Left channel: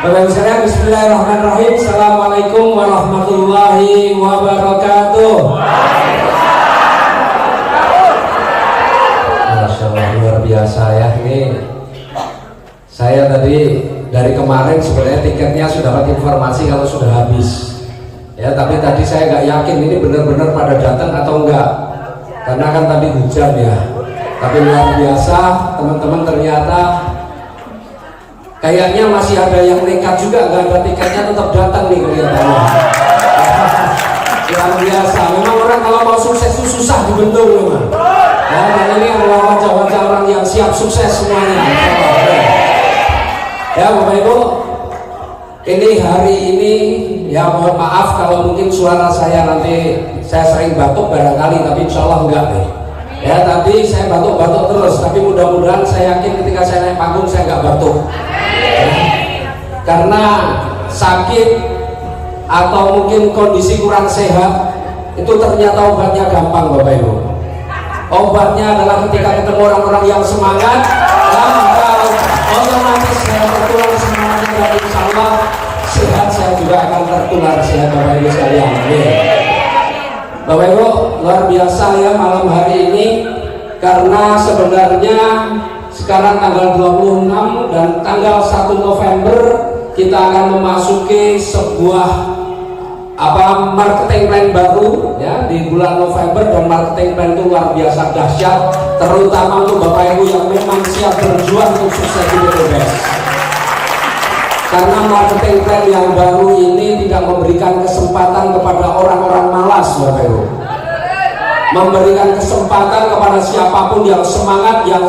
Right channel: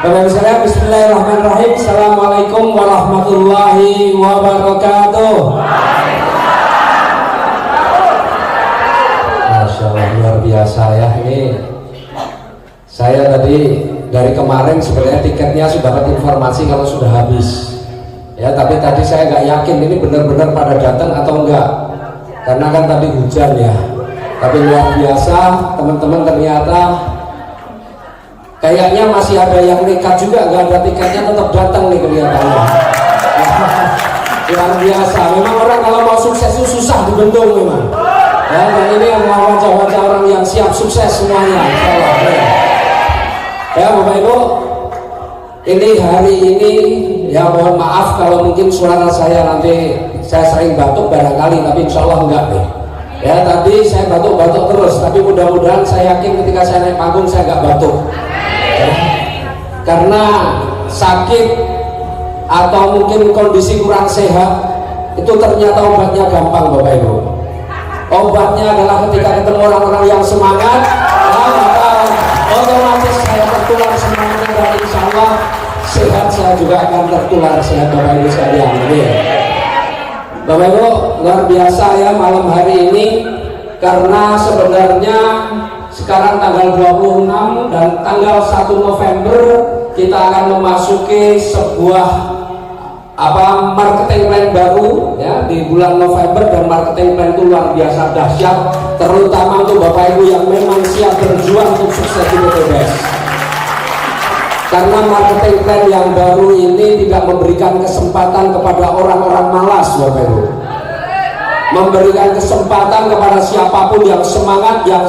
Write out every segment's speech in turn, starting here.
Bapak saya, bismillahirrahmanirrahim. Assalamualaikum warahmatullahi wabarakatuh. Masya Allah, luar biasa ya ini. Saya tadi dari kemarin sebenarnya tiketnya sudah dapat informasi kalau sudah habis. Ya, tapi tadi saya nggak yakin ini benar-benar pada datang atau enggak. Karena kan tadi hujan ya. Tapi luar biasa, teman-teman ternyata kayaknya masih ada yang nekat juga, nggak ada tiketnya tetap datang nih kelihatannya. Luar biasa, memang orang kalau mau sukses itu susah dibentuk memang. Ya, dan ini wajah-wajah orang yang siap sukses semuanya. Ya Bapak Ibu, ini hari ini ya mohon maaf kalau mungkin suara saya nanti saya sering batuk barangkali, tapi insya Allah enggak nih. Ya tadi saya batuk-batuk terus, tapi mudah-mudahan saya yakin ketika saya naik panggung saya enggak batuk. Karena sakit atau mungkin kondisi kurang sehat itu ternyata obatnya gampang Bapak Ibu. Obatnya adalah ketika ketemu orang-orang yang semangat, otomatis saya tertular semangat dan insya Allah sehat saya juga akan tertular sehat Bapak Ibu sekalian. Bapak Ibu luar biasa ya malam hari ini, karena sebenarnya sekarang tanggal 26 dan tanggal 1 November kita akan memasuki sebuah marketing plan baru ya di bulan November, dan marketing plan itu luar biasa dahsyat, terutama untuk Bapak Ibu yang memang siap berjuang untuk sukses di PTBS. Karena marketing plan yang baru ini tidak memberikan kesempatan kepada orang-orang malas Bapak Ibu, memberikan kesempatan kepada siapapun yang semangat, yang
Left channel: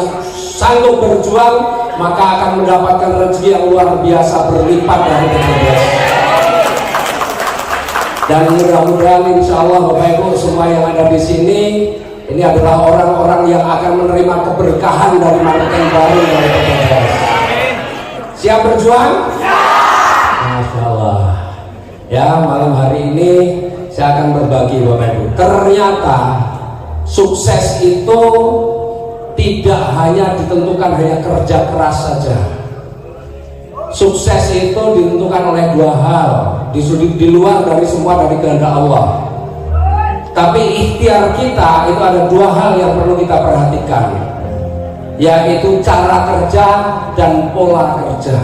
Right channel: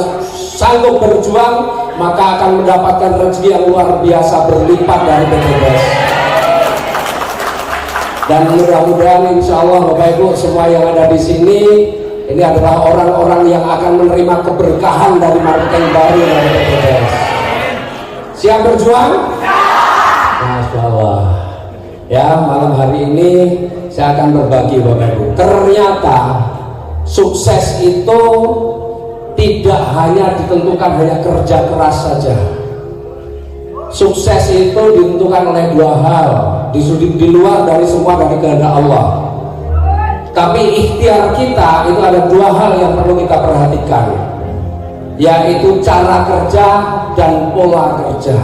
sanggup berjuang, maka akan mendapatkan rezeki yang luar biasa berlimpah dari PTBS. Dan mudah-mudahan insya Allah Bapak Ibu semua yang ada di sini ini adalah orang-orang yang akan menerima keberkahan dari marketing baru dari PTBS. Siap berjuang? Masya Allah. Ya malam hari ini saya akan berbagi Bapak Ibu. Ternyata sukses itu tidak hanya ditentukan hanya kerja keras saja. Sukses itu ditentukan oleh dua hal, di luar dari semua dari kehendak Allah. Tapi ikhtiar kita itu ada dua hal yang perlu kita perhatikan, yaitu cara kerja dan pola kerja.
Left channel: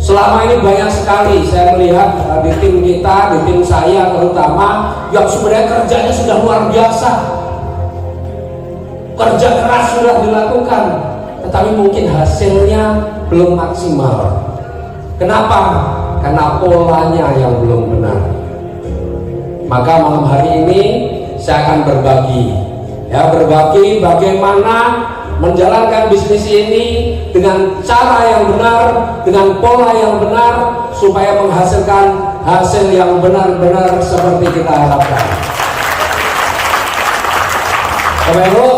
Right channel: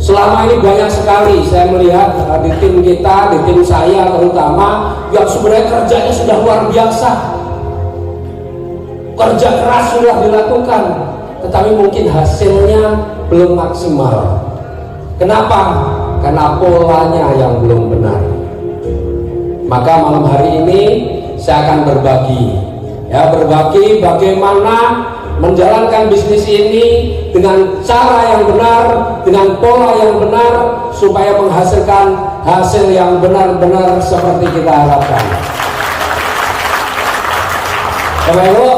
Selama ini banyak sekali saya melihat di tim kita, di tim saya terutama, yang sebenarnya kerjanya sudah luar biasa, kerja keras sudah dilakukan, tetapi mungkin hasilnya belum maksimal. Kenapa? Karena polanya yang belum benar. Maka malam hari ini saya akan berbagi bagaimana menjalankan bisnis ini dengan cara yang benar, dengan pola yang benar, supaya menghasilkan hasil yang benar-benar seperti kita harapkan. Lalu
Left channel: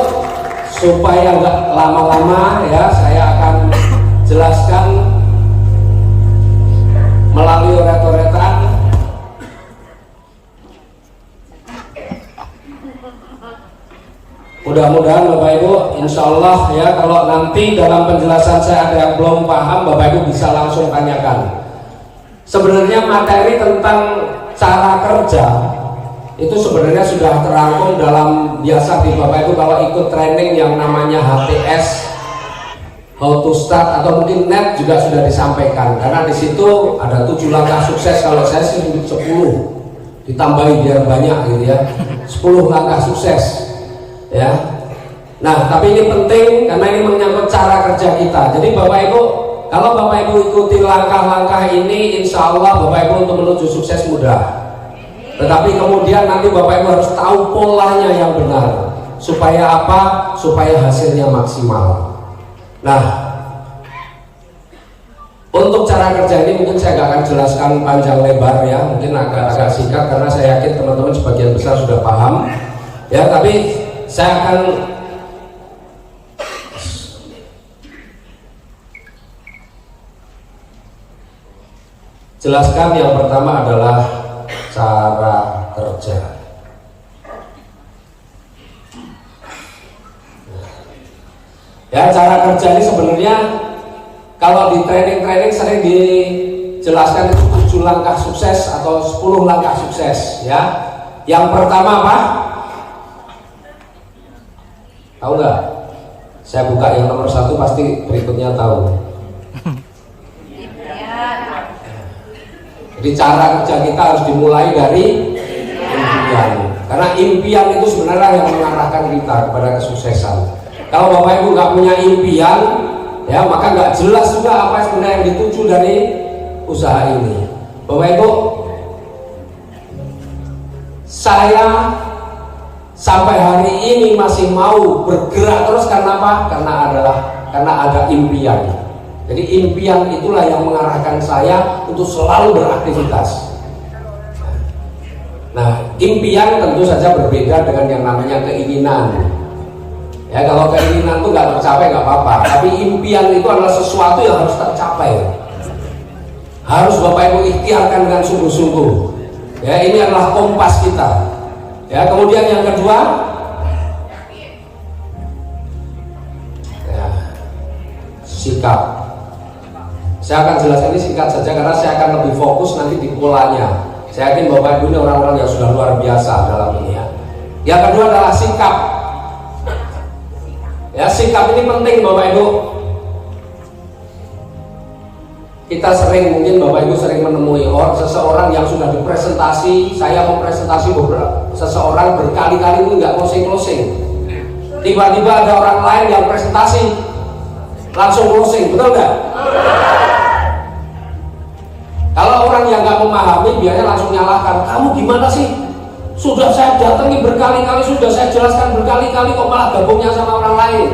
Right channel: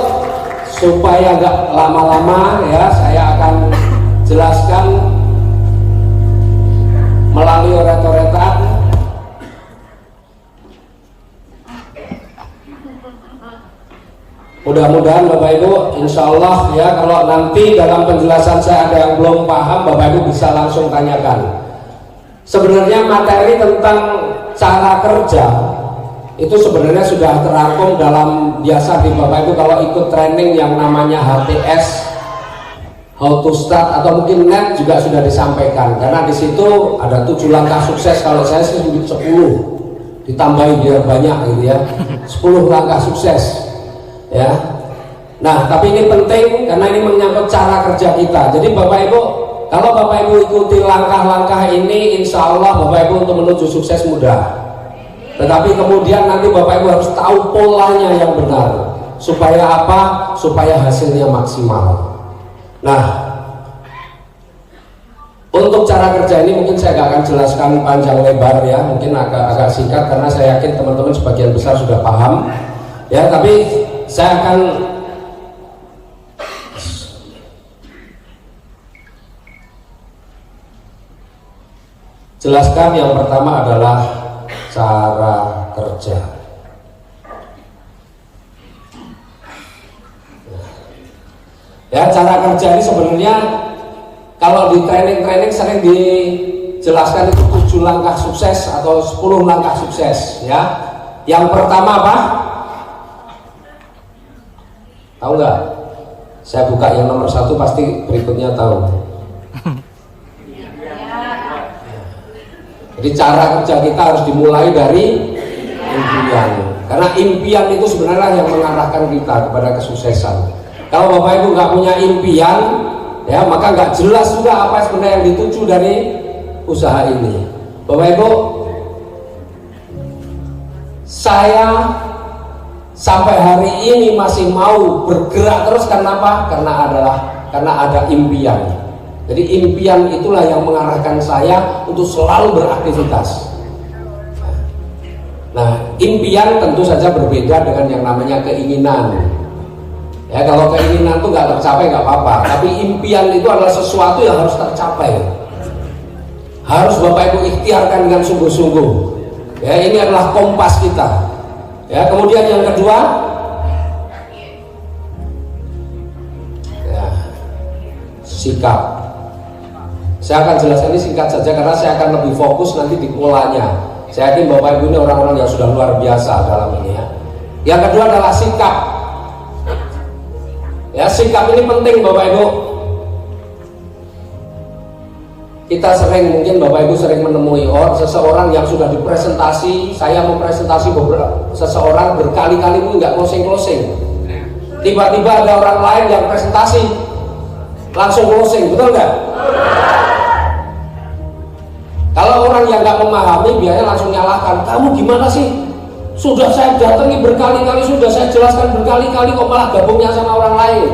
supaya nggak lama-lama ya, saya akan jelaskan melalui oret-oretan. Mudah-mudahan Bapak Ibu insya Allah ya, kalau nanti dalam penjelasan saya ada yang belum paham, Bapak Ibu bisa langsung tanyakan. Sebenarnya materi tentang cara kerja itu sebenarnya sudah terangkum dalam biasa di Bapak Ibu kalau ikut training yang namanya HTS, How to Start, atau mungkin NET juga sudah disampaikan. Karena di situ ada 7 langkah sukses, kalau saya sih 10 ditambahin dia banyak gitu ya, 10 langkah sukses. Ya, nah tapi ini penting karena ini menyangkut cara kerja kita. Jadi Bapak Ibu, kalau Bapak Ibu ikuti langkah-langkah ini, insya Allah Bapak Ibu untuk menuju sukses mudah. Tetapi kemudian nanti Bapak Ibu harus tahu polanya yang benar. Supaya apa? Supaya hasilnya maksimal. Nah, untuk cara kerja ini mungkin saya gak akan jelaskan panjang lebar ya, mungkin agak singkat karena saya yakin teman-teman sebagian besar sudah paham. Ya, tapi saya akan jelaskan yang pertama adalah cara kerja. Ya, cara kerja ini sebenarnya Kalau di training-training sering dijelaskan itu 7 langkah sukses atau 10 langkah sukses ya. Yang pertama apa? Tahu nggak? Saya buka yang nomor 1 pasti berikutnya tahu. Jadi cara kerja kita harus dimulai dari impian. Karena impian itu sebenarnya yang mengarahkan kita kepada kesuksesan. Kalau Bapak Ibu nggak punya impian, ya maka nggak jelas juga apa sebenarnya yang dituju dari usaha ini. Bapak Ibu, saya sampai hari ini masih mau bergerak terus karena apa? Karena ada impian. Jadi impian itulah yang mengarahkan saya untuk selalu beraktivitas. Nah, impian tentu saja berbeda dengan yang namanya keinginan. Ya, kalau keinginan itu nggak tercapai nggak apa-apa, tapi impian itu adalah sesuatu yang harus tercapai. Harus Bapak Ibu ikhtiarkan dengan sungguh-sungguh. Ya, ini adalah kompas kita. Ya, kemudian yang kedua, ya, sikap. Saya akan jelaskan ini singkat saja karena saya akan lebih fokus nanti di polanya. Saya yakin Bapak Ibu ini orang-orang yang sudah luar biasa dalam ini ya. Yang kedua adalah sikap. Ya, sikap ini penting Bapak Ibu. Kita mungkin Bapak Ibu sering menemui seseorang yang sudah dipresentasi. Saya mempresentasi seseorang berkali-kali itu nggak closing. Tiba-tiba ada orang lain yang presentasi langsung closing, betul nggak? Kalau orang yang nggak memahami biasanya langsung nyalahkan. Kamu gimana sih? Sudah saya datangi berkali-kali, sudah saya jelaskan berkali-kali, kok malah gabungnya sama orang lain.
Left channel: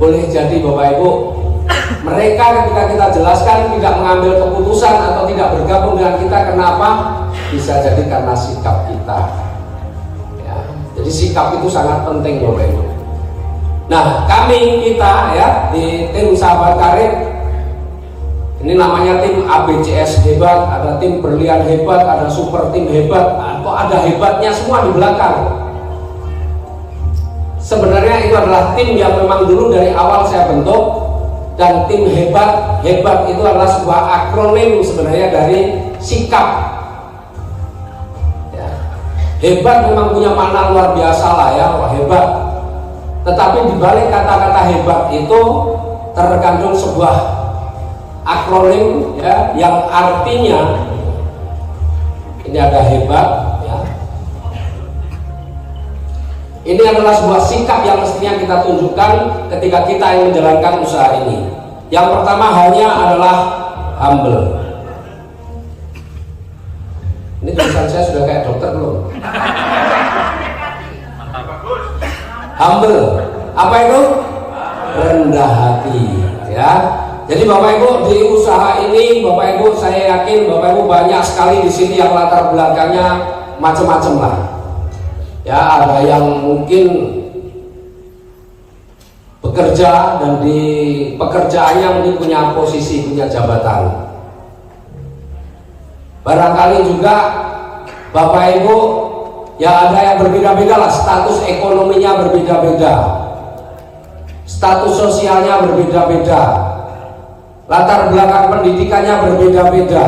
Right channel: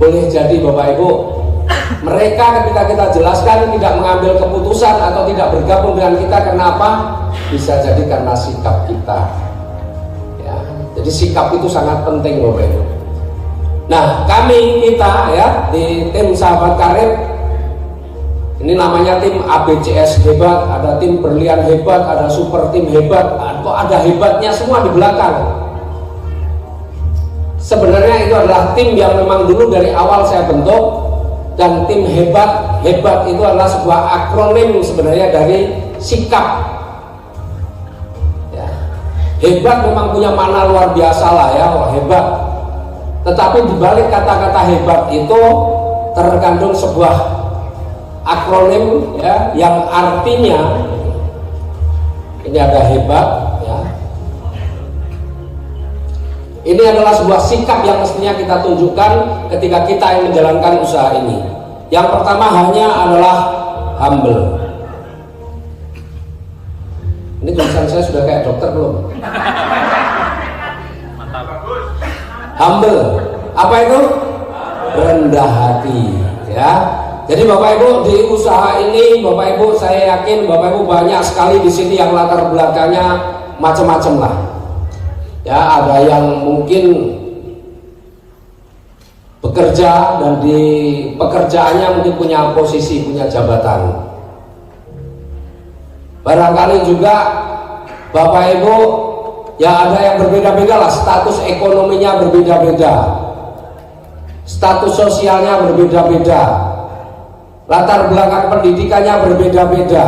Boleh jadi Bapak Ibu, mereka ketika kita jelaskan tidak mengambil keputusan atau tidak bergabung dengan kita, kenapa? Bisa jadi karena sikap kita. Ya, jadi sikap itu sangat penting Bapak Ibu. Nah, kita ya di tim Sahabat Karib, ini namanya tim ABCS hebat, ada tim Berlian hebat, ada super tim hebat, atau ada hebatnya semua di belakang. Sebenarnya itu adalah tim yang memang dulu dari awal saya bentuk, dan tim hebat itu adalah sebuah akronim sebenarnya dari sikap. Ya. Hebat memang punya makna luar biasa lah ya, wah hebat. Tetapi di balik kata-kata hebat itu terkandung sebuah akronim ya, yang artinya ini ada hebat ya. Ini adalah sebuah sikap yang mestinya kita tunjukkan ketika kita yang menjalankan usaha ini. Yang pertama hanya adalah humble. Ini tulisan saya sudah kayak dokter belum? Mantap. Humble, apa itu? Rendah hati ya. Jadi Bapak Ibu di usaha ini, Bapak Ibu saya yakin Bapak Ibu banyak sekali di sini yang latar belakangnya macam-macam lah. Ya, ada yang mungkin bekerja dan di pekerjaannya mungkin punya posisi, punya jabatan. Barangkali juga Bapak Ibu ya ada yang berbeda-beda lah, status ekonominya berbeda-beda, status sosialnya berbeda-beda, latar belakang pendidikannya berbeda-beda.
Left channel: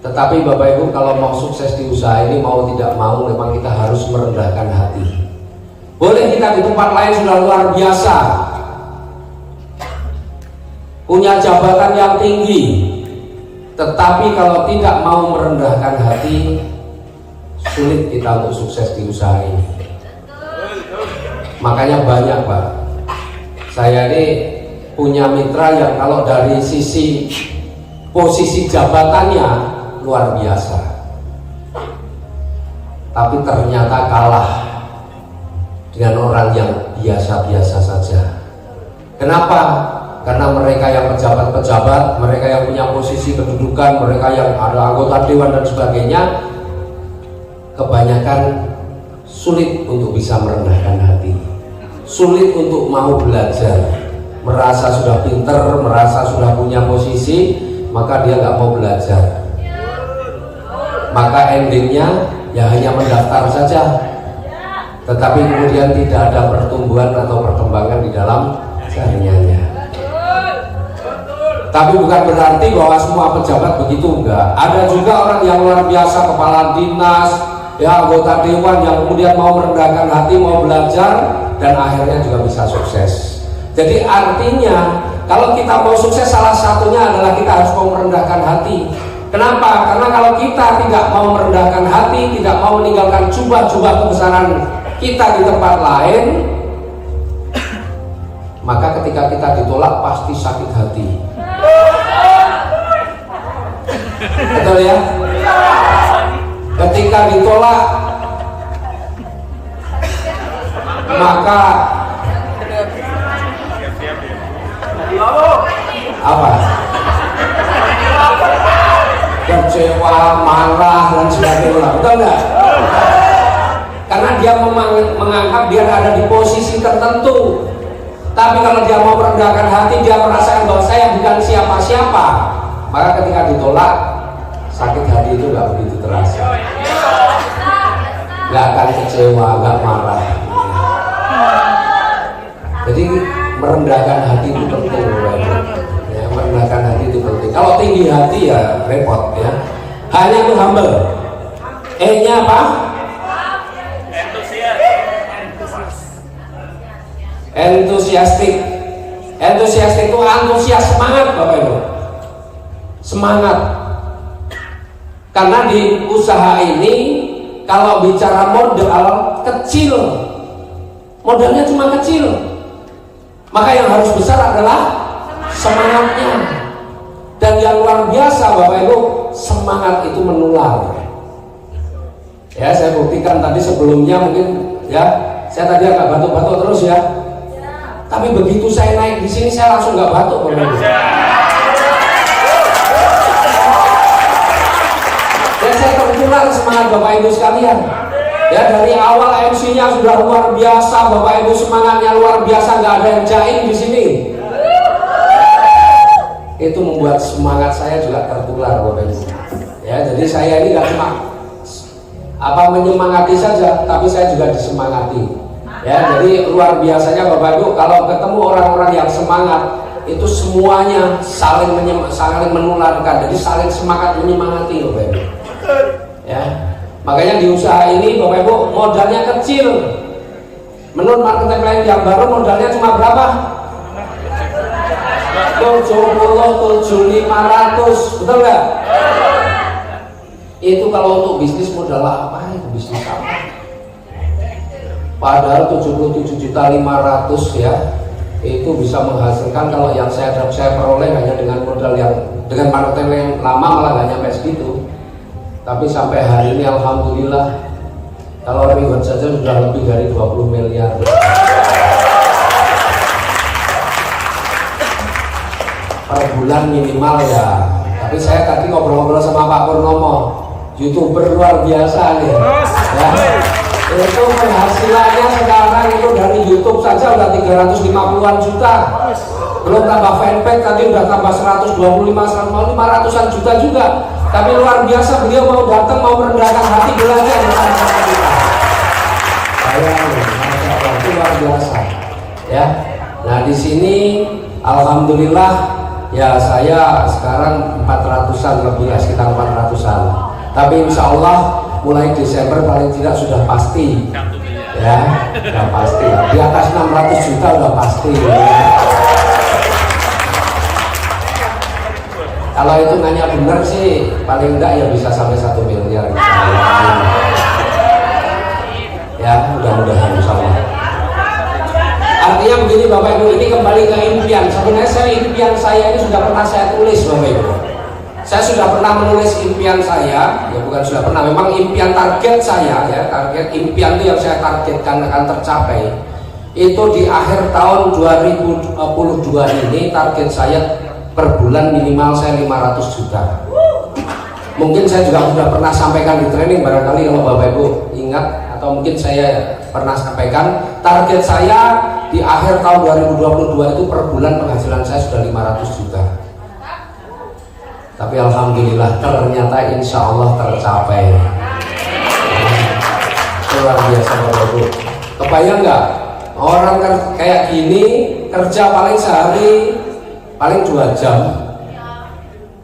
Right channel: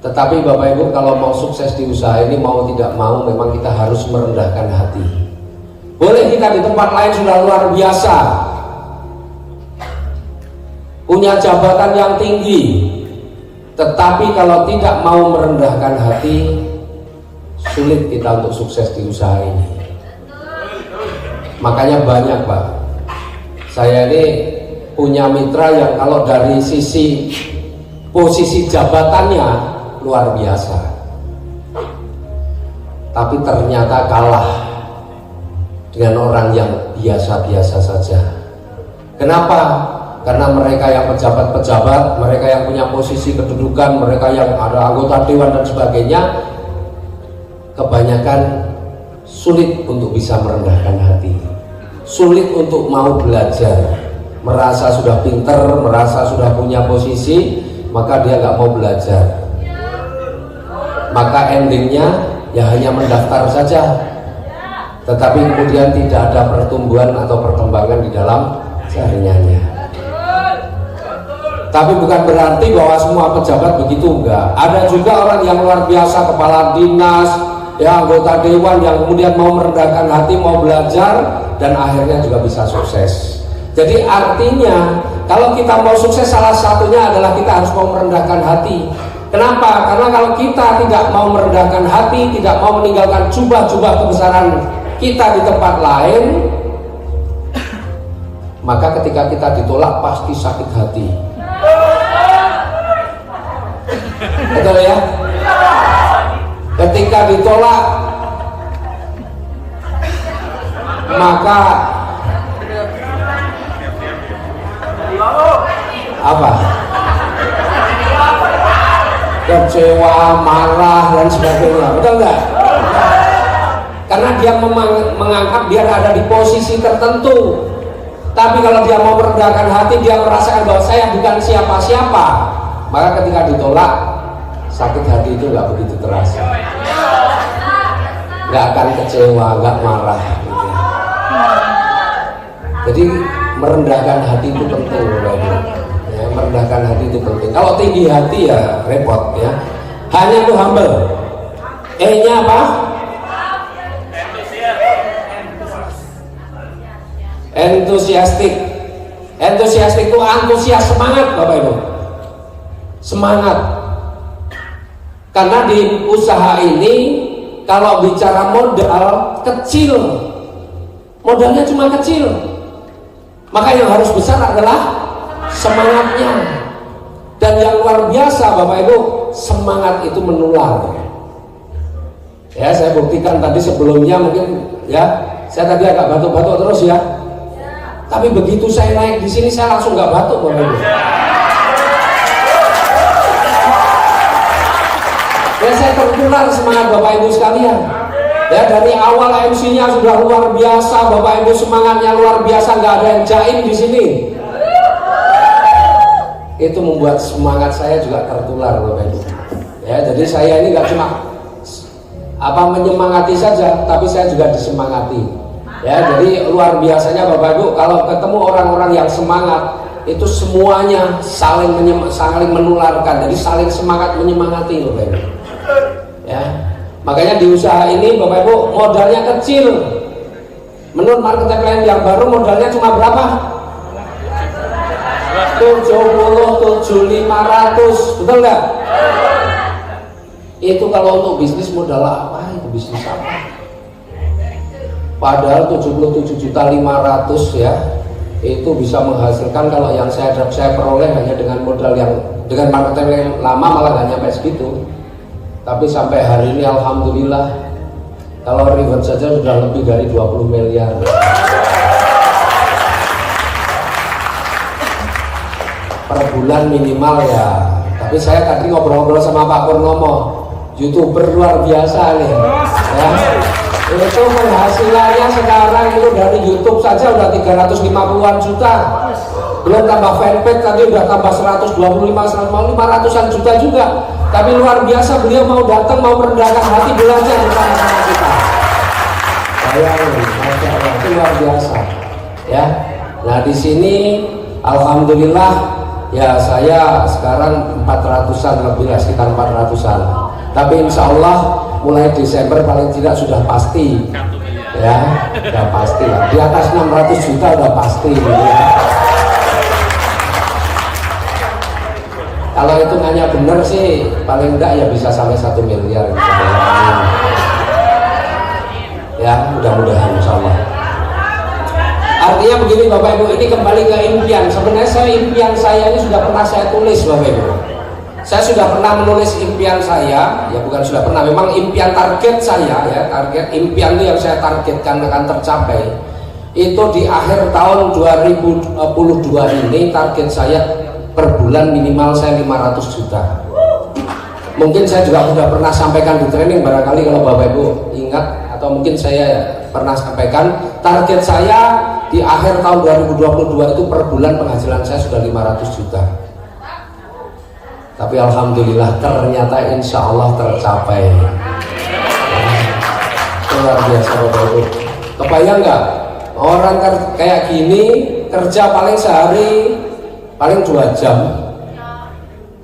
Tetapi Bapak Ibu kalau mau sukses di usaha ini, mau tidak mau memang kita harus merendahkan hati. Boleh kita di tempat lain sudah luar biasa, punya jabatan yang tinggi, tetapi kalau tidak mau merendahkan hati, sulit kita untuk sukses di usaha ini. Makanya banyak Pak, saya ini punya mitra yang kalau dari sisi posisi jabatannya luar biasa, tapi ternyata kalah dengan orang yang biasa-biasa saja. Kenapa? Karena mereka yang pejabat-pejabat, mereka yang punya posisi kedudukan, mereka yang ada anggota dewan dan sebagainya, kebanyakan sulit untuk bisa merendahkan hati, sulit untuk mau belajar. Merasa sudah pinter, merasa sudah punya posisi, maka dia nggak mau belajar. Maka endingnya ya hanya mendaftar saja, tetapi kemudian tidak ada pertumbuhan atau perkembangan di dalam jaringannya. Tapi bukan berarti bahwa semua pejabat begitu, enggak. Ada juga orang yang luar biasa, kepala dinas, ya anggota dewan yang kemudian mau merendahkan hati, mau belajar, dan akhirnya juga bisa sukses. Jadi artinya kalau kita mau sukses, salah satunya adalah kita harus mau merendahkan hati. Kenapa? Karena kalau kita tidak mau merendahkan hati, tidak mau meninggalkan jubah-jubah kebesaran kita di tempat lain, maka ketika kita ditolak pasti sakit hati. Betul ya? Ketika ditolak, maka apa? Kecewa, marah dan sebagainya. Betul nggak? Karena dia menganggap dia ada di posisi tertentu. Tapi kalau dia mau merendahkan hati, dia merasakan bahwa saya bukan siapa-siapa, maka ketika ditolak, sakit hati itu nggak begitu terasa. Nggak akan kecewa, nggak marah. Jadi merendahkan hati itu penting, ya, merendahkan hati itu penting. Kalau tinggi hati ya repot ya. Hanya itu humble. E-nya apa? Enthusiastic. Enthusiastic itu antusias, semangat Bapak Ibu. Semangat. Karena di usaha ini kalau bicara modal kecil, modalnya cuma kecil. Maka yang harus besar adalah semangatnya. Dan yang luar biasa Bapak Ibu, semangat itu menular. Ya, saya buktikan tadi sebelumnya mungkin ya, saya tadi agak batuk-batuk terus ya. Tapi begitu saya naik di sini saya langsung nggak batuk Bapak Ibu. Ya, saya tertular semangat Bapak Ibu sekalian. Ya, dari awal MC-nya sudah luar biasa, Bapak Ibu semangatnya luar biasa, nggak ada yang jaim di sini. Itu membuat semangat saya juga tertular Bapak Ibu. Ya, jadi saya ini nggak cuma menyemangati saja, tapi saya juga disemangati. Ya, jadi luar biasanya Bapak Ibu kalau ketemu orang-orang yang semangat, itu semuanya saling menularkan, jadi saling semangat menyemangati Bapak Ibu. Ya, makanya di usaha ini Bapak Ibu modalnya kecil. Menurut marketing lain yang baru modalnya cuma berapa? 77.500, betul nggak? Itu kalau untuk bisnis modal apa? Itu bisnis apa? Padahal 77.500 ya, itu bisa menghasilkan kalau yang saya peroleh hanya dengan modal yang dengan marketing yang lama malah nggak nyampe segitu. Tapi sampai hari ini alhamdulillah kalau reward saja sudah lebih dari 20 miliar. Per bulan minimal ya. Tapi saya tadi ngobrol-ngobrol sama Pak Purnomo, YouTuber luar biasa nih. Ya. Itu penghasilannya sekarang itu dari YouTube saja udah 350-an juta. Belum tambah fanpage tadi udah tambah 125-500-an juta juga. Tapi luar biasa beliau mau datang, mau merendahkan hati belajar bersama kita. Saya Masya Allah, itu luar biasa. Ya. Nah di sini alhamdulillah ya saya sekarang 400-an lebih ya, sekitar 400-an. Tapi insya Allah mulai Desember paling tidak sudah pasti. Ya, sudah pasti. Di atas 600 juta sudah pasti. Kalau hitungannya benar sih paling enggak ya bisa sampai 1 miliar misalnya. Ya, mudah-mudahan insyaallah. Artinya begini Bapak Ibu, ini kembali ke impian. Sebenarnya impian saya ini sudah pernah saya tulis Bapak Ibu. Saya sudah pernah menulis impian saya, ya bukan sudah pernah, memang impian target saya ya, target impian itu yang saya targetkan akan tercapai. Itu di akhir tahun 2022 ini target saya per bulan minimal saya 500 juta. Mungkin saya juga sudah pernah sampaikan di training, barangkali kalau Bapak Ibu ingat, atau mungkin saya pernah sampaikan, target saya di akhir tahun 2022 itu per bulan penghasilan saya sudah 500 juta. Tapi alhamdulillah ternyata insya Allah tercapai. Luar biasa Bapak Ibu. Kebayang nggak? Orang kan kayak gini kerja paling sehari paling 2 jam.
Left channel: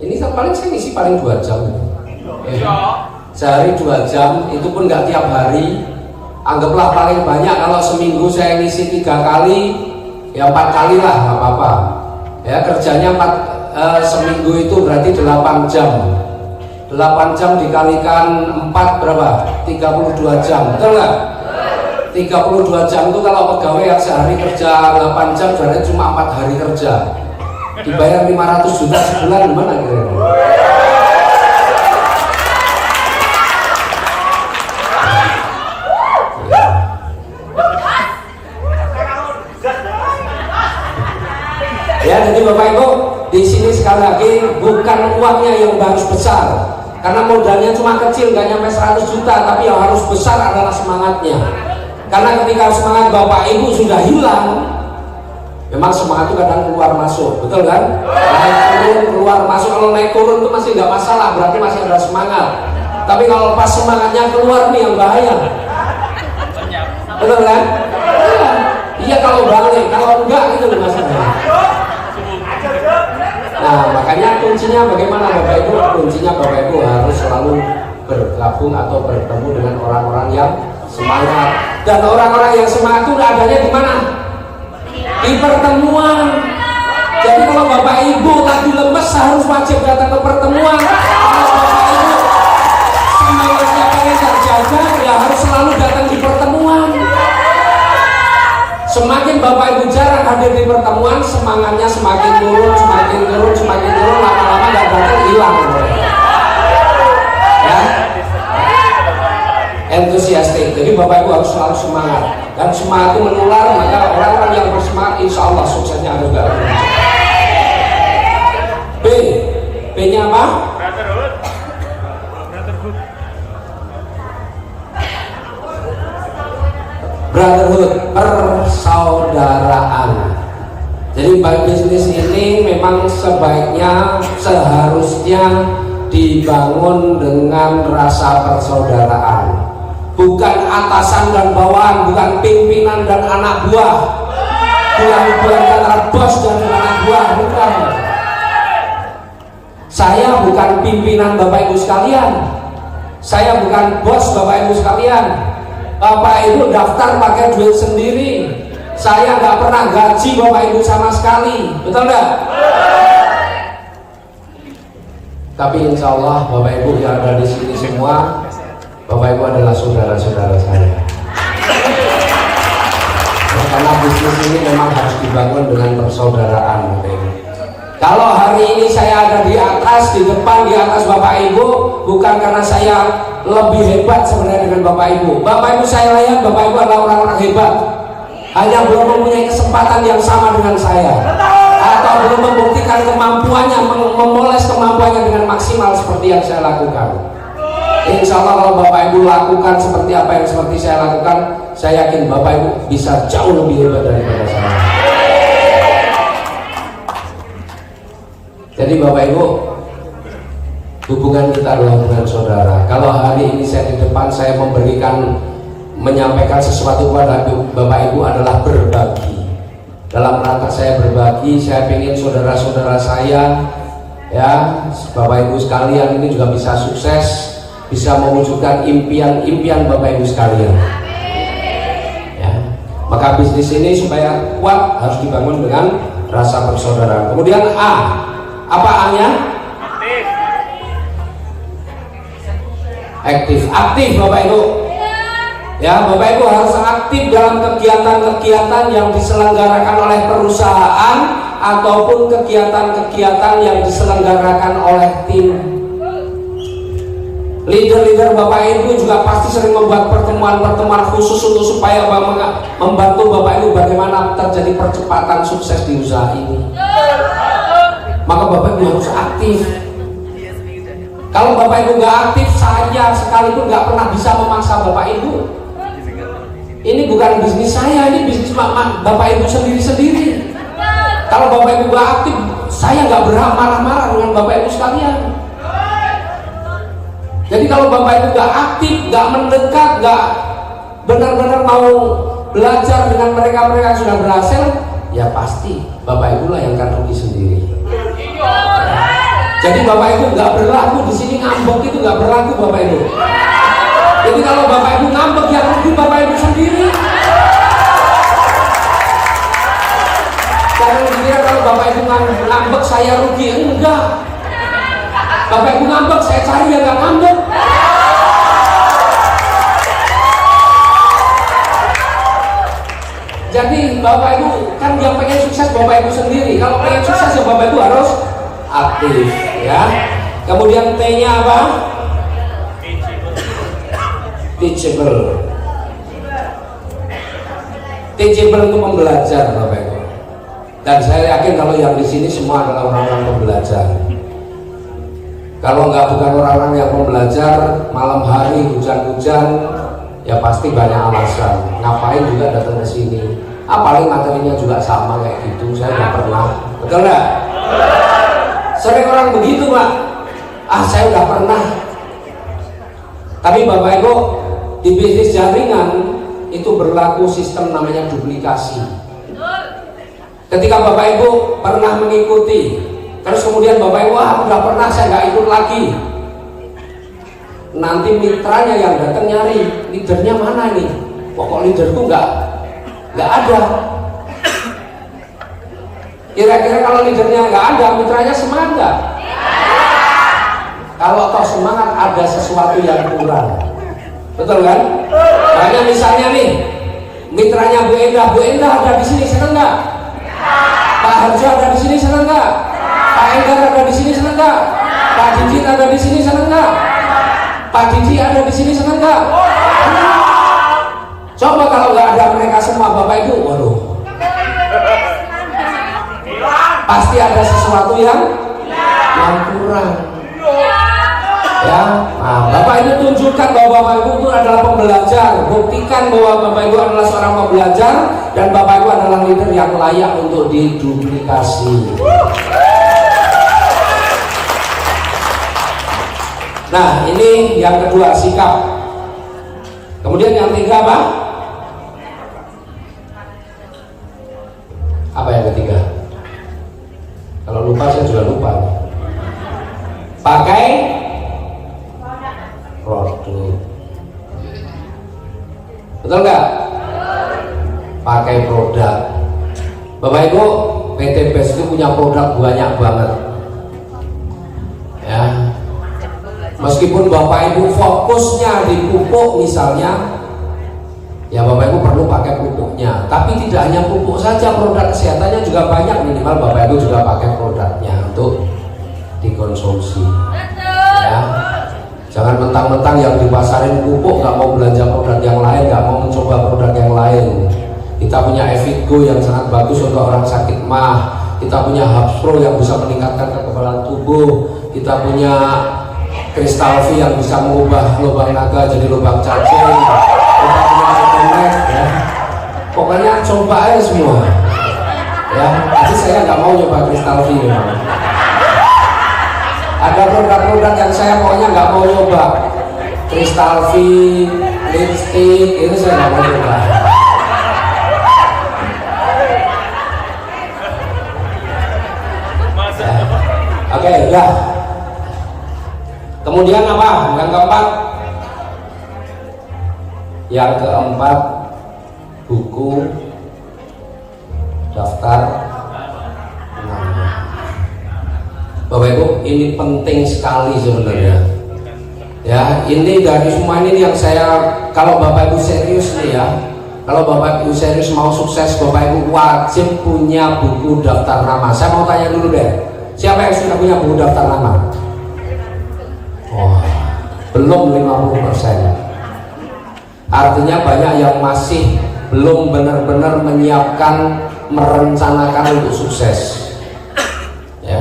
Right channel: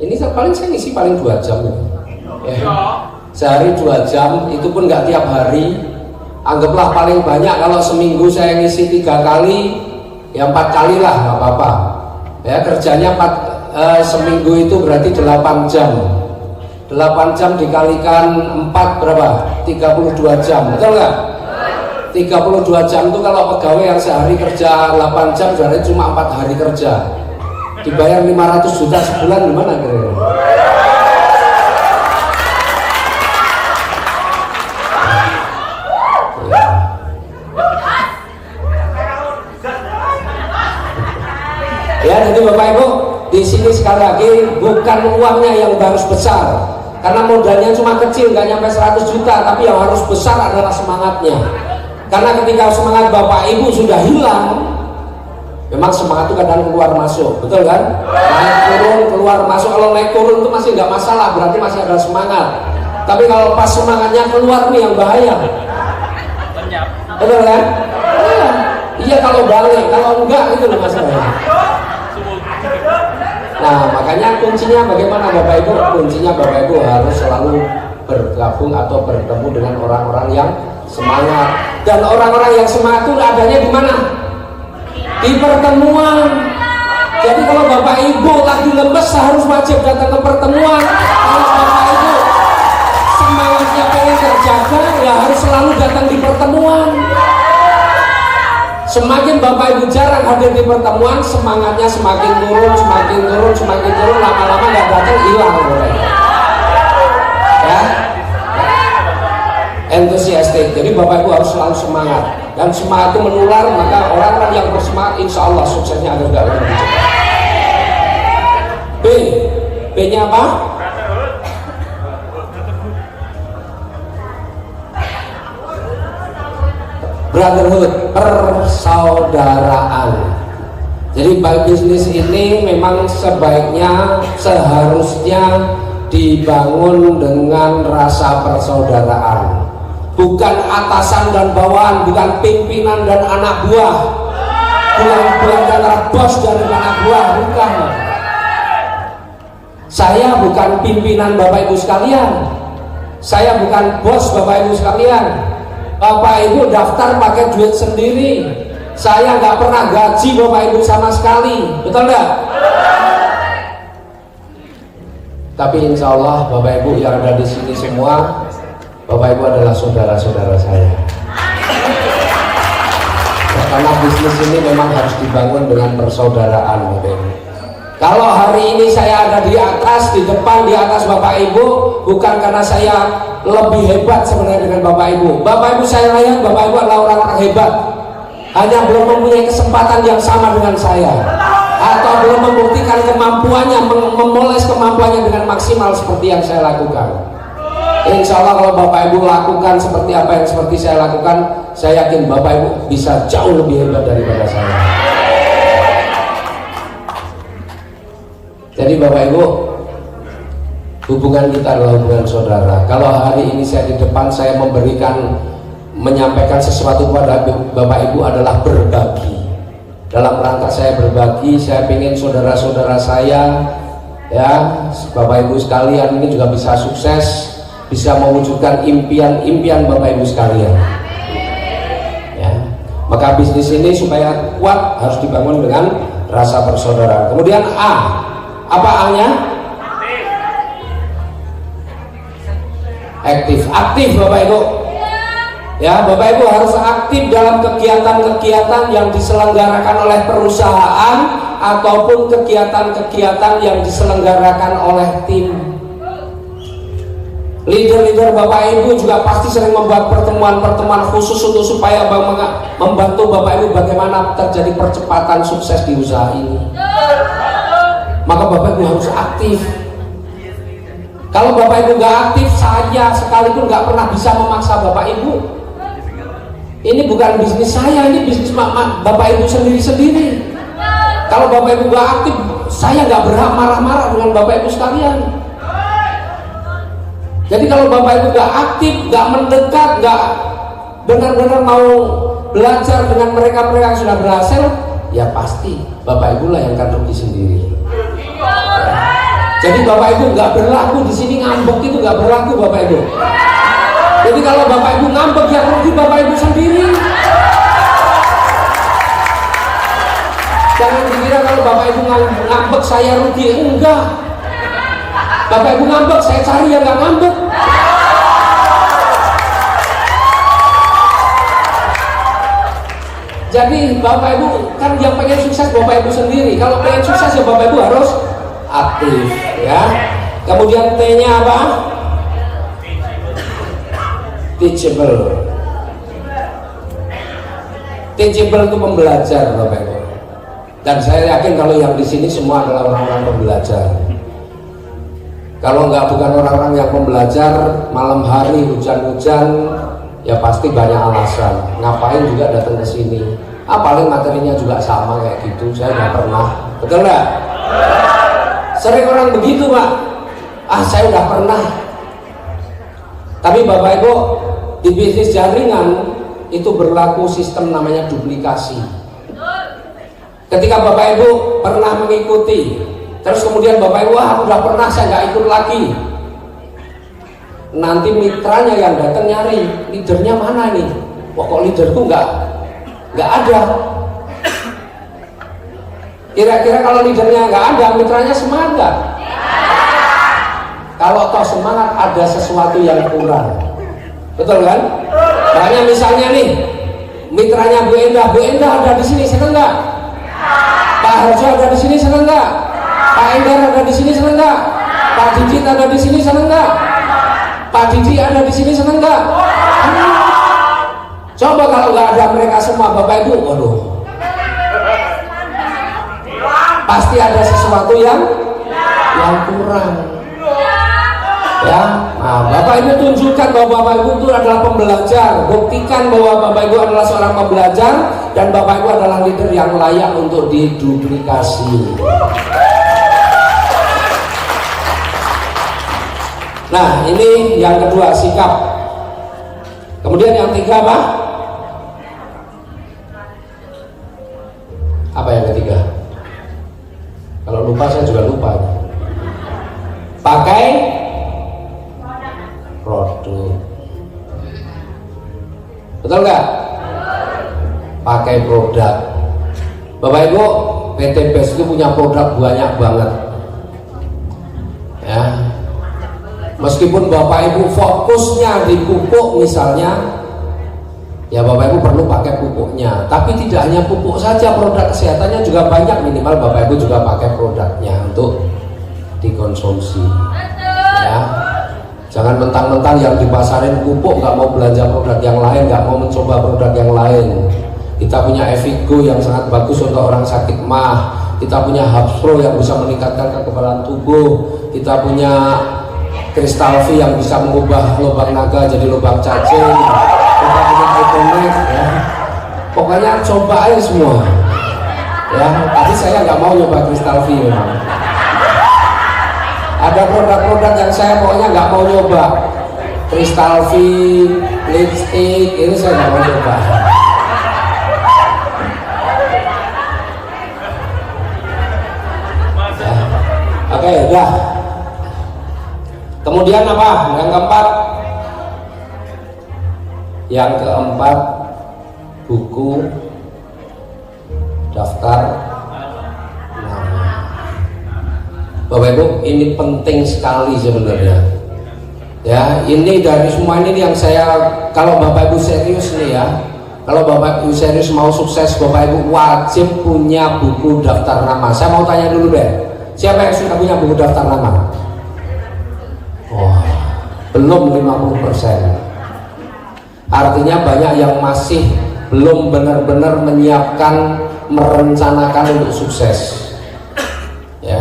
Ini paling saya ngisi paling 2 jam. Sehari 2 jam, itu pun nggak tiap hari. Anggaplah paling banyak kalau seminggu saya ngisi 3 kali, ya 4 kali lah, nggak apa-apa. Ya kerjanya seminggu itu berarti 8 jam. 8 jam dikalikan 4 berapa? 32 jam, betul nggak? 32 jam itu kalau pegawai yang sehari kerja 8 jam berarti cuma 4 hari kerja. Dibayar 500 juta sebulan gimana kira-kira? Ya, jadi Bapak Ibu, di sini sekali lagi bukan uangnya yang harus besar, karena modalnya cuma kecil, nggak nyampe 100 juta, tapi yang harus besar adalah semangatnya. Karena ketika semangat Bapak Ibu sudah hilang, memang semangat itu kadang keluar masuk, betul kan? Naik turun keluar masuk. Kalau naik turun itu masih nggak masalah, berarti masih ada semangat. Tapi kalau pas semangatnya keluar nih yang bahaya. Betul kan? Iya kalau balik, kalau enggak itu masalahnya. Nah makanya kuncinya bagaimana Bapak Ibu? Kuncinya Bapak Ibu harus selalu bergabung atau bertemu dengan orang-orang yang semangat. Dan orang-orang yang semangat itu adanya di mana? Di pertemuan. Jadi kalau Bapak Ibu tadi lemes harus wajib datang ke pertemuan. Kalau Bapak Ibu semangatnya pengen terjaga, ya harus selalu datang di pertemuan. Semakin Bapak Ibu jarang hadir di pertemuan, semangatnya semakin turun, lama-lama nggak datang hilang. Ya, entusiastik. Jadi Bapak Ibu harus selalu semangat, dan semangat itu menular. Maka orang-orang yang bersemangat, insya Allah suksesnya harus datang lebih cepat. B-nya apa? Brotherhood, persaudaraan. Jadi bisnis ini memang sebaiknya, seharusnya dibangun dengan rasa persaudaraan. Bukan atasan dan bawahan, bukan pimpinan dan anak buah, bukan antara bos dan anak buah, bukan. Saya bukan pimpinan Bapak Ibu sekalian, saya bukan bos Bapak Ibu sekalian. Bapak Ibu daftar pakai duit sendiri. Saya nggak pernah gaji Bapak Ibu sama sekali, betul nggak? Tapi insya Allah Bapak Ibu yang ada di sini semua, Bapak Ibu adalah saudara-saudara saya. Nah, karena bisnis ini memang harus dibangun dengan persaudaraan, Bapak Ibu. Kalau hari ini saya ada di atas, di depan, di atas Bapak Ibu, bukan karena saya lebih hebat sebenarnya dengan Bapak Ibu. Bapak Ibu saya lihat Bapak Ibu adalah orang-orang hebat, hanya belum mempunyai kesempatan yang sama dengan saya, atau belum membuktikan kemampuannya, memoles kemampuannya dengan maksimal seperti yang saya lakukan. Insya Allah kalau Bapak Ibu lakukan seperti apa yang seperti saya lakukan, saya yakin Bapak Ibu bisa jauh lebih hebat daripada saya. Jadi Bapak Ibu, hubungan kita adalah hubungan saudara. Kalau hari ini saya di depan, saya menyampaikan sesuatu kepada Bapak Ibu adalah berbagi. Dalam rangka saya berbagi, saya ingin saudara-saudara saya, ya, Bapak Ibu sekalian ini juga bisa sukses, bisa mewujudkan impian-impian Bapak Ibu sekalian. Ya, maka bisnis ini supaya kuat harus dibangun dengan rasa persaudaraan. Kemudian A, apa A-nya? Aktif Bapak Ibu. Ya, Bapak Ibu harus aktif dalam kegiatan-kegiatan yang diselenggarakan oleh perusahaan ataupun kegiatan-kegiatan yang diselenggarakan oleh tim. Leader-leader Bapak Ibu juga pasti sering membuat pertemuan-pertemuan khusus untuk supaya membantu Bapak Ibu bagaimana terjadi percepatan sukses di usaha ini. Maka Bapak Ibu harus aktif. Kalau Bapak Ibu nggak aktif, saya sekalipun nggak pernah bisa memaksa Bapak Ibu. Ini bukan bisnis saya, ini bisnis Bapak Ibu sendiri-sendiri. Kalau Bapak Ibu nggak aktif, saya nggak berhak marah-marah dengan Bapak Ibu sekalian. Jadi kalau Bapak Ibu nggak aktif, nggak mendekat, nggak benar-benar mau belajar dengan mereka-mereka yang sudah berhasil, ya pasti Bapak Ibu lah yang akan rugi sendiri. Jadi Bapak Ibu nggak berlaku di sini, ngambek itu nggak berlaku Bapak Ibu. Jadi kalau Bapak Ibu ngambek, yang rugi Bapak Ibu sendiri. Jangan kira kalau Bapak Ibu ngambek saya rugi, enggak. Bapak Ibu ngambek, saya cari yang nggak ngambek. Jadi Bapak Ibu kan yang pengen sukses Bapak Ibu sendiri. Kalau pengen sukses ya Bapak Ibu harus aktif, ya. Kemudian T-nya apa? Teachable. Teachable itu pembelajar Bapak Ibu. Dan saya yakin kalau yang di sini semua adalah orang-orang pembelajar. Kalau nggak bukan orang-orang yang pembelajar, malam hari hujan-hujan, ya pasti banyak alasan. Ngapain juga datang ke sini? Paling materinya juga sama kayak gitu. Saya nggak pernah. Betul nggak? Sering orang begitu Pak. Saya nggak pernah. Tapi Bapak Ibu, di bisnis jaringan itu berlaku sistem namanya duplikasi. Ketika Bapak Ibu pernah mengikuti, terus kemudian Bapak Ibu, aku nggak pernah, saya nggak ikut lagi. Nanti mitranya yang datang nyari, leadernya mana nih? Pokok leader itu nggak ada. Kira-kira kalau leadernya nggak ada, mitranya semangat nggak? Kalau kau semangat, ada sesuatu yang kurang. Betul kan? Makanya misalnya nih, mitranya Bu Endah ada di sini, seneng nggak? Pak Harjo ada di sini, seneng nggak? Pak Enggar ada di sini, seneng nggak? Pak Didit ada di sini, seneng nggak? Pak Didi ada di sini, seneng nggak? Coba kalau nggak ada mereka semua Bapak Ibu, waduh, pasti ada sesuatu yang kurang. Ya, nah Bapak Ibu tunjukkan bahwa Bapak Ibu itu adalah pembelajar. Buktikan bahwa Bapak Ibu adalah seorang pembelajar dan Bapak Ibu adalah leader yang layak untuk diduplikasi. Nah, ini yang kedua, sikap. Kemudian yang ketiga apa? Apa yang ketiga? Kalau lupa saya juga lupa. Pakai produk. Betul nggak? Pakai produk. Bapak Ibu, PT BES itu punya produk banyak banget. Ya. Meskipun Bapak Ibu fokusnya di pupuk misalnya, ya Bapak Ibu perlu pakai pupuknya. Tapi tidak hanya pupuk saja, produk kesehatannya juga banyak. Minimal Bapak Ibu juga pakai produknya untuk dikonsumsi. Ya. Jangan mentang-mentang yang dipasarin pupuk nggak mau belanja produk yang lain, nggak mau mencoba produk yang lain. Kita punya Evigo yang sangat bagus untuk orang sakit mah. Kita punya Hapro yang bisa meningkatkan kekebalan tubuh. Kita punya Kristal V yang bisa mengubah lubang naga jadi lubang cacing. Kita punya Econet, ya. Pokoknya coba aja semua. Ya, tapi saya nggak mau nyoba Kristal V. Ya. Ada produk-produk yang saya pokoknya nggak mau nyoba. Kristal V, lipstick, itu saya nggak mau nyoba. Ya. Oke, ya. Kemudian apa? Yang keempat, buku daftar nama. Bapak Ibu, ini penting sekali sebenarnya. Ya, ini dari semua ini yang saya, kalau Bapak Ibu serius nih ya, kalau Bapak Ibu serius mau sukses, Bapak Ibu wajib punya buku daftar nama. Saya mau tanya dulu deh, siapa yang sudah punya buku daftar nama? Wah, belum 50%. Artinya banyak yang masih belum benar-benar menyiapkan, merencanakan untuk sukses. Ya.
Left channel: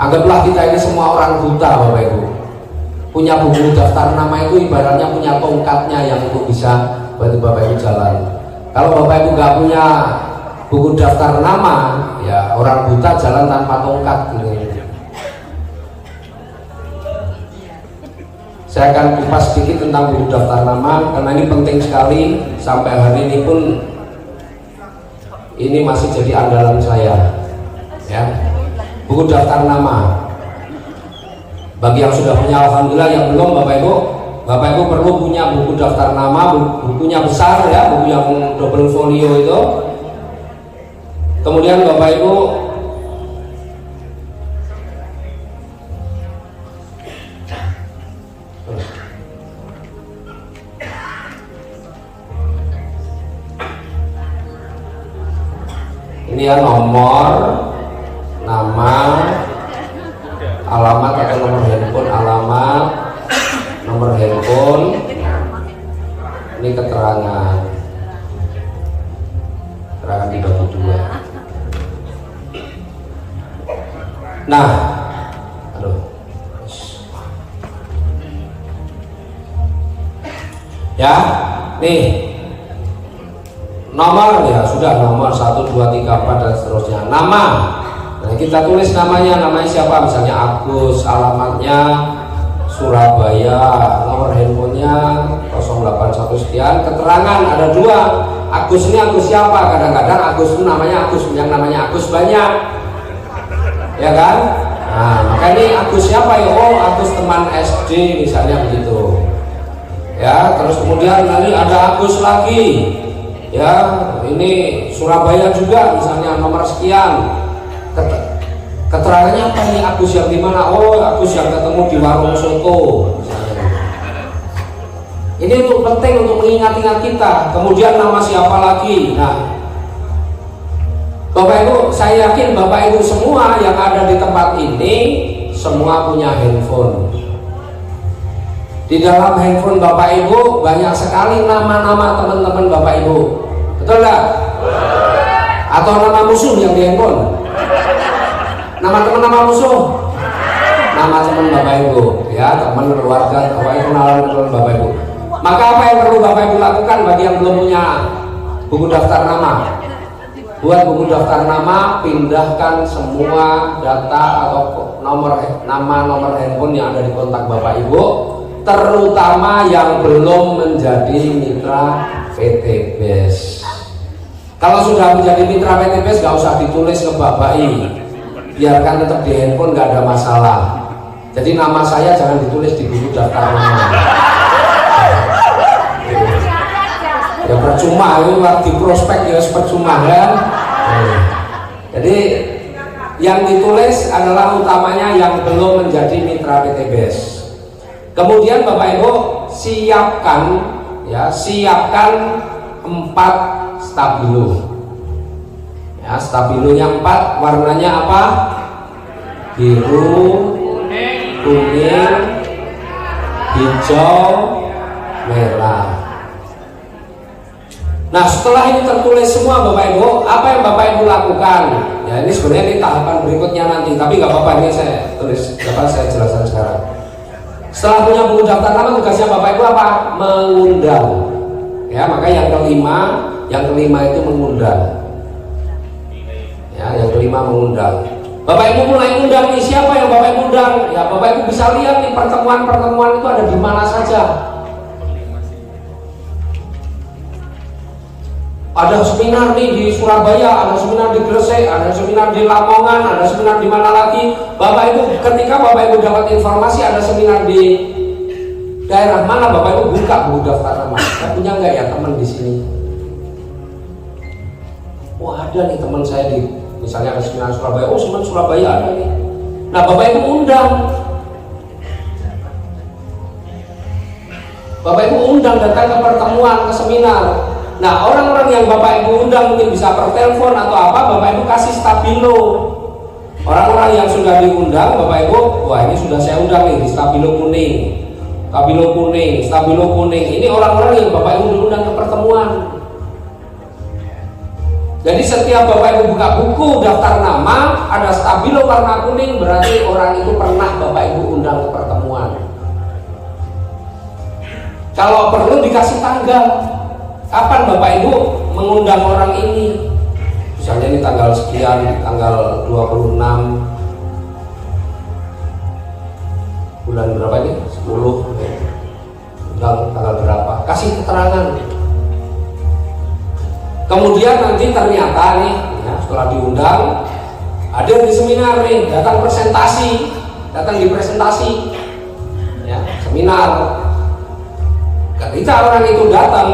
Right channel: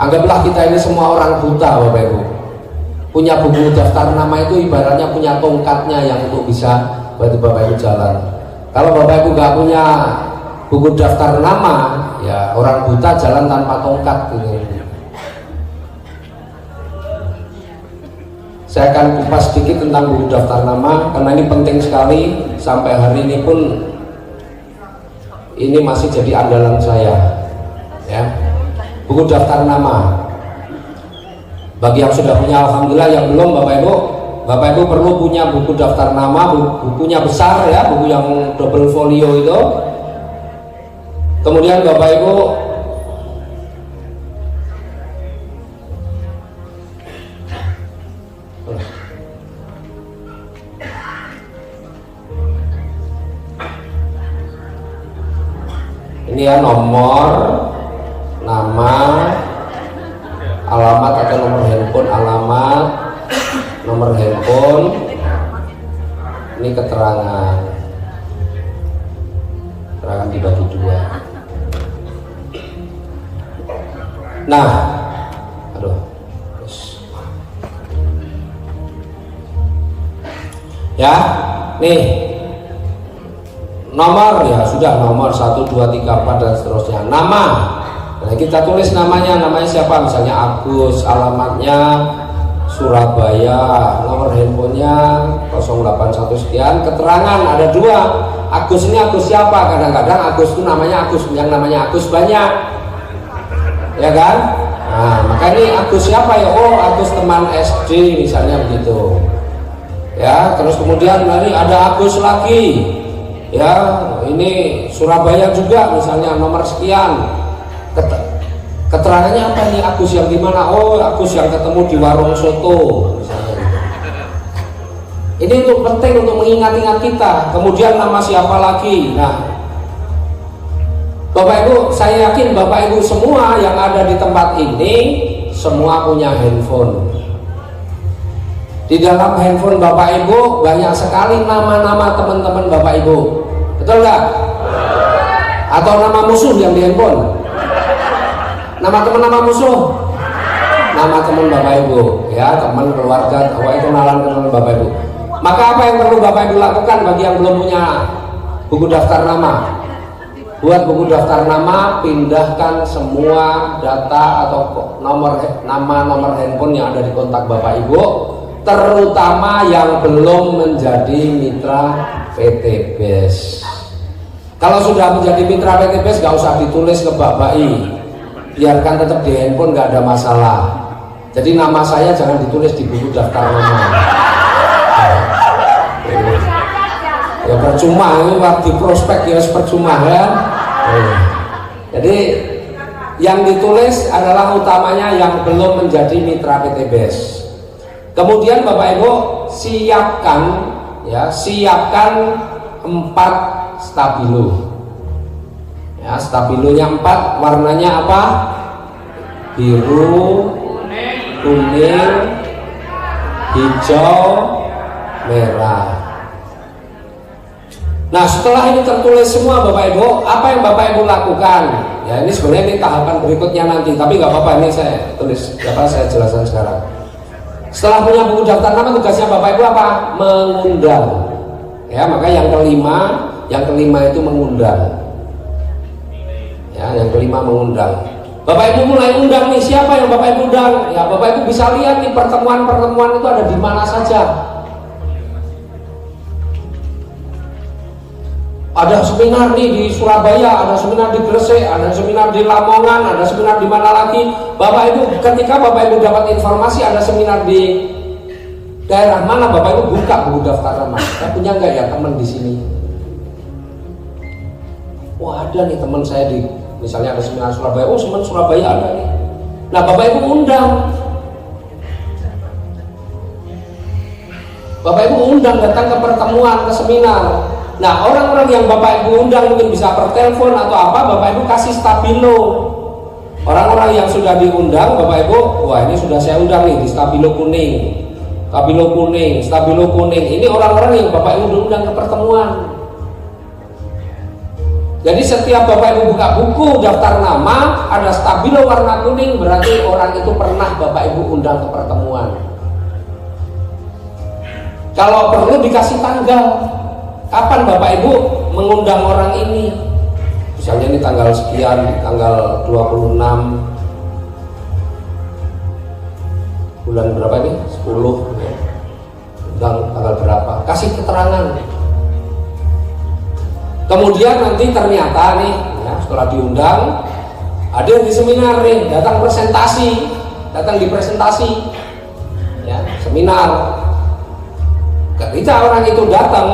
Anggaplah kita ini semua orang buta Bapak Ibu. Punya buku daftar nama itu ibaratnya punya tongkatnya yang untuk bisa bantu Bapak Ibu jalan. Kalau Bapak Ibu nggak punya buku daftar nama, ya orang buta jalan tanpa tongkat gitu. Saya akan kupas sedikit tentang buku daftar nama karena ini penting sekali. Sampai hari ini pun ini masih jadi andalan saya, ya. Buku daftar nama. Bagi yang sudah punya, alhamdulillah. Yang belum, Bapak Ibu perlu punya buku daftar nama, bukunya besar ya, buku yang double folio itu. Kemudian Bapak Ibu ini ya, nomor, nama, alamat atau nomor handphone, alamat, nomor handphone, ini keterangan dibagi dua. Nah, aduh, ya, nih. Nomor ya sudah, nomor 1, 2, 3, 4 dan seterusnya. Nama, nah, kita tulis namanya siapa, misalnya Agus, alamatnya Surabaya, nomor handphonenya 081 sekian. Keterangan ada 2, Agus ini Agus siapa? Kadang-kadang Agus itu namanya Agus, yang namanya Agus banyak, ya kan? Nah, maka ini Agus siapa ya? Oh, Agus teman SD misalnya begitu. Ya, terus kemudian nanti ada Agus lagi. Ya, ini Surabaya juga misalnya nomor sekian. Keterangannya apa nih, Agus yang di mana? Oh, Agus yang ketemu di warung soto misalnya. Ini untuk penting untuk mengingat-ingat kita. Kemudian nama siapa lagi? Nah, Bapak Ibu, saya yakin Bapak Ibu semua yang ada di tempat ini semua punya handphone. Di dalam handphone Bapak Ibu banyak sekali nama-nama teman-teman Bapak Ibu. Betul nggak? Atau nama musuh yang di handphone? Nama teman, nama musuh? Nama teman Bapak Ibu, ya, teman keluarga Bapak Ibu, kenalan teman Bapak Ibu. Maka apa yang perlu Bapak Ibu lakukan bagi yang belum punya buku daftar nama? Buat buku daftar nama, pindahkan semua data atau nomor handphone yang ada di kontak Bapak Ibu, terutama yang belum menjadi mitra PT BES. Kalau sudah menjadi mitra PT BES, gak usah ditulis ngebak-bayi, biarkan tetap di handphone, gak ada masalah. Jadi nama saya jangan ditulis di buku daftar nama. Ya percuma, ini di prospek ya percuma kan. Jadi yang ditulis adalah utamanya yang belum menjadi mitra PT BES. Kemudian Bapak Ibu siapkan 4 stabilo. Ya, stabilonya 4, warnanya apa? Biru, kuning, hijau, merah. Nah, setelah ini tertulis semua Bapak Ibu, apa yang Bapak Ibu lakukan? Ya, ini sebenarnya ini tahapan berikutnya nanti, tapi nggak apa-apa, ini saya tulis, saya jelaskan sekarang. Setelah punya buku daftar nama, tugasnya Bapak Ibu apa? Mengundang. Ya, maka yang kelima itu mengundang. Ya, yang kelima mengundang. Bapak Ibu mulai undang nih, siapa yang Bapak Ibu undang? Ya, Bapak Ibu bisa lihat nih pertemuan-pertemuan itu ada di mana saja. Ada seminar nih di Surabaya, ada seminar di Gresik, ada seminar di Lamongan, ada seminar di mana lagi. Bapak Ibu, ketika Bapak Ibu dapat informasi ada seminar di daerah mana, Bapak Ibu buka buku daftar nama. Kita punya nggak ya teman di sini? Wah, ada nih teman saya di, misalnya ada seminar Surabaya. Oh, seminar Surabaya ada nih. Nah, Bapak Ibu undang. Bapak Ibu undang datang ke pertemuan, ke seminar. Nah, orang-orang yang Bapak Ibu undang mungkin bisa per telepon atau apa, Bapak Ibu kasih stabilo. Orang-orang yang sudah diundang, Bapak Ibu, wah ini sudah saya undang nih di stabilo kuning. Stabilo kuning, stabilo kuning. Ini orang-orang yang Bapak Ibu undang ke pertemuan. Jadi setiap Bapak Ibu buka buku daftar nama, ada stabilo warna kuning, berarti orang itu pernah Bapak Ibu undang ke pertemuan. Kalau perlu dikasih tanggal. Kapan Bapak Ibu mengundang orang ini? Misalnya ini tanggal sekian, tanggal 26 bulan berapa ini? 10 undang tanggal berapa? Kasih keterangan. Kemudian nanti ternyata nih ya, setelah diundang ada yang di seminar nih, datang di presentasi ya, seminar. Ketika orang itu datang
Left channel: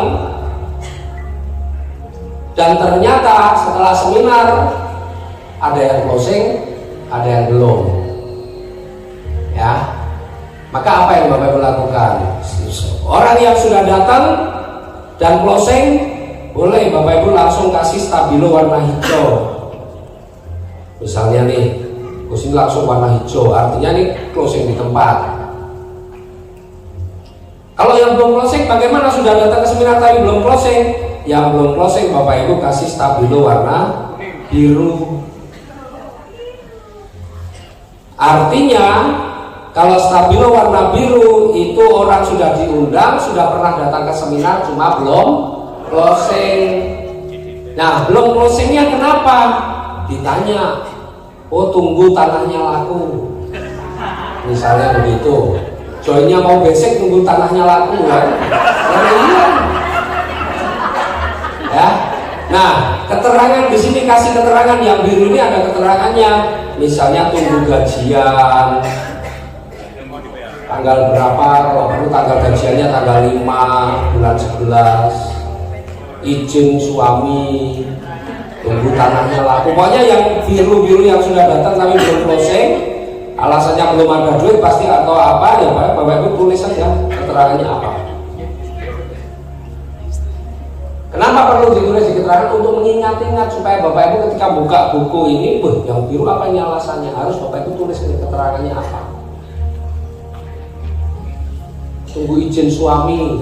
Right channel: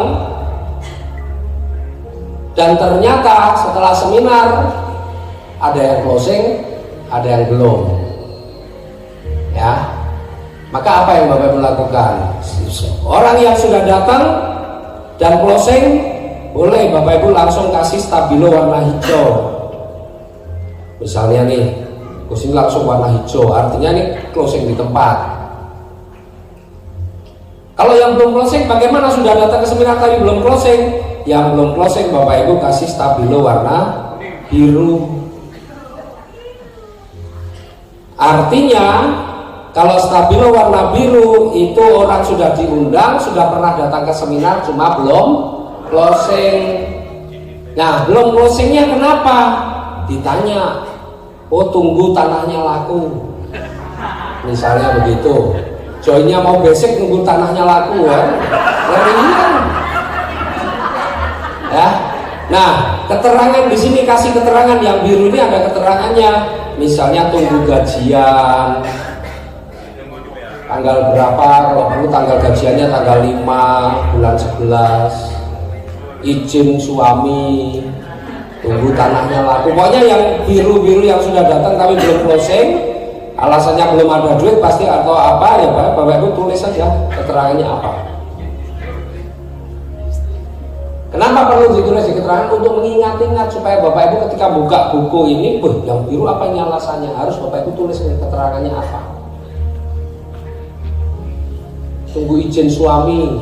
dan ternyata setelah seminar ada yang closing, ada yang belum ya, maka apa yang Bapak Ibu lakukan? Orang yang sudah datang dan closing boleh Bapak Ibu langsung kasih stabilo warna hijau. Misalnya nih, kursi langsung warna hijau, artinya nih closing di tempat. Kalau yang belum closing, bagaimana? Sudah datang ke seminar tadi belum closing? Yang belum closing Bapak Ibu kasih stabilo warna biru. Artinya kalau stabilo warna biru itu orang sudah diundang, sudah pernah datang ke seminar, cuma belum closing. Nah, belum closingnya kenapa? Ditanya, oh tunggu tanahnya laku, misalnya begitu. Joinnya mau besek tunggu tanahnya laku ya. Iya. Ya. Nah, keterangan di sini kasih keterangan yang biru ini ada keterangannya. Misalnya tunggu gajian. Tanggal berapa? Kalau perlu tanggal gajiannya tanggal 5 bulan 11. Izin suami. Tunggu tanahnya laku. Pokoknya yang biru-biru yang sudah datang tapi belum closing, alasannya belum ada duit pasti atau apa ya Bapak Ibu tulis saja keterangannya apa. Kenapa perlu ditulis di keterangan? Untuk mengingat-ingat supaya Bapak Ibu ketika buka buku ini, yang biru apa ini alasannya? Harus Bapak Ibu tulis di keterangannya apa. Tunggu izin suami.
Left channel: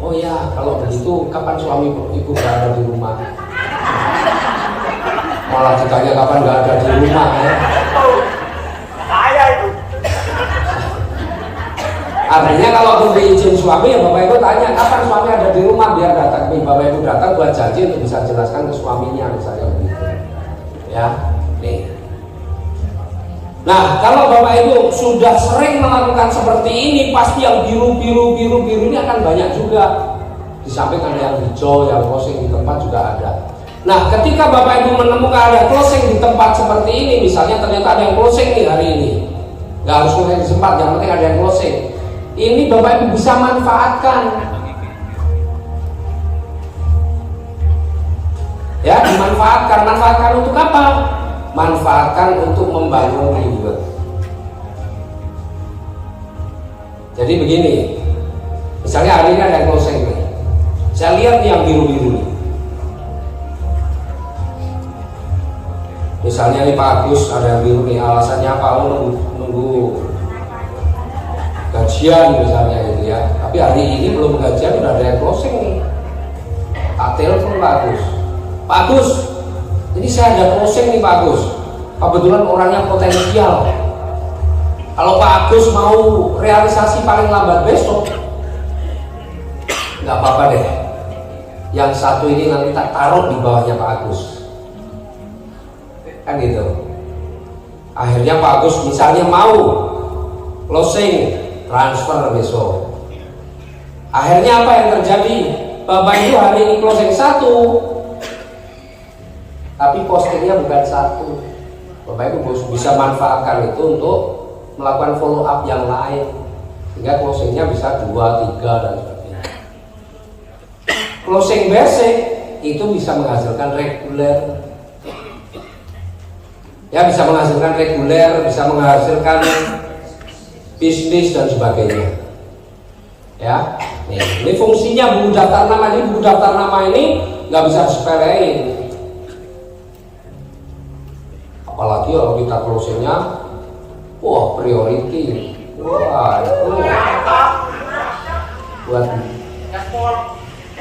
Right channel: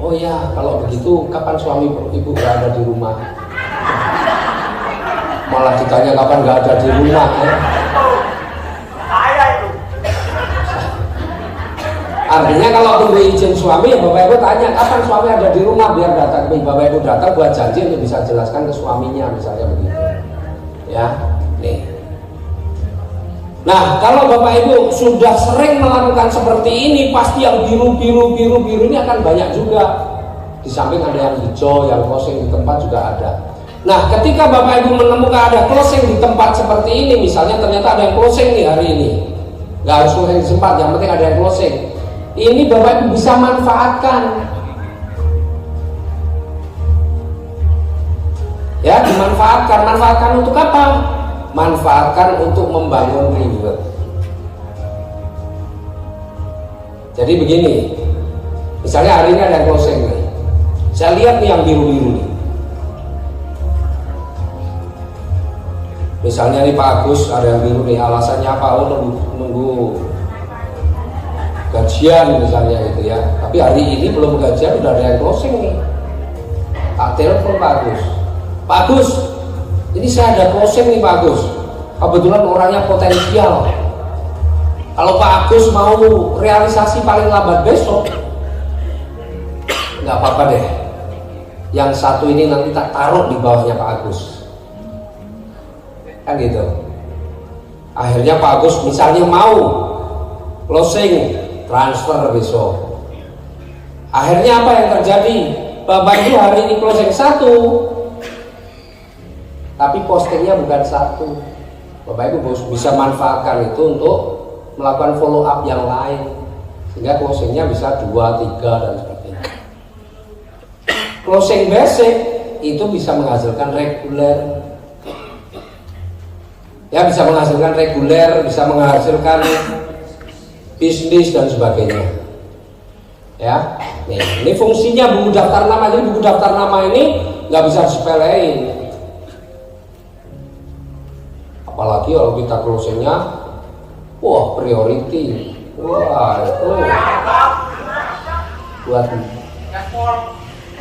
Oh ya, kalau begitu kapan suami ibu berada di rumah? Malah ditanya kapan nggak ada di rumah ya? Artinya kalau tunggu izin suami ya Bapak Ibu tanya kapan suami ada di rumah biar datang. Bapak Ibu datang buat janji untuk bisa jelaskan ke suaminya misalnya begitu. Ya, nih. Nah, kalau Bapak Ibu sudah sering melakukan seperti ini, pasti yang biru ini akan banyak juga. Di samping ada yang hijau, yang closing di tempat juga ada. Nah, ketika Bapak Ibu menemukan ada closing di tempat seperti ini, misalnya ternyata ada yang closing di hari ini, nggak harus closing di tempat, yang penting ada yang closing. Ini Bapak Ibu bisa manfaatkan. Ya, dimanfaatkan. Manfaatkan untuk apa? Manfaatkan untuk membangun reward. Jadi begini, misalnya hari ini ada yang closing nih. Saya lihat nih yang biru-biru nih. Misalnya nih Pak Agus ada yang biru nih, alasannya apa? Oh, nunggu gajian misalnya gitu ya. Tapi hari ini belum gajian, sudah ada yang closing nih. Tak telepon Pak Agus. Pak Agus, ini saya ada closing nih Pak Agus. Kebetulan orangnya potensial. Kalau Pak Agus mau realisasi paling lambat besok, nggak apa-apa deh. Yang satu ini nanti tak taruh di bawahnya Pak Agus. Kan gitu. Akhirnya Pak Agus misalnya mau closing, transfer besok. Akhirnya apa yang terjadi? Bapak Ibu hari ini closing 1, tapi postingnya bukan 1. Bapak Ibu bisa manfaatkan itu untuk melakukan follow up yang lain, sehingga closingnya bisa 2, 3 dan sebagainya. Closing basic itu bisa menghasilkan reguler. Ya, bisa menghasilkan reguler, bisa menghasilkan bisnis dan sebagainya. Ya, nih, ini fungsinya buku daftar nama. Jadi buku daftar nama ini nggak bisa disepelein. Apalagi kalau kita closingnya, wah priority, wah itu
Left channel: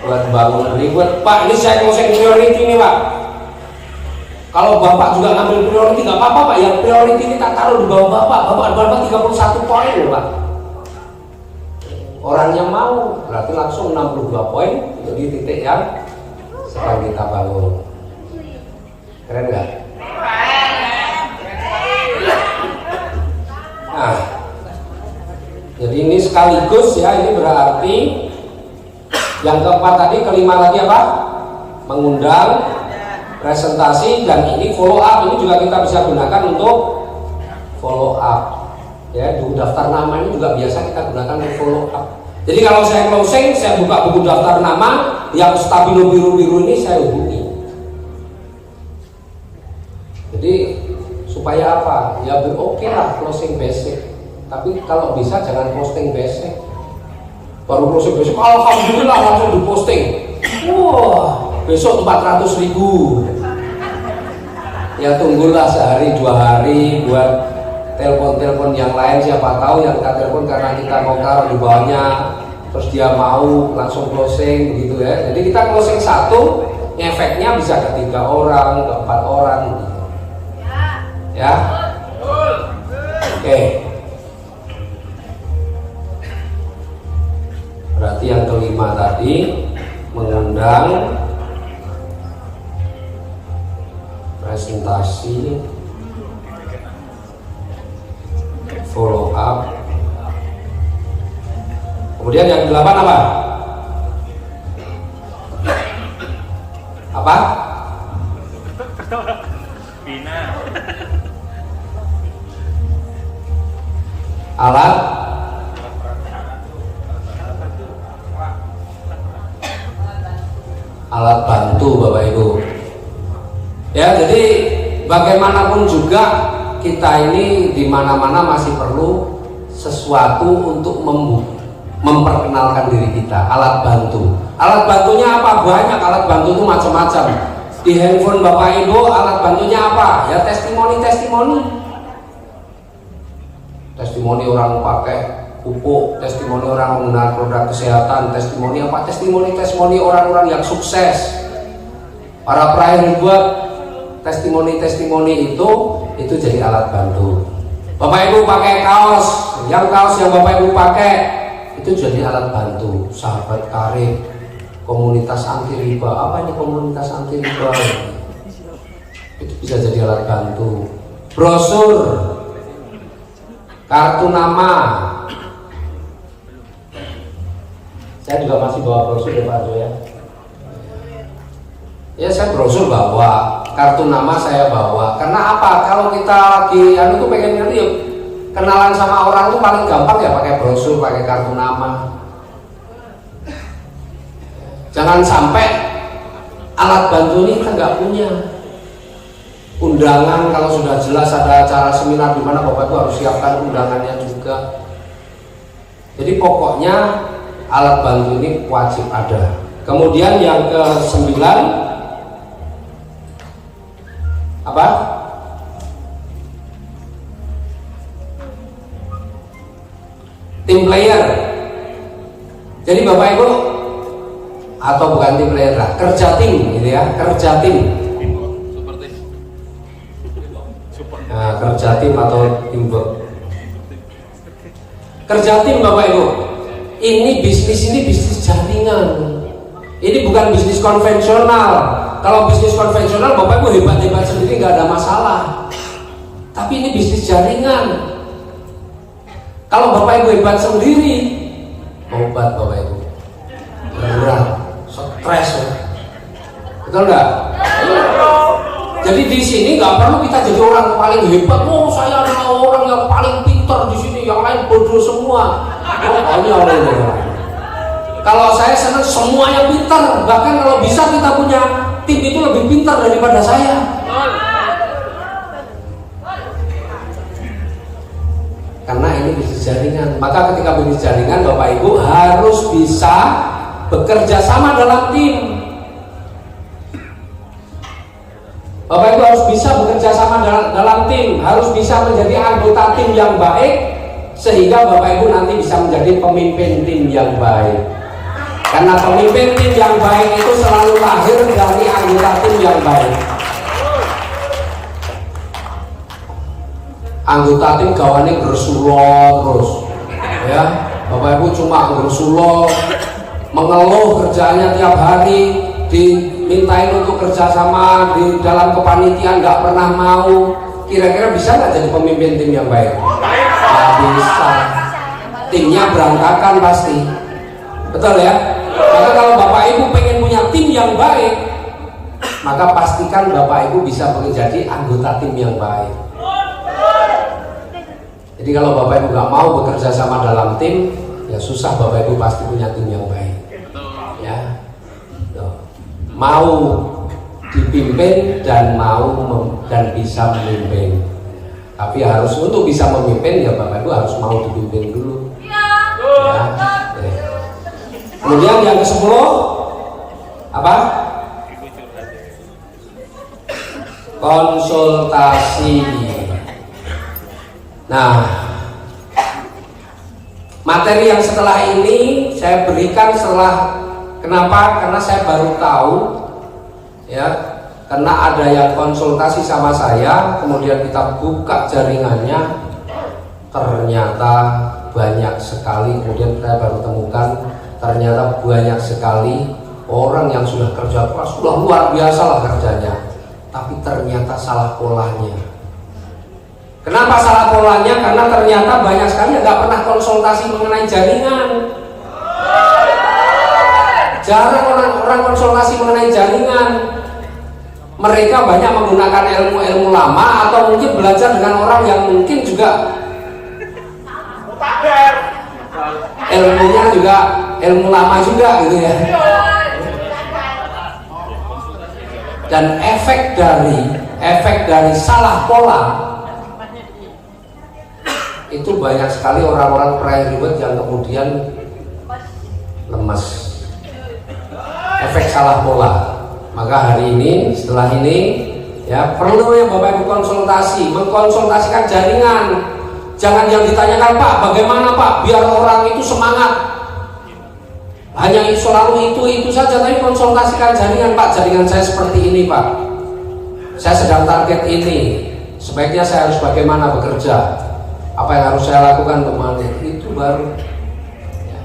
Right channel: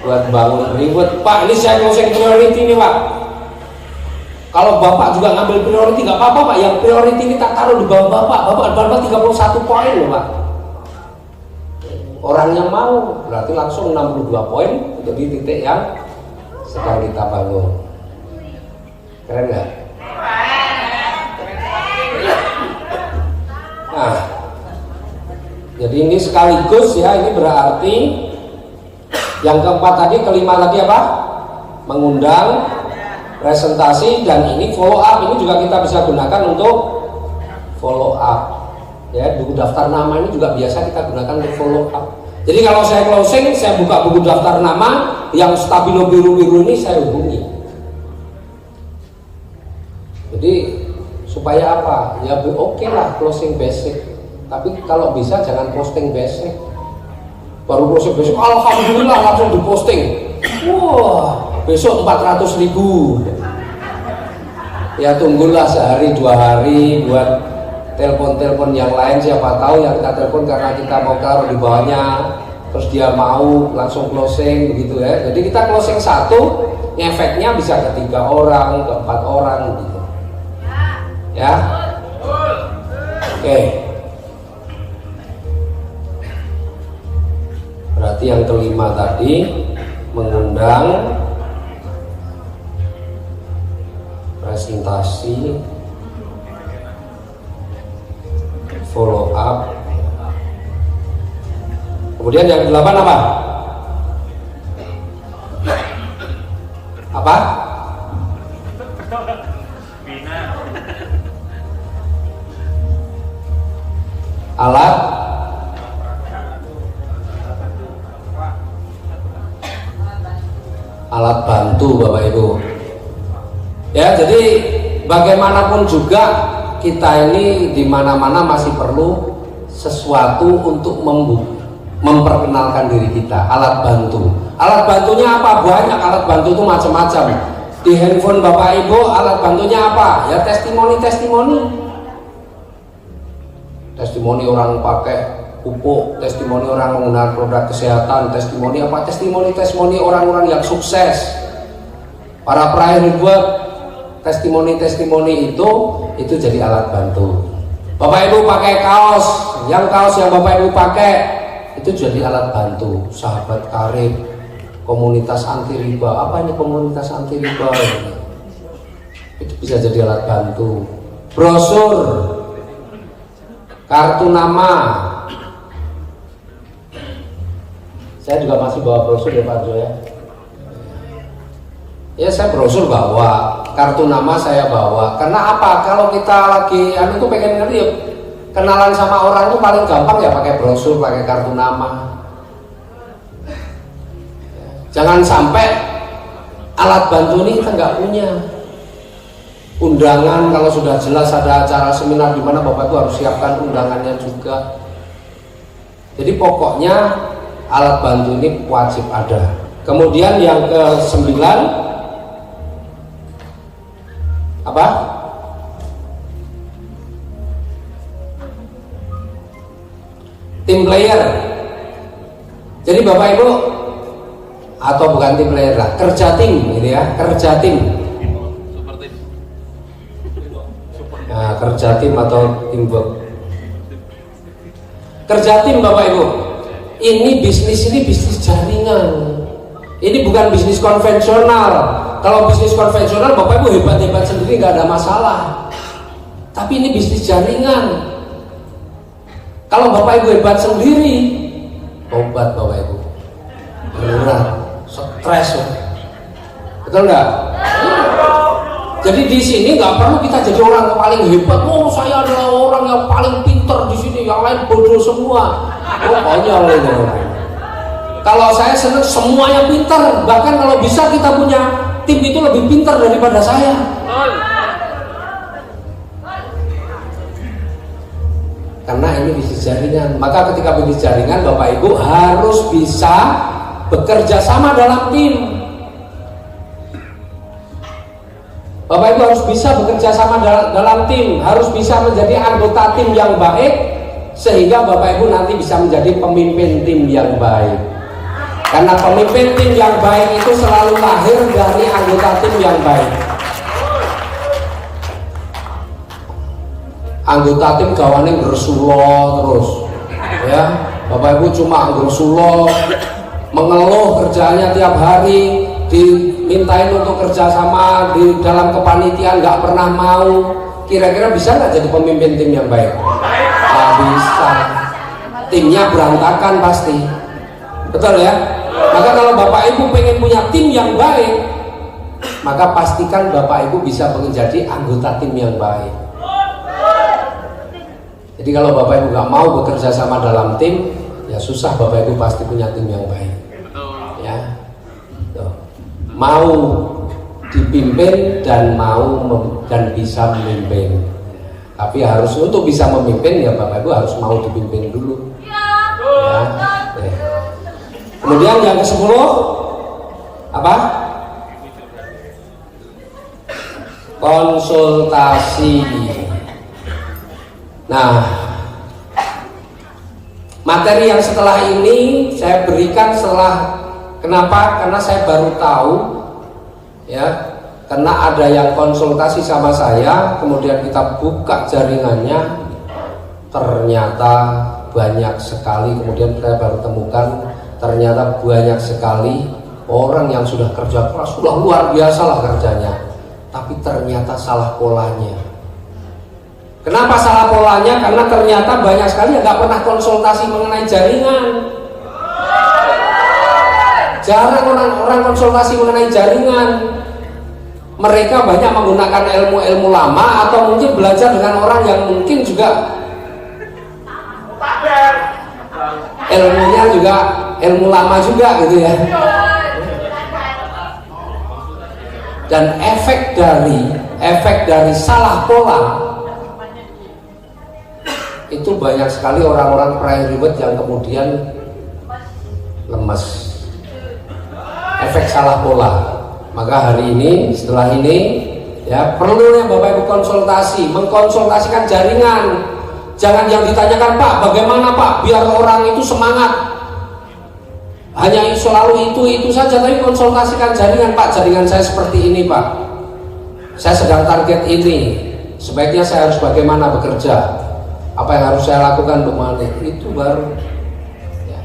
buat bangun reward. Pak, ini saya closing priority nih Pak. Kalau Bapak juga ngambil priority nggak apa-apa Pak. Yang priority ini tak taruh di bawah Bapak. Bapak dapat 31 poin loh Pak. Orang yang mau berarti langsung 62 poin jadi titik yang sedang kita bangun. Keren nggak? Nah, jadi ini sekaligus ya, ini berarti yang keempat tadi, kelima tadi apa? mengundang, presentasi, dan ini follow up. Ini juga kita bisa gunakan untuk follow up. Ya, buku daftar nama ini juga biasa kita gunakan untuk follow up. Jadi kalau saya closing, saya buka buku daftar nama yang stabilo biru-biru ini saya hubungi. Jadi supaya apa? Ya oke lah closing basic. Tapi kalau bisa jangan closing basic. Baru closing basic, alhamdulillah langsung diposting. Wah, besok 400.000. Ya tunggulah sehari 2 hari buat telepon-telepon yang lain, siapa tahu yang kita telepon karena kita mau taruh di bawahnya, terus dia mau langsung closing gitu ya. Jadi kita closing satu, efeknya bisa ke 3 orang, ke 4 orang gitu. Ya. Oke. Berarti yang kelima tadi mengundang, presentasi, follow up. Kemudian yang 8 apa? Apa? Bina. Alat bantu Bapak Ibu. Ya, jadi bagaimanapun juga kita ini di mana-mana masih perlu sesuatu untuk memperkenalkan diri kita. Alat bantu. Alat bantunya apa? Banyak. Alat bantu itu macam-macam. Di handphone Bapak Ibu alat bantunya apa? Ya testimoni. Testimoni orang pakai pupuk, testimoni orang menggunakan produk kesehatan, testimoni apa? Testimoni orang-orang yang sukses. Para peraih buat testimoni itu jadi alat bantu. Bapak Ibu pakai kaos yang Bapak Ibu pakai itu jadi alat bantu. Sahabat karib, komunitas anti riba. Apa ini komunitas anti riba? Itu bisa jadi alat bantu. Brosur, kartu nama. Saya juga masih bawa brosur ya Pak ya. Ya saya brosur bawa, kartu nama saya bawa. Karena apa? Kalau kita lagi itu pengen ngerti yuk, kenalan sama orang itu paling gampang ya pakai brosur, pakai kartu nama. Jangan sampai alat bantu ini kita nggak punya. Undangan kalau sudah jelas ada acara seminar di mana Bapak itu harus siapkan undangannya juga. Jadi pokoknya alat bantu ini wajib ada. Kemudian yang ke-9 apa? Tim player. Jadi Bapak Ibu atau bukan tim player lah, kerja tim gitu ya, kerja tim. Nah, kerja tim atau teamwork. Kerja tim Bapak Ibu. Ini bisnis jaringan. Ini bukan bisnis konvensional. Kalau bisnis konvensional Bapak Ibu hebat-hebat sendiri nggak ada masalah. Tapi ini bisnis jaringan. Kalau Bapak Ibu hebat sendiri, obat Bapak Ibu. Benar, stres. Betul nggak? Jadi di sini nggak perlu kita jadi orang yang paling hebat. Oh, saya adalah orang yang paling pintar di sini, yang lain bodoh semua. Hanya oleh orang. Kalau saya senang semuanya pintar, bahkan kalau bisa kita punya tim itu lebih pintar daripada saya. Karena ini bisnis jaringan. Maka ketika bisnis jaringan, Bapak Ibu harus bisa bekerja sama dalam tim. Bapak Ibu harus bisa bekerja sama dalam tim, harus bisa menjadi anggota tim yang baik, sehingga Bapak Ibu nanti bisa menjadi pemimpin tim yang baik. Karena pemimpin tim yang baik itu selalu lahir dari anggota tim yang baik. Anggota tim gawane bersulok terus, ya. Bapak Ibu cuma bersulok, mengeluh kerjaannya tiap hari, dimintain untuk kerjasama di dalam kepanitiaan nggak pernah mau. Kira-kira bisa nggak jadi pemimpin tim yang baik? Nggak bisa. Timnya berantakan pasti. Betul ya? Maka kalau Bapak Ibu pengen punya tim yang baik, maka pastikan Bapak Ibu bisa menjadi anggota tim yang baik. Jadi kalau Bapak Ibu nggak mau bekerja sama dalam tim, ya susah Bapak Ibu pasti punya tim yang baik. Ya, mau dipimpin dan dan bisa memimpin. Tapi harus untuk bisa memimpin ya Bapak Ibu harus mau dipimpin dulu. Ya. Kemudian yang ke-10 apa? Konsultasi. Nah, materi yang setelah ini saya berikan kenapa? Karena saya baru tahu ya, karena ada yang konsultasi sama saya, kemudian kita buka jaringannya, ternyata banyak sekali, kemudian saya baru temukan ternyata banyak sekali orang yang sudah kerja keras, sudah luar biasa lah kerjanya, tapi ternyata salah polanya. Kenapa salah polanya? Karena ternyata banyak sekali yang nggak pernah konsultasi mengenai jaringan. Jarang orang konsultasi mengenai jaringan. Mereka banyak menggunakan ilmu-ilmu lama atau mungkin belajar dengan orang yang mungkin juga ilmunya juga ilmu lama juga gitu ya. Dan efek dari salah pola itu banyak sekali orang-orang private yang kemudian lemes. Efek salah pola. Maka hari ini, setelah ini ya perlu ya Bapak Ibu mengkonsultasikan jaringan. Jangan yang ditanyakan, Pak, bagaimana Pak biar orang itu semangat. Hanya selalu itu saja, tapi konsultasikan jaringan, Pak. Jaringan saya seperti ini, Pak. Saya sedang target ini. Sebaiknya saya harus bagaimana bekerja? Apa yang harus saya lakukan untuk melatih itu baru. Ya.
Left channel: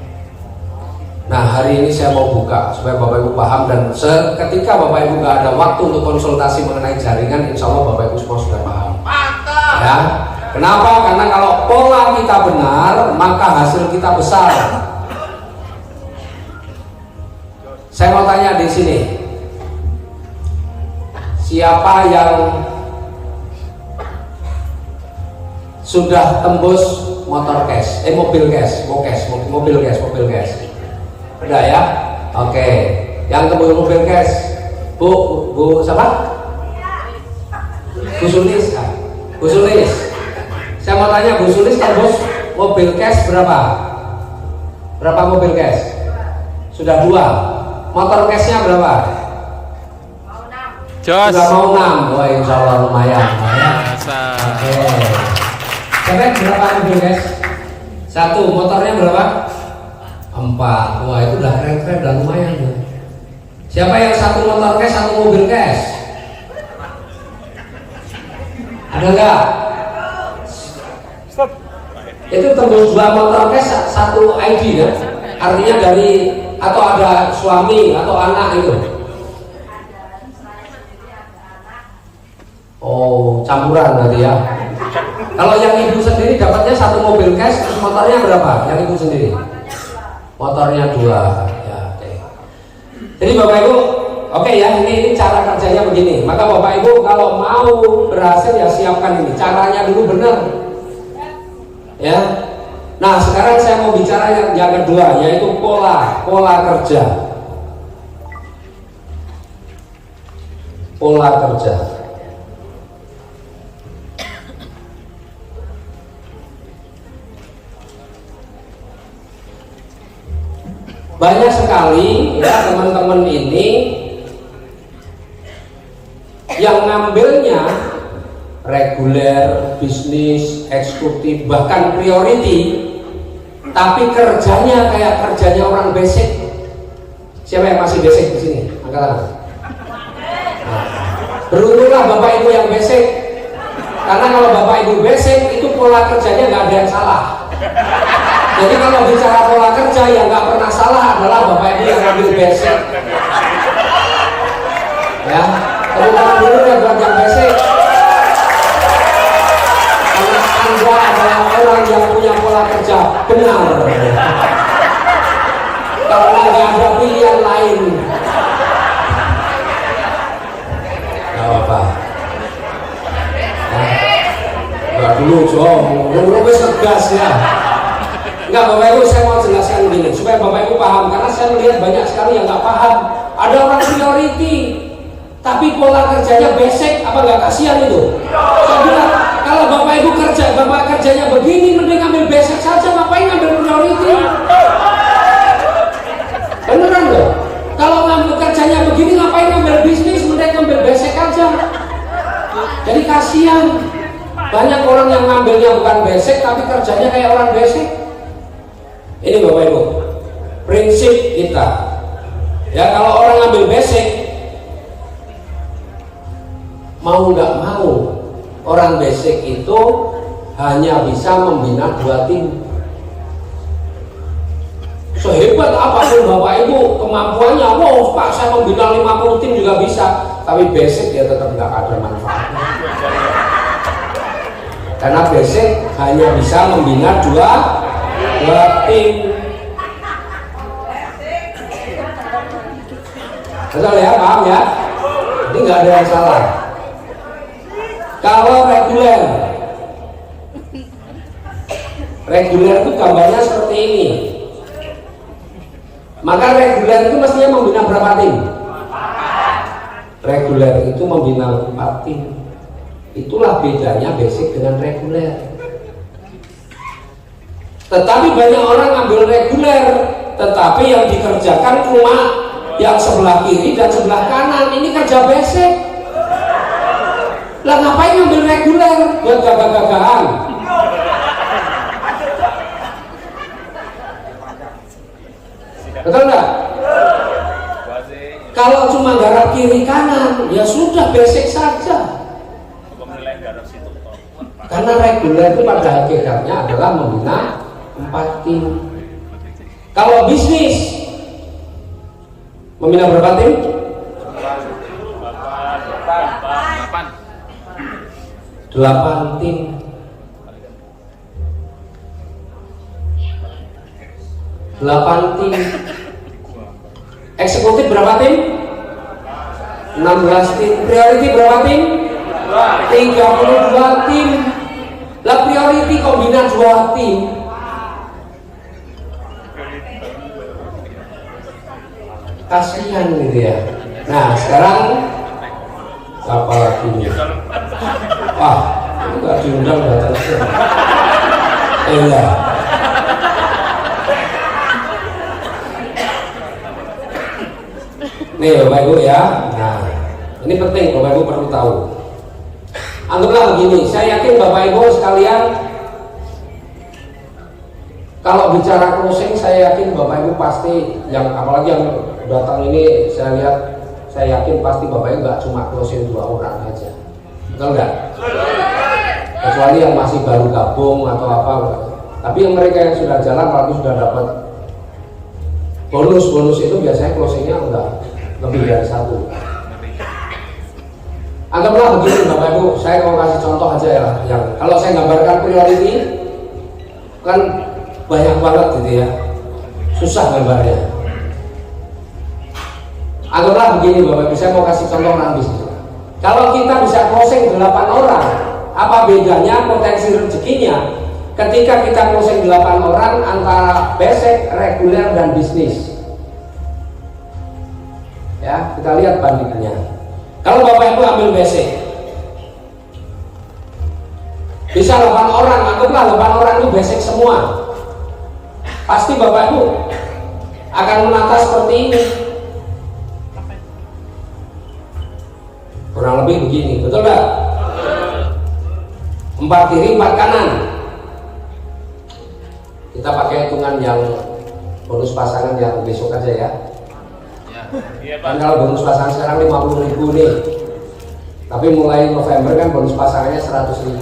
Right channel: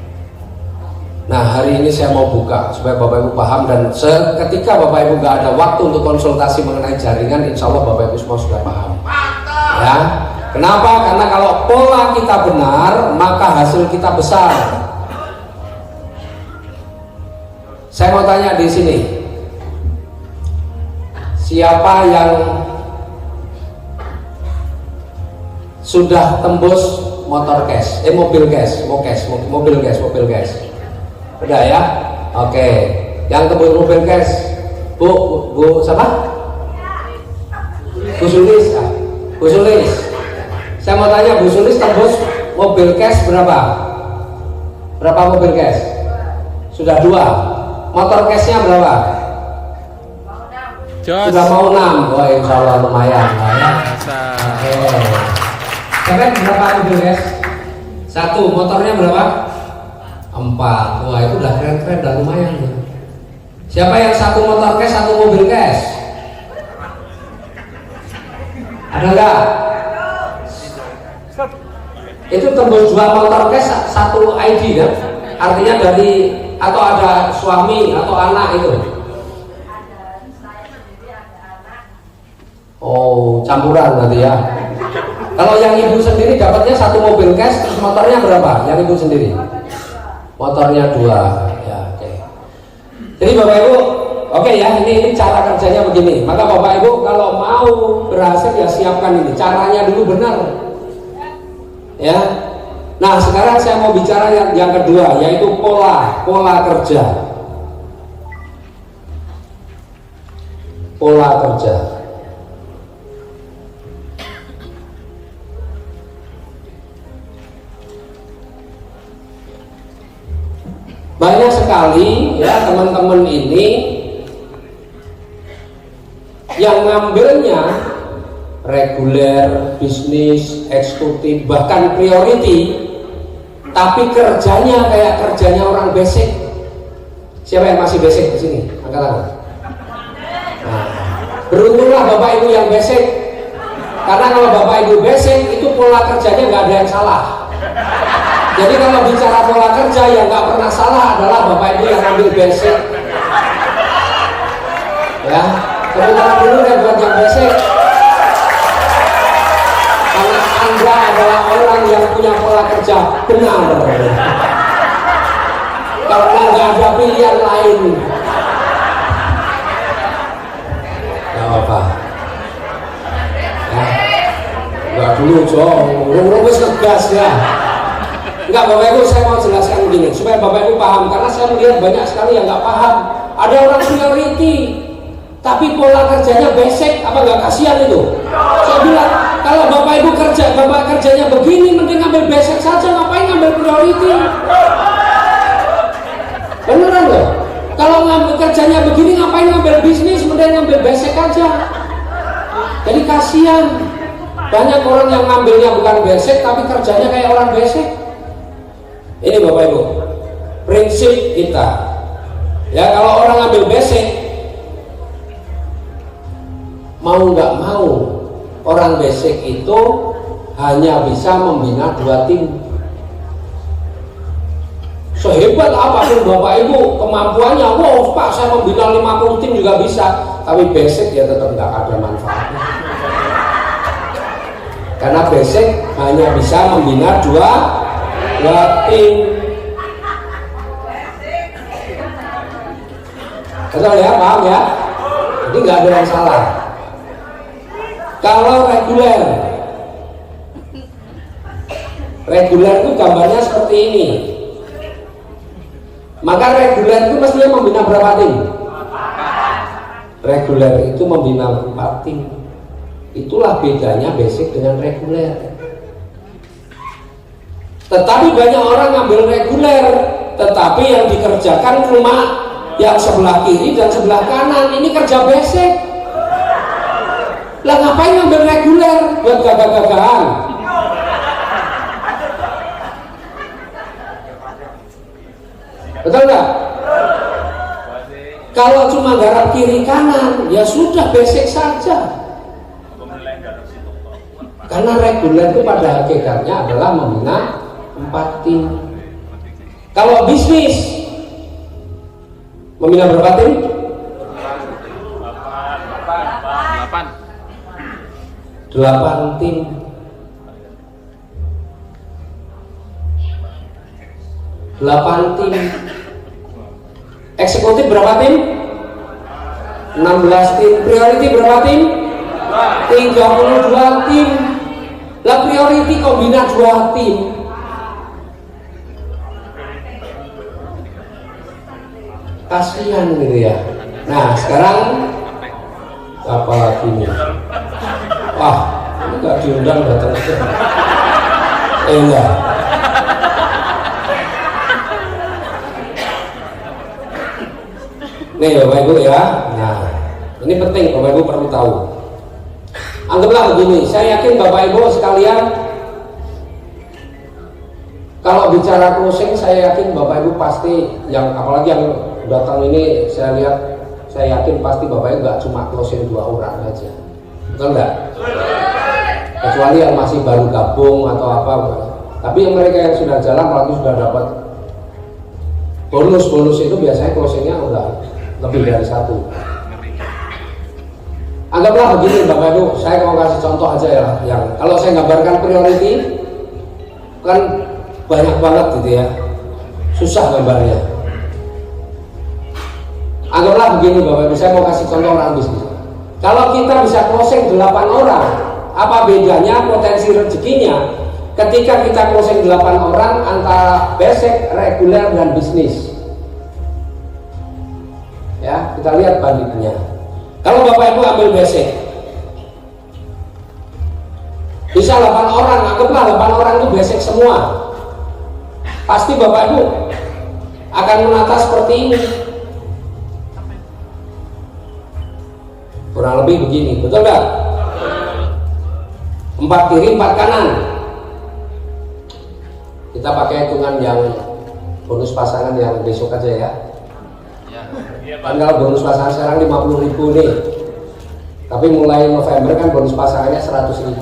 Nah, hari ini saya mau buka supaya Bapak Ibu paham, dan ketika Bapak Ibu nggak ada waktu untuk konsultasi mengenai jaringan, insya Allah Bapak Ibu semua sudah paham. Ya. Kenapa? Karena kalau pola kita benar, maka hasil kita besar. Saya mau tanya di sini, siapa yang sudah tembus mobil cash? Udah ya? Oke. Yang kedua mobil cash, Bu siapa? Bu Sulis. Bu Sulis. Saya mau tanya, Bu Sulis tembus mobil cash berapa? Berapa mobil cash? Sudah 2. Motor cashnya berapa? Jos. Sudah mau 6. Wah, insya Allah lumayan. Biasa. Sekarang berapa mobil cash? 1. Motornya berapa? 4. Wah, itu udah keren-keren, udah lumayan. Siapa yang 1 motor cash, 1 mobil cash? Ada nggak? Itu tembus 2 motor cash, 1 ID kan? Artinya dari atau ada suami atau anak itu. Oh, campuran berarti ya. Kalau yang ibu sendiri dapatnya 1 mobil cash, motornya berapa? Yang ibu sendiri? Motornya 2. Ya, oke. Jadi Bapak Ibu, oke ya, ini cara kerjanya begini. Maka Bapak Ibu kalau mau berhasil ya siapkan ini. Caranya dulu benar. Ya. Nah, sekarang saya mau bicara yang kedua, yaitu pola kerja. Pola kerja. Banyak sekali ya teman-teman ini yang ngambilnya reguler, bisnis, eksekutif, bahkan priority, tapi kerjanya kayak kerjanya orang basic. Siapa yang masih basic di sini? Angkat tangan. Nah, beruntunglah Bapak Ibu yang basic, karena kalau Bapak Ibu basic itu pola kerjanya nggak ada yang salah. Jadi kalau bicara pola kerja yang nggak pernah salah adalah Bapak Ibu yang ambil basic. Ya, tepuk tangan dulu ya buat yang basic. Karena Anda adalah orang yang punya pola kerja benar. Karena nggak ada pilihan lain. dulu Jong, wis ngegas ya. Enggak Bapak Ibu, saya mau jelaskan begini supaya Bapak Ibu paham, karena saya melihat banyak sekali yang nggak paham. Ada orang priority tapi pola kerjanya basic, apa nggak kasihan itu? Saya bilang kalau Bapak Ibu Bapak kerjanya begini, mending ambil basic saja, ngapain ambil priority? Beneran loh. Kalau ngambil kerjanya begini, ngapain ambil bisnis, mending ambil basic aja. Jadi kasihan. Banyak orang yang ngambilnya bukan basic tapi kerjanya kayak orang basic. Ini Bapak Ibu, prinsip kita. Ya, kalau orang ngambil basic, mau nggak mau, orang basic itu hanya bisa membina 2 tim. Sehebat apapun Bapak Ibu kemampuannya, wow Pak saya membina 50 tim juga bisa, tapi basic ya tetap nggak ada manfaatnya. Karena basic hanya bisa membina 2 tim. Betul ya, paham ya? Ini nggak ada yang salah. Kalau reguler itu gambarnya seperti ini. Maka reguler itu mestinya membina berapa tim? Reguler itu membina 4 tim. Itulah bedanya basic dengan reguler. Tetapi banyak orang ngambil reguler, tetapi yang dikerjakan cuma yang sebelah kiri dan sebelah kanan. Ini kerja basic. Lah ngapain ngambil reguler? Buat gagah-gagahan. Betul nggak? Kalau cuma garap kiri kanan, ya sudah basic saja. Karena reguler itu pada hakikatnya adalah membina 4 tim. Kalau bisnis membina berapa tim? 8 tim. 8 tim. Eksekutif berapa tim? 16 tim. Priority berapa tim? 32 tim. Lah priority kombina 2 tim. Kasihan gitu ya. Nah sekarang apa lagunya? Wah, nggak diundang datang. Ya. Nih Bapak Ibu ya. Nah, ini penting Bapak Ibu perlu tahu. Anggaplah begini, saya yakin Bapak Ibu sekalian kalau bicara closing, saya yakin Bapak Ibu pasti yang apalagi yang datang ini saya yakin pasti Bapak Ibu nggak cuma closing 2 orang aja, betul nggak? Kecuali yang masih baru gabung atau apa, tapi yang mereka yang sudah jalan apalagi sudah dapat bonus itu biasanya closingnya udah lebih dari 1. Anggaplah begini Bapak Ibu, saya mau kasih contoh aja ya, yang kalau saya gambarkan priority kan banyak banget gitu ya, susah gambarnya. Anggaplah begini Bapak Ibu, saya mau kasih contoh orang bisnis. Kalau kita bisa closing 8 orang, apa bedanya potensi rezekinya ketika kita closing 8 orang antara basic, reguler dan bisnis? Ya, kita lihat bandingannya. Kalau Bapak Ibu ambil basic, bisa 8 orang, anggaplah 8 orang itu basic semua. Pasti Bapak Ibu akan menata seperti ini. Kurang lebih begini, betul nggak? 4 kiri, 4 kanan. Kita pakai hitungan yang bonus pasangan yang besok aja ya. Kan kalau bonus pasangan sekarang 50.000 nih, tapi mulai November kan bonus pasangannya 100.000.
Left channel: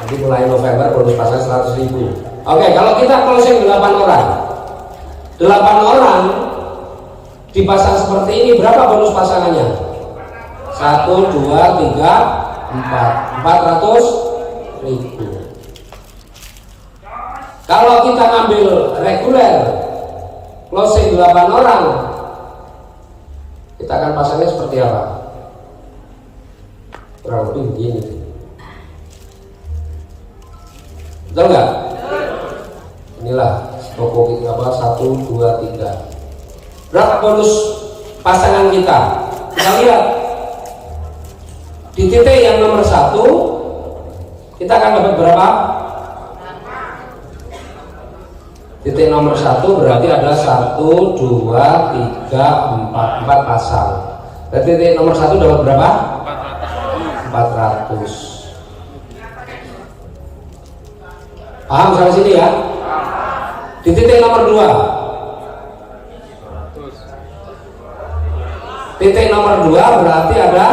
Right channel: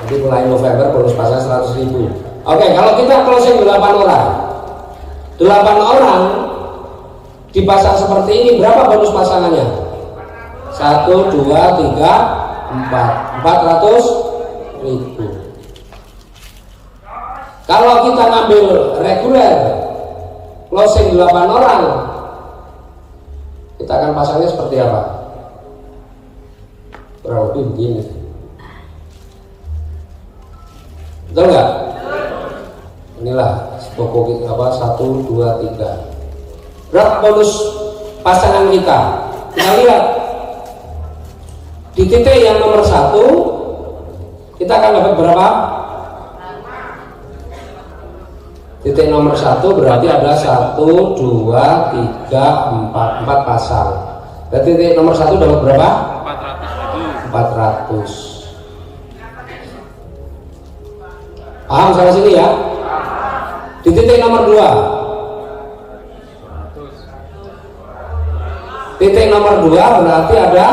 Jadi mulai November bonus pasangan 100.000. Oke, kalau kita closing 8 orang, 8 orang dipasang seperti ini, berapa bonus pasangannya? 1, 2, 3, 4, 400.000. Kalau kita ngambil reguler closing 8 orang, kita akan pasangnya seperti apa? kurang lebih begini. Betul nggak? Inilah pokok kita apa 1, 2, 3. Berapa bonus pasangan kita? Kita lihat di titik yang nomor 1 kita akan dapat berapa? Titik nomor 1 berarti ada 1, 2, 3, 4 pasang. Dan titik nomor 1 dapat berapa? 400. Paham sampai sini ya? Di titik nomor 2. Titik nomor 2 berarti ada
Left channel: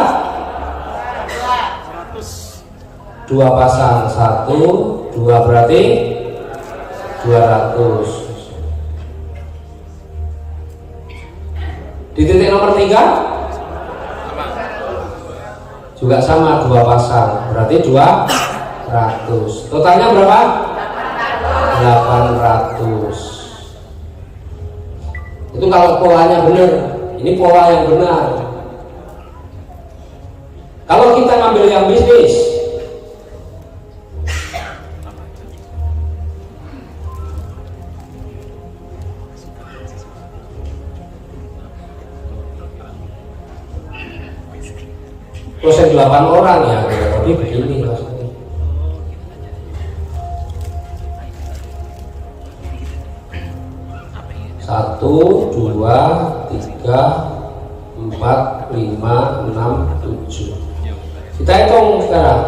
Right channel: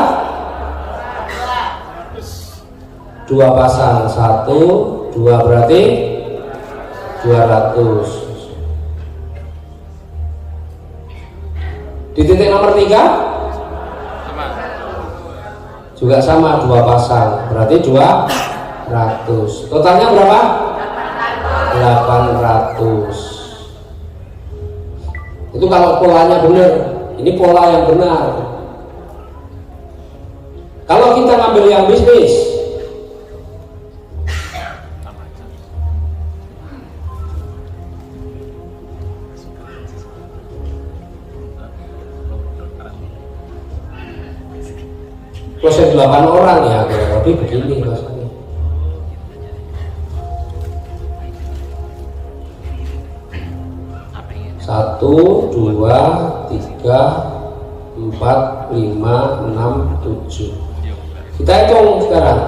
2 pasang. 1, 2 berarti 200. Di titik nomor 3 juga sama 2 pasang, berarti 200. Totalnya berapa? 800. Itu kalau polanya benar. Ini pola yang benar. Kalau kita ngambil yang bisnis, proses 8 orang ya, tapi begini. 1, 2, 3, 4, 5, 6, 7. Kita hitung sekarang.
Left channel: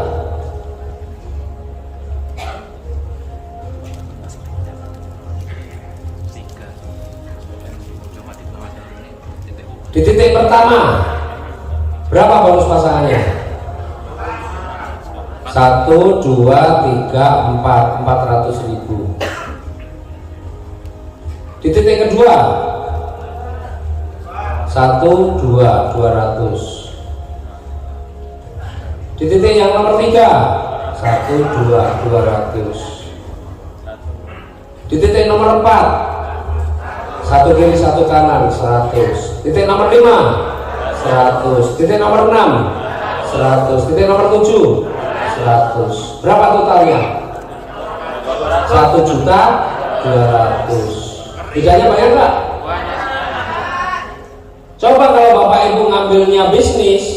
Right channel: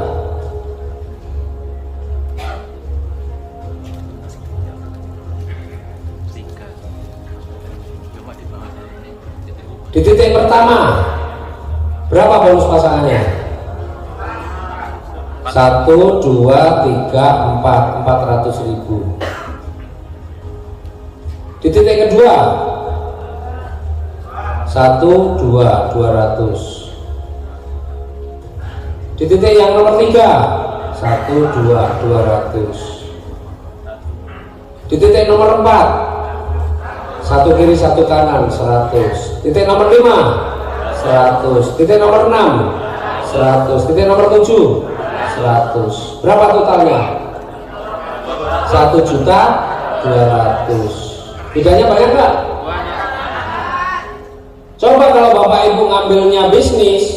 Di titik pertama berapa bonus pasangannya? 1, 2, 3, 4, 400.000. Di titik kedua 1, 2, 200. Di titik yang nomor 3 1, 2, 200. Di titik nomor 4 1 kiri 1 kanan 100. Titik nomor 5 100. Titik nomor 6 100. Titik nomor 7 100. Berapa totalnya? 1.200.000. Bedanya banyak nggak? Banyak sekali. Coba kalau Bapak Ibu ngambilnya bisnis,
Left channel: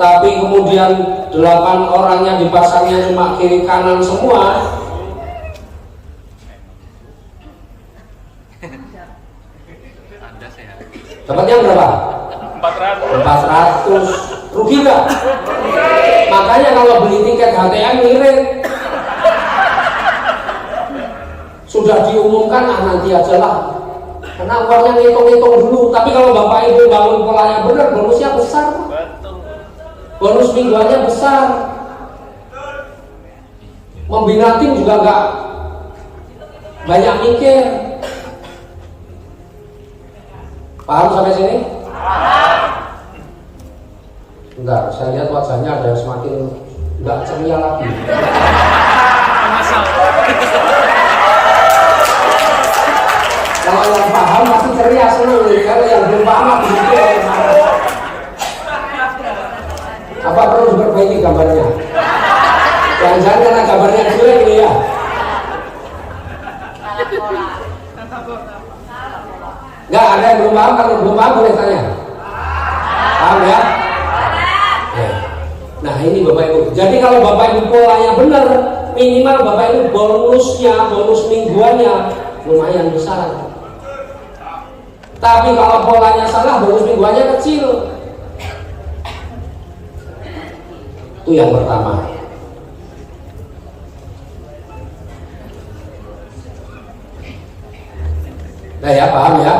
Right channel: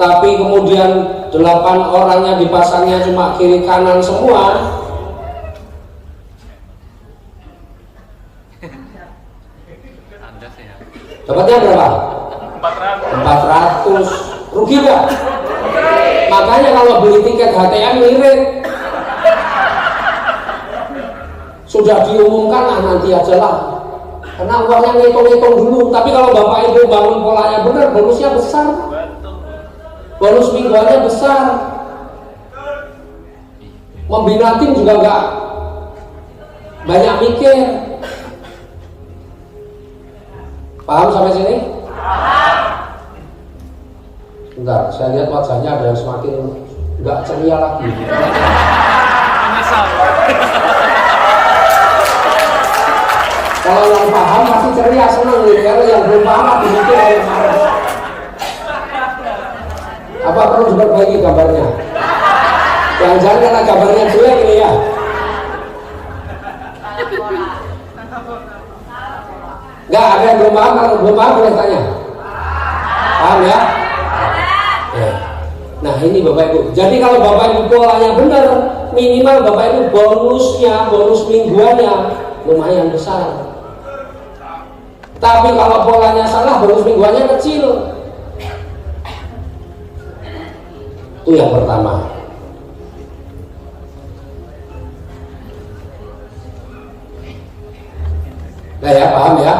tapi kemudian 8 orang yang dipasangnya cuma kiri kanan semua, Anda sehat. dapatnya berapa? 400. Rugi nggak? Makanya kalau beli tiket HTM ngirit. Sudah diumumkan, nanti aja lah. Karena uangnya ngitung-ngitung dulu. Tapi kalau Bapak Ibu bangun polanya benar, bonusnya besar. Bonus mingguannya besar. Membina tim juga nggak banyak mikir. Paham sampai sini? Enggak, saya lihat wajahnya ada yang semakin enggak ceria lagi. Menyesal. Kalau yang paham pasti ceria, senang lihat. Yang belum paham begitu. Apa perlu diperbaiki gambarnya? Jangan-jangan karena gambarnya jelek ini ya. Enggak, ada yang belum paham. Kalau belum paham boleh tanya. Paham ya? Nah ini Bapak Ibu. Jadi kalau Bapak Ibu polanya benar, minimal Bapak Ibu bonusnya, bonus mingguannya lumayan besar. Tapi kalau polanya salah, bonus mingguannya kecil. Itu yang pertama. Nah ya, paham ya?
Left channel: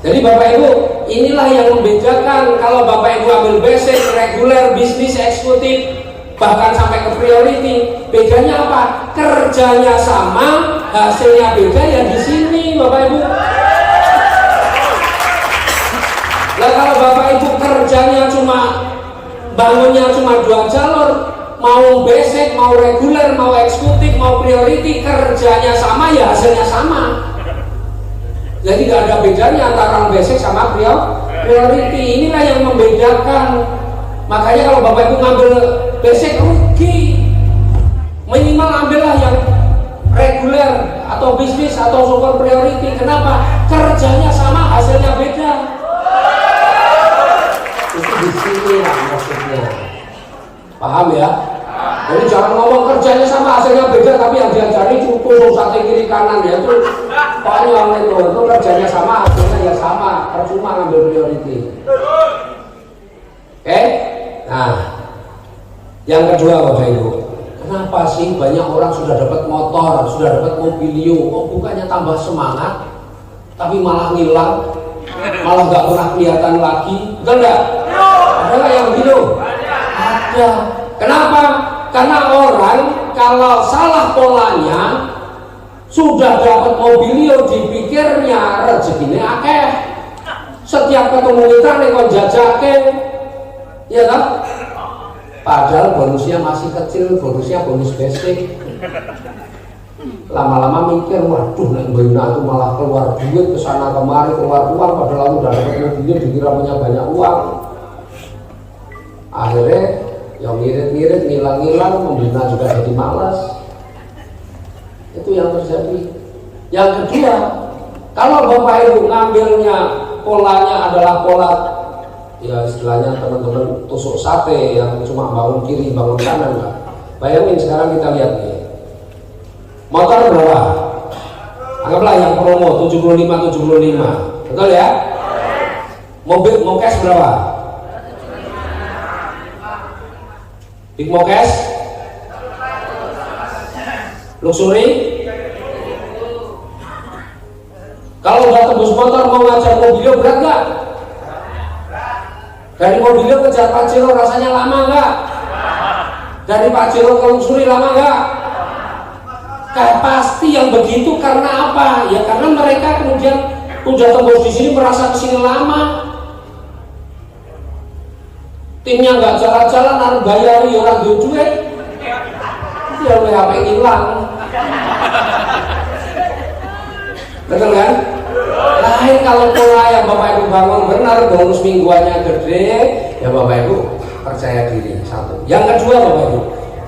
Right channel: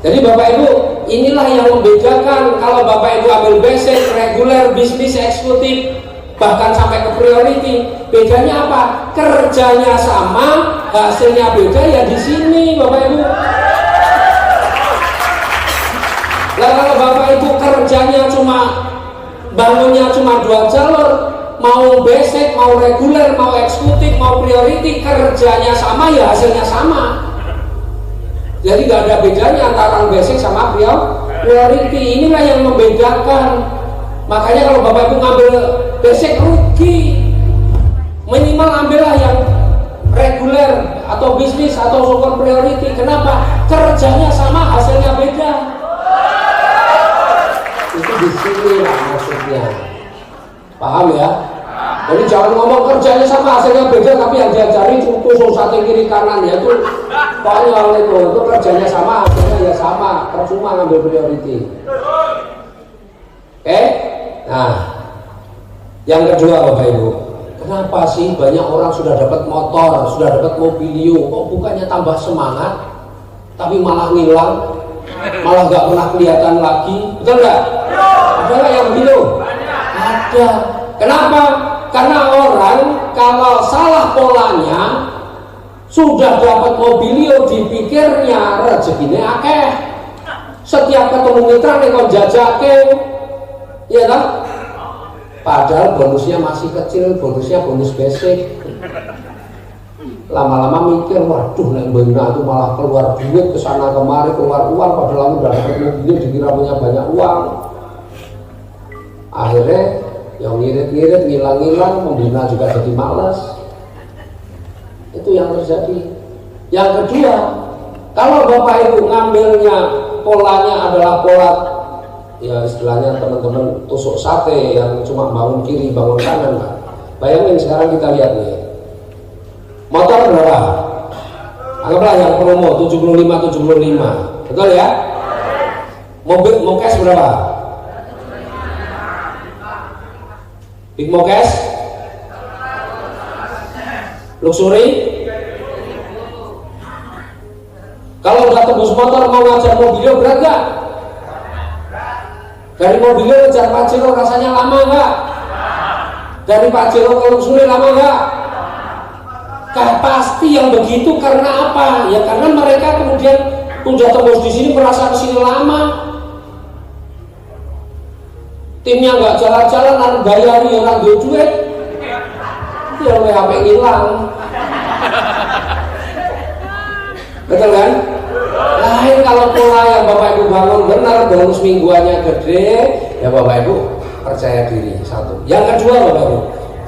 Jadi Bapak Ibu, inilah yang membedakan kalau Bapak Ibu ambil basic, reguler, bisnis, eksekutif, bahkan sampai ke priority. Bedanya apa? Kerjanya sama, hasilnya beda ya di sini Bapak Ibu. Nah kalau Bapak Ibu kerjanya bangunnya cuma 2 jalur, mau basic, mau reguler, mau eksekutif, mau priority, kerjanya sama ya hasilnya sama. Jadi nggak ada bedanya antara orang basic sama priority. Inilah yang membedakan. Makanya kalau Bapak Ibu ngambil basic rugi. Minimal ambillah yang reguler atau bisnis atau super priority. Kenapa? Kerjanya sama, hasilnya beda. Itu di sini lah maksudnya. Paham ya? Jadi jangan ngomong kerjanya sama, hasilnya beda, tapi yang diajari cukup sate kiri kanan ya itu konyol itu kerjanya sama, hasilnya ya sama, percuma ngambil priority. Oke? Nah, yang kedua Bapak Ibu, kenapa sih banyak orang sudah dapat motor, sudah dapat mobilio, bukannya tambah semangat, tapi malah ngilang, malah nggak pernah kelihatan lagi, betul nggak? Ada nggak yang begitu? Ada. Kenapa? Karena orang kalau salah polanya sudah dapat mobilio dipikirnya rezekinya akeh. Setiap ketemu kita nekon jajake, ya kan? Padahal bonusnya masih kecil, bonusnya bonus basic. Lama-lama mikir, waduh nek mbak aku malah keluar duit kesana kemari keluar uang, padahal aku udah dapat mobilio dikira punya banyak uang. Akhirnya yang ngirit-ngirit, ngilang-ngilang, membina juga jadi malas. Itu yang terjadi. Yang kedua, kalau Bapak Ibu ngambilnya polanya adalah pola, ya istilahnya teman-teman tusuk sate yang cuma bangun kiri, bangun kanan, Pak. Bayangin sekarang kita lihat nih. Motor berapa? Anggaplah yang promo 75. Betul ya? Mobil mokes berapa? Big Mokes, luxury. Kalau udah tembus motor mau ngajar mobilnya berat nggak? Dari mobilnya ngejar Pajero rasanya lama nggak? Dari Pajero ke luxury lama nggak? Pasti yang begitu karena apa? Ya karena mereka kemudian udah tembus di sini merasa kesini lama. Timnya nggak jalan-jalan, orang bayari, orang duit, ya HP hilang. Betul kan? Lain kalau pola yang Bapak Ibu bangun benar, bonus mingguannya gede, ya Bapak Ibu percaya diri. Satu. Yang kedua Bapak Ibu,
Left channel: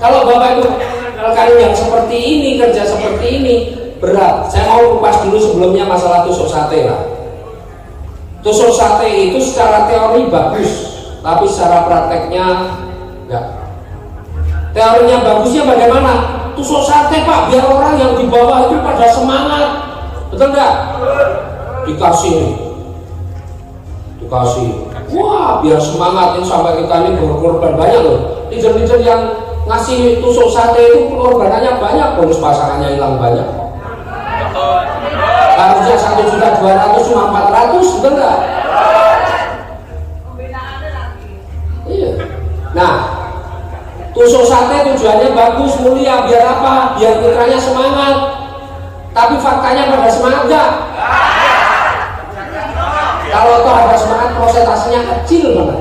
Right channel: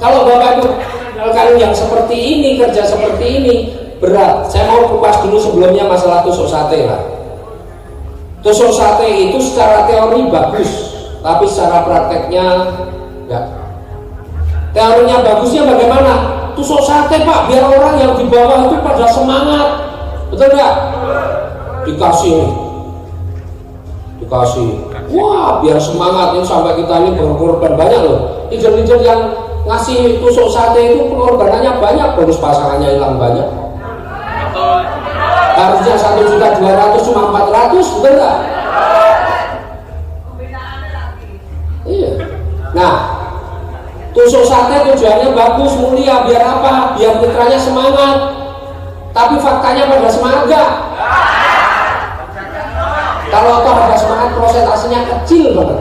kalau Bapak Ibu kalau yang seperti ini, kerja seperti ini berat. Saya mau kupas dulu sebelumnya masalah tusuk sate lah. Tusuk sate itu secara teori bagus, tapi secara prakteknya enggak. Teorinya bagusnya bagaimana? Tusuk sate Pak, biar orang yang di bawah itu pada semangat. Betul enggak? Dikasih. Wah, biar semangat ini sampai kita ini berkorban banyak loh. Leader-leader yang ngasih tusuk sate itu pengorbanannya banyak, bonus pasangannya hilang banyak. Betul. Harusnya 1.200.000 cuma 400, betul enggak? Iya. Nah, tusuk sate tujuannya bagus, mulia, biar apa? Biar putranya semangat. Tapi faktanya pada semangat gak? Kalau toh ada semangat, prosentasenya kecil banget.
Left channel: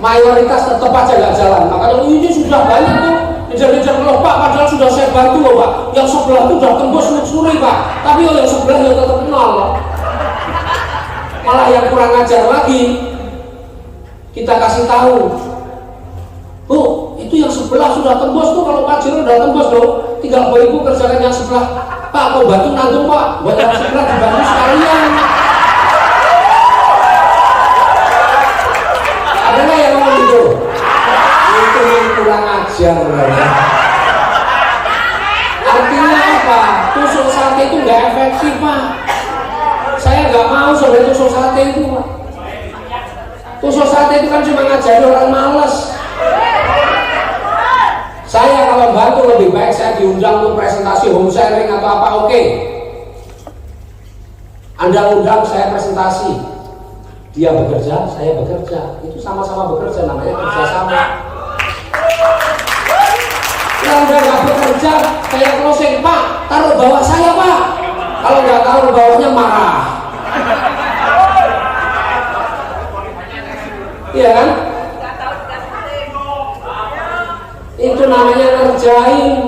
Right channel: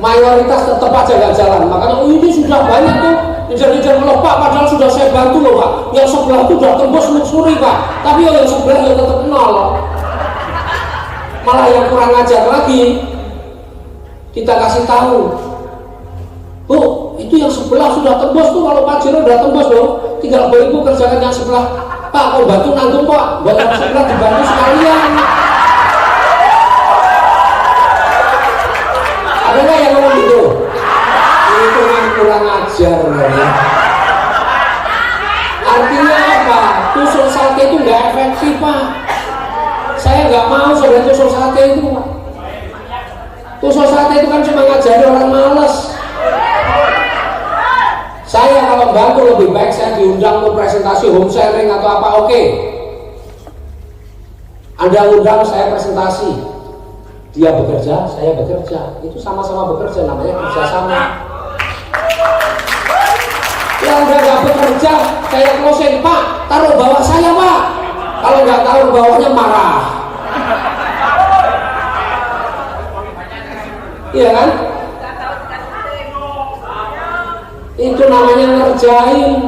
Mayoritas tetap aja gak jalan. Makanya ini sudah banyak tuh kejar-kejar loh Pak, padahal sudah saya bantu loh Pak. Yang sebelah tuh udah tembus luxury Pak, tapi yang sebelah ya tetap nol. Malah yang kurang ajar lagi, kita kasih tahu, tuh itu yang sebelah sudah tembus tuh, kalau Pajero udah tembus loh, tinggal beribu kerjakan yang sebelah. Pak, kau bantu nanggung Pak, buat yang sebelah dibantu sekalian. Ada nggak yang mau gitu? Itu yang kurang ajar ya. Artinya apa? Tusuk sate itu nggak efektif Pak. Saya nggak mau sudah tusuk sate itu Pak. Tusuk sate itu kan cuma ngajari orang malas. Saya kalau bantu lebih baik saya diundang untuk presentasi home sharing atau apa, oke. Anda undang saya presentasi, dia bekerja, saya bekerja, itu sama-sama bekerja, namanya kerjasama. Ya Anda nggak bekerja, saya closing Pak, taruh bawah saya Pak. Kalau nggak taruh bawahnya marah. Iya kan? Itu namanya ngerjain.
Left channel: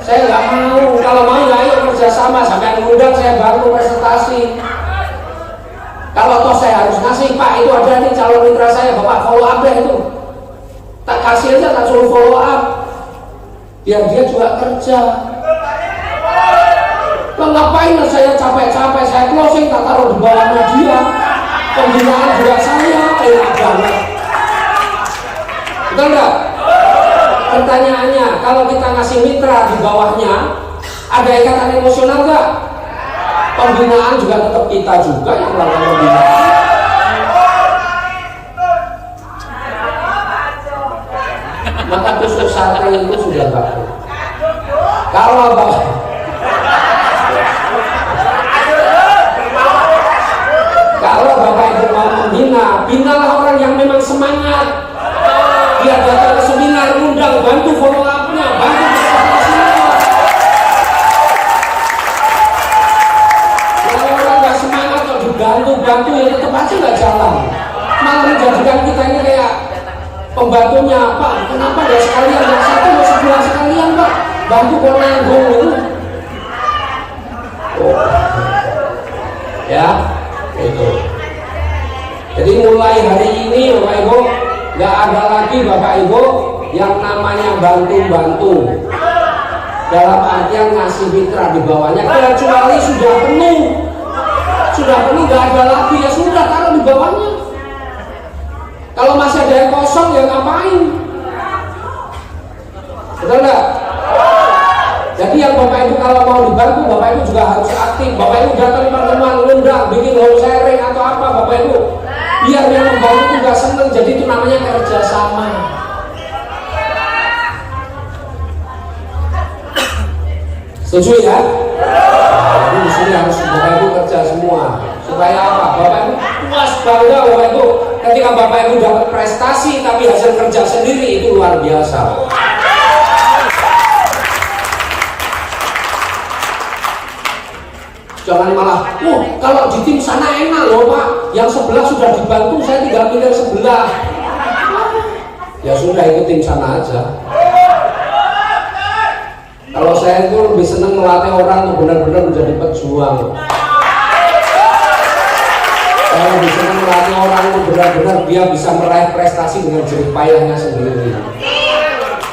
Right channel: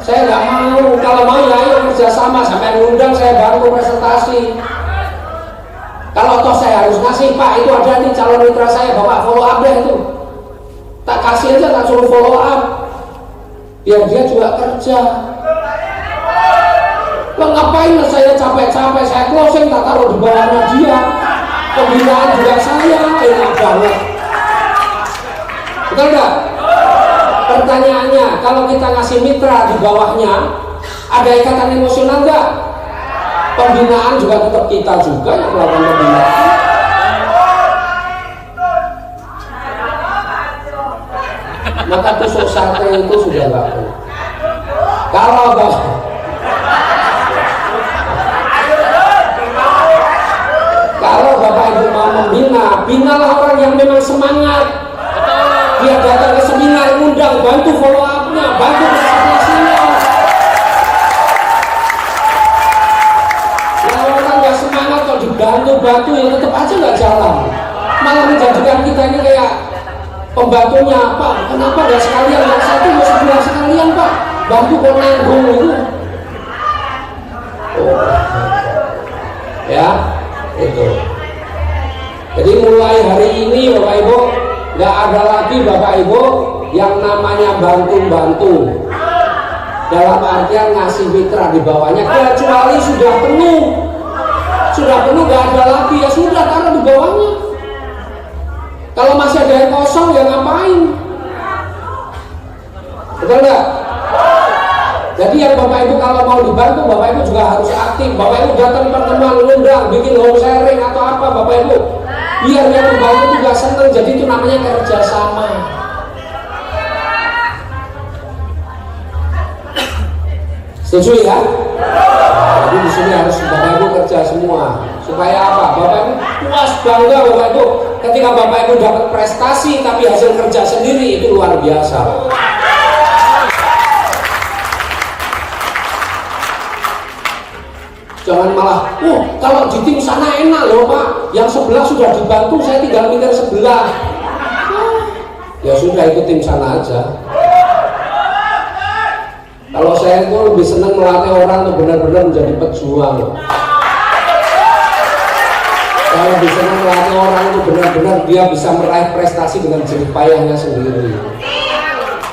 Saya nggak mau. Kalau mau ya ayo kerja kerjasama, sampai mengundang saya bantu presentasi. Kalau toh saya harus ngasih, Pak itu ada nih calon mitra saya, Bapak follow up deh itu. Tak kasih aja, tak suruh follow up. Biar dia juga kerja. Lo ngapain lah saya capek-capek, saya closing tak taruh di bawahnya dia. Pembinaan dia saya, enak banget. Betul nggak? Pertanyaannya, kalau kita ngasih mitra di bawahnya, ada ikatan emosional nggak? Pembinaan juga tetap kita juga yang melakukan pembinaan. Maka tusuk sate itu sudah baku. Kalau Bapak Ibu mau membina, binalah orang yang memang semangat. Dia datang ke seminar, undang, bantu follow up-nya, bantu presentasinya. Kalau orang nggak semangat kok dibantu ya tetap aja nggak jalan. Malah menjadikan kita ini kayak pembantunya apa? Kenapa nggak sekalian? Yang satu nggak sebelah sekalian Pak, bantu kok nanggung gitu. Oh. Ya, itu. Jadi mulai hari ini Bapak Ibu nggak ada lagi Bapak Ibu yang namanya bantu-bantu. Dalam artian ngasih mitra di bawahnya, kecuali sudah penuh nggak ada lagi ya sudah taruh di bawahnya. Kalau masih ada yang kosong ya ngapain? Betul nggak? Jadi yang Bapak Ibu kalau mau dibantu, Bapak Ibu juga harus aktif. Bapak Ibu datang pertemuan, ngundang, bikin home sharing atau apa Bapak Ibu. Biar yang membantu juga senang. Jadi itu namanya kerjasama. Setuju ya? Jadi di sini harus Bapak Ibu kerja semua. Supaya apa? Bapak Ibu puas bangga Bapak Ibu. Ketika Bapak Ibu dapat prestasi tapi hasil kerja sendiri itu luar biasa. Jangan malah, kalau di tim sana enak loh Pak, yang sebelah sudah dibantu, saya tinggal pindah sebelah. Ya sudah ikut tim sana aja. Kalau saya itu lebih senang melatih orang untuk benar-benar menjadi pejuang. Saya lebih senang melatih orang untuk benar-benar dia bisa meraih prestasi dengan jerih payahnya sendiri.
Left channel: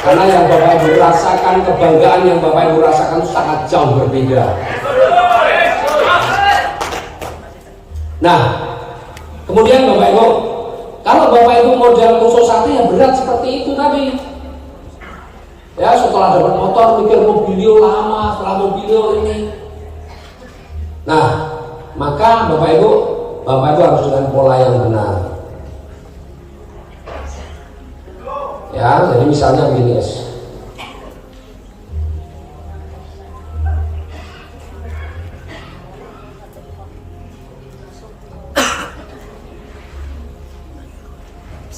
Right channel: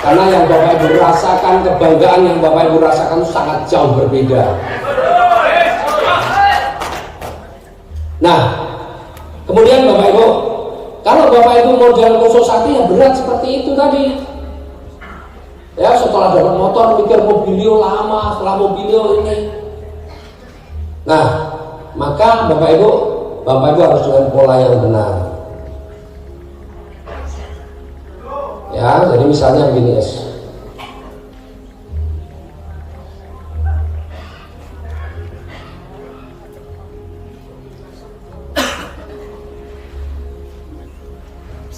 Karena yang Bapak Ibu rasakan, kebanggaan yang Bapak Ibu rasakan sangat jauh berbeda. Nah, kemudian Bapak Ibu, kalau Bapak Ibu mau jalan tusuk sate yang berat seperti itu tadi, ya setelah dapat motor mikir mobilio lama, setelah mobilio ini. Nah, maka Bapak Ibu harus dengan pola yang benar. Ya, jadi misalnya begini guys.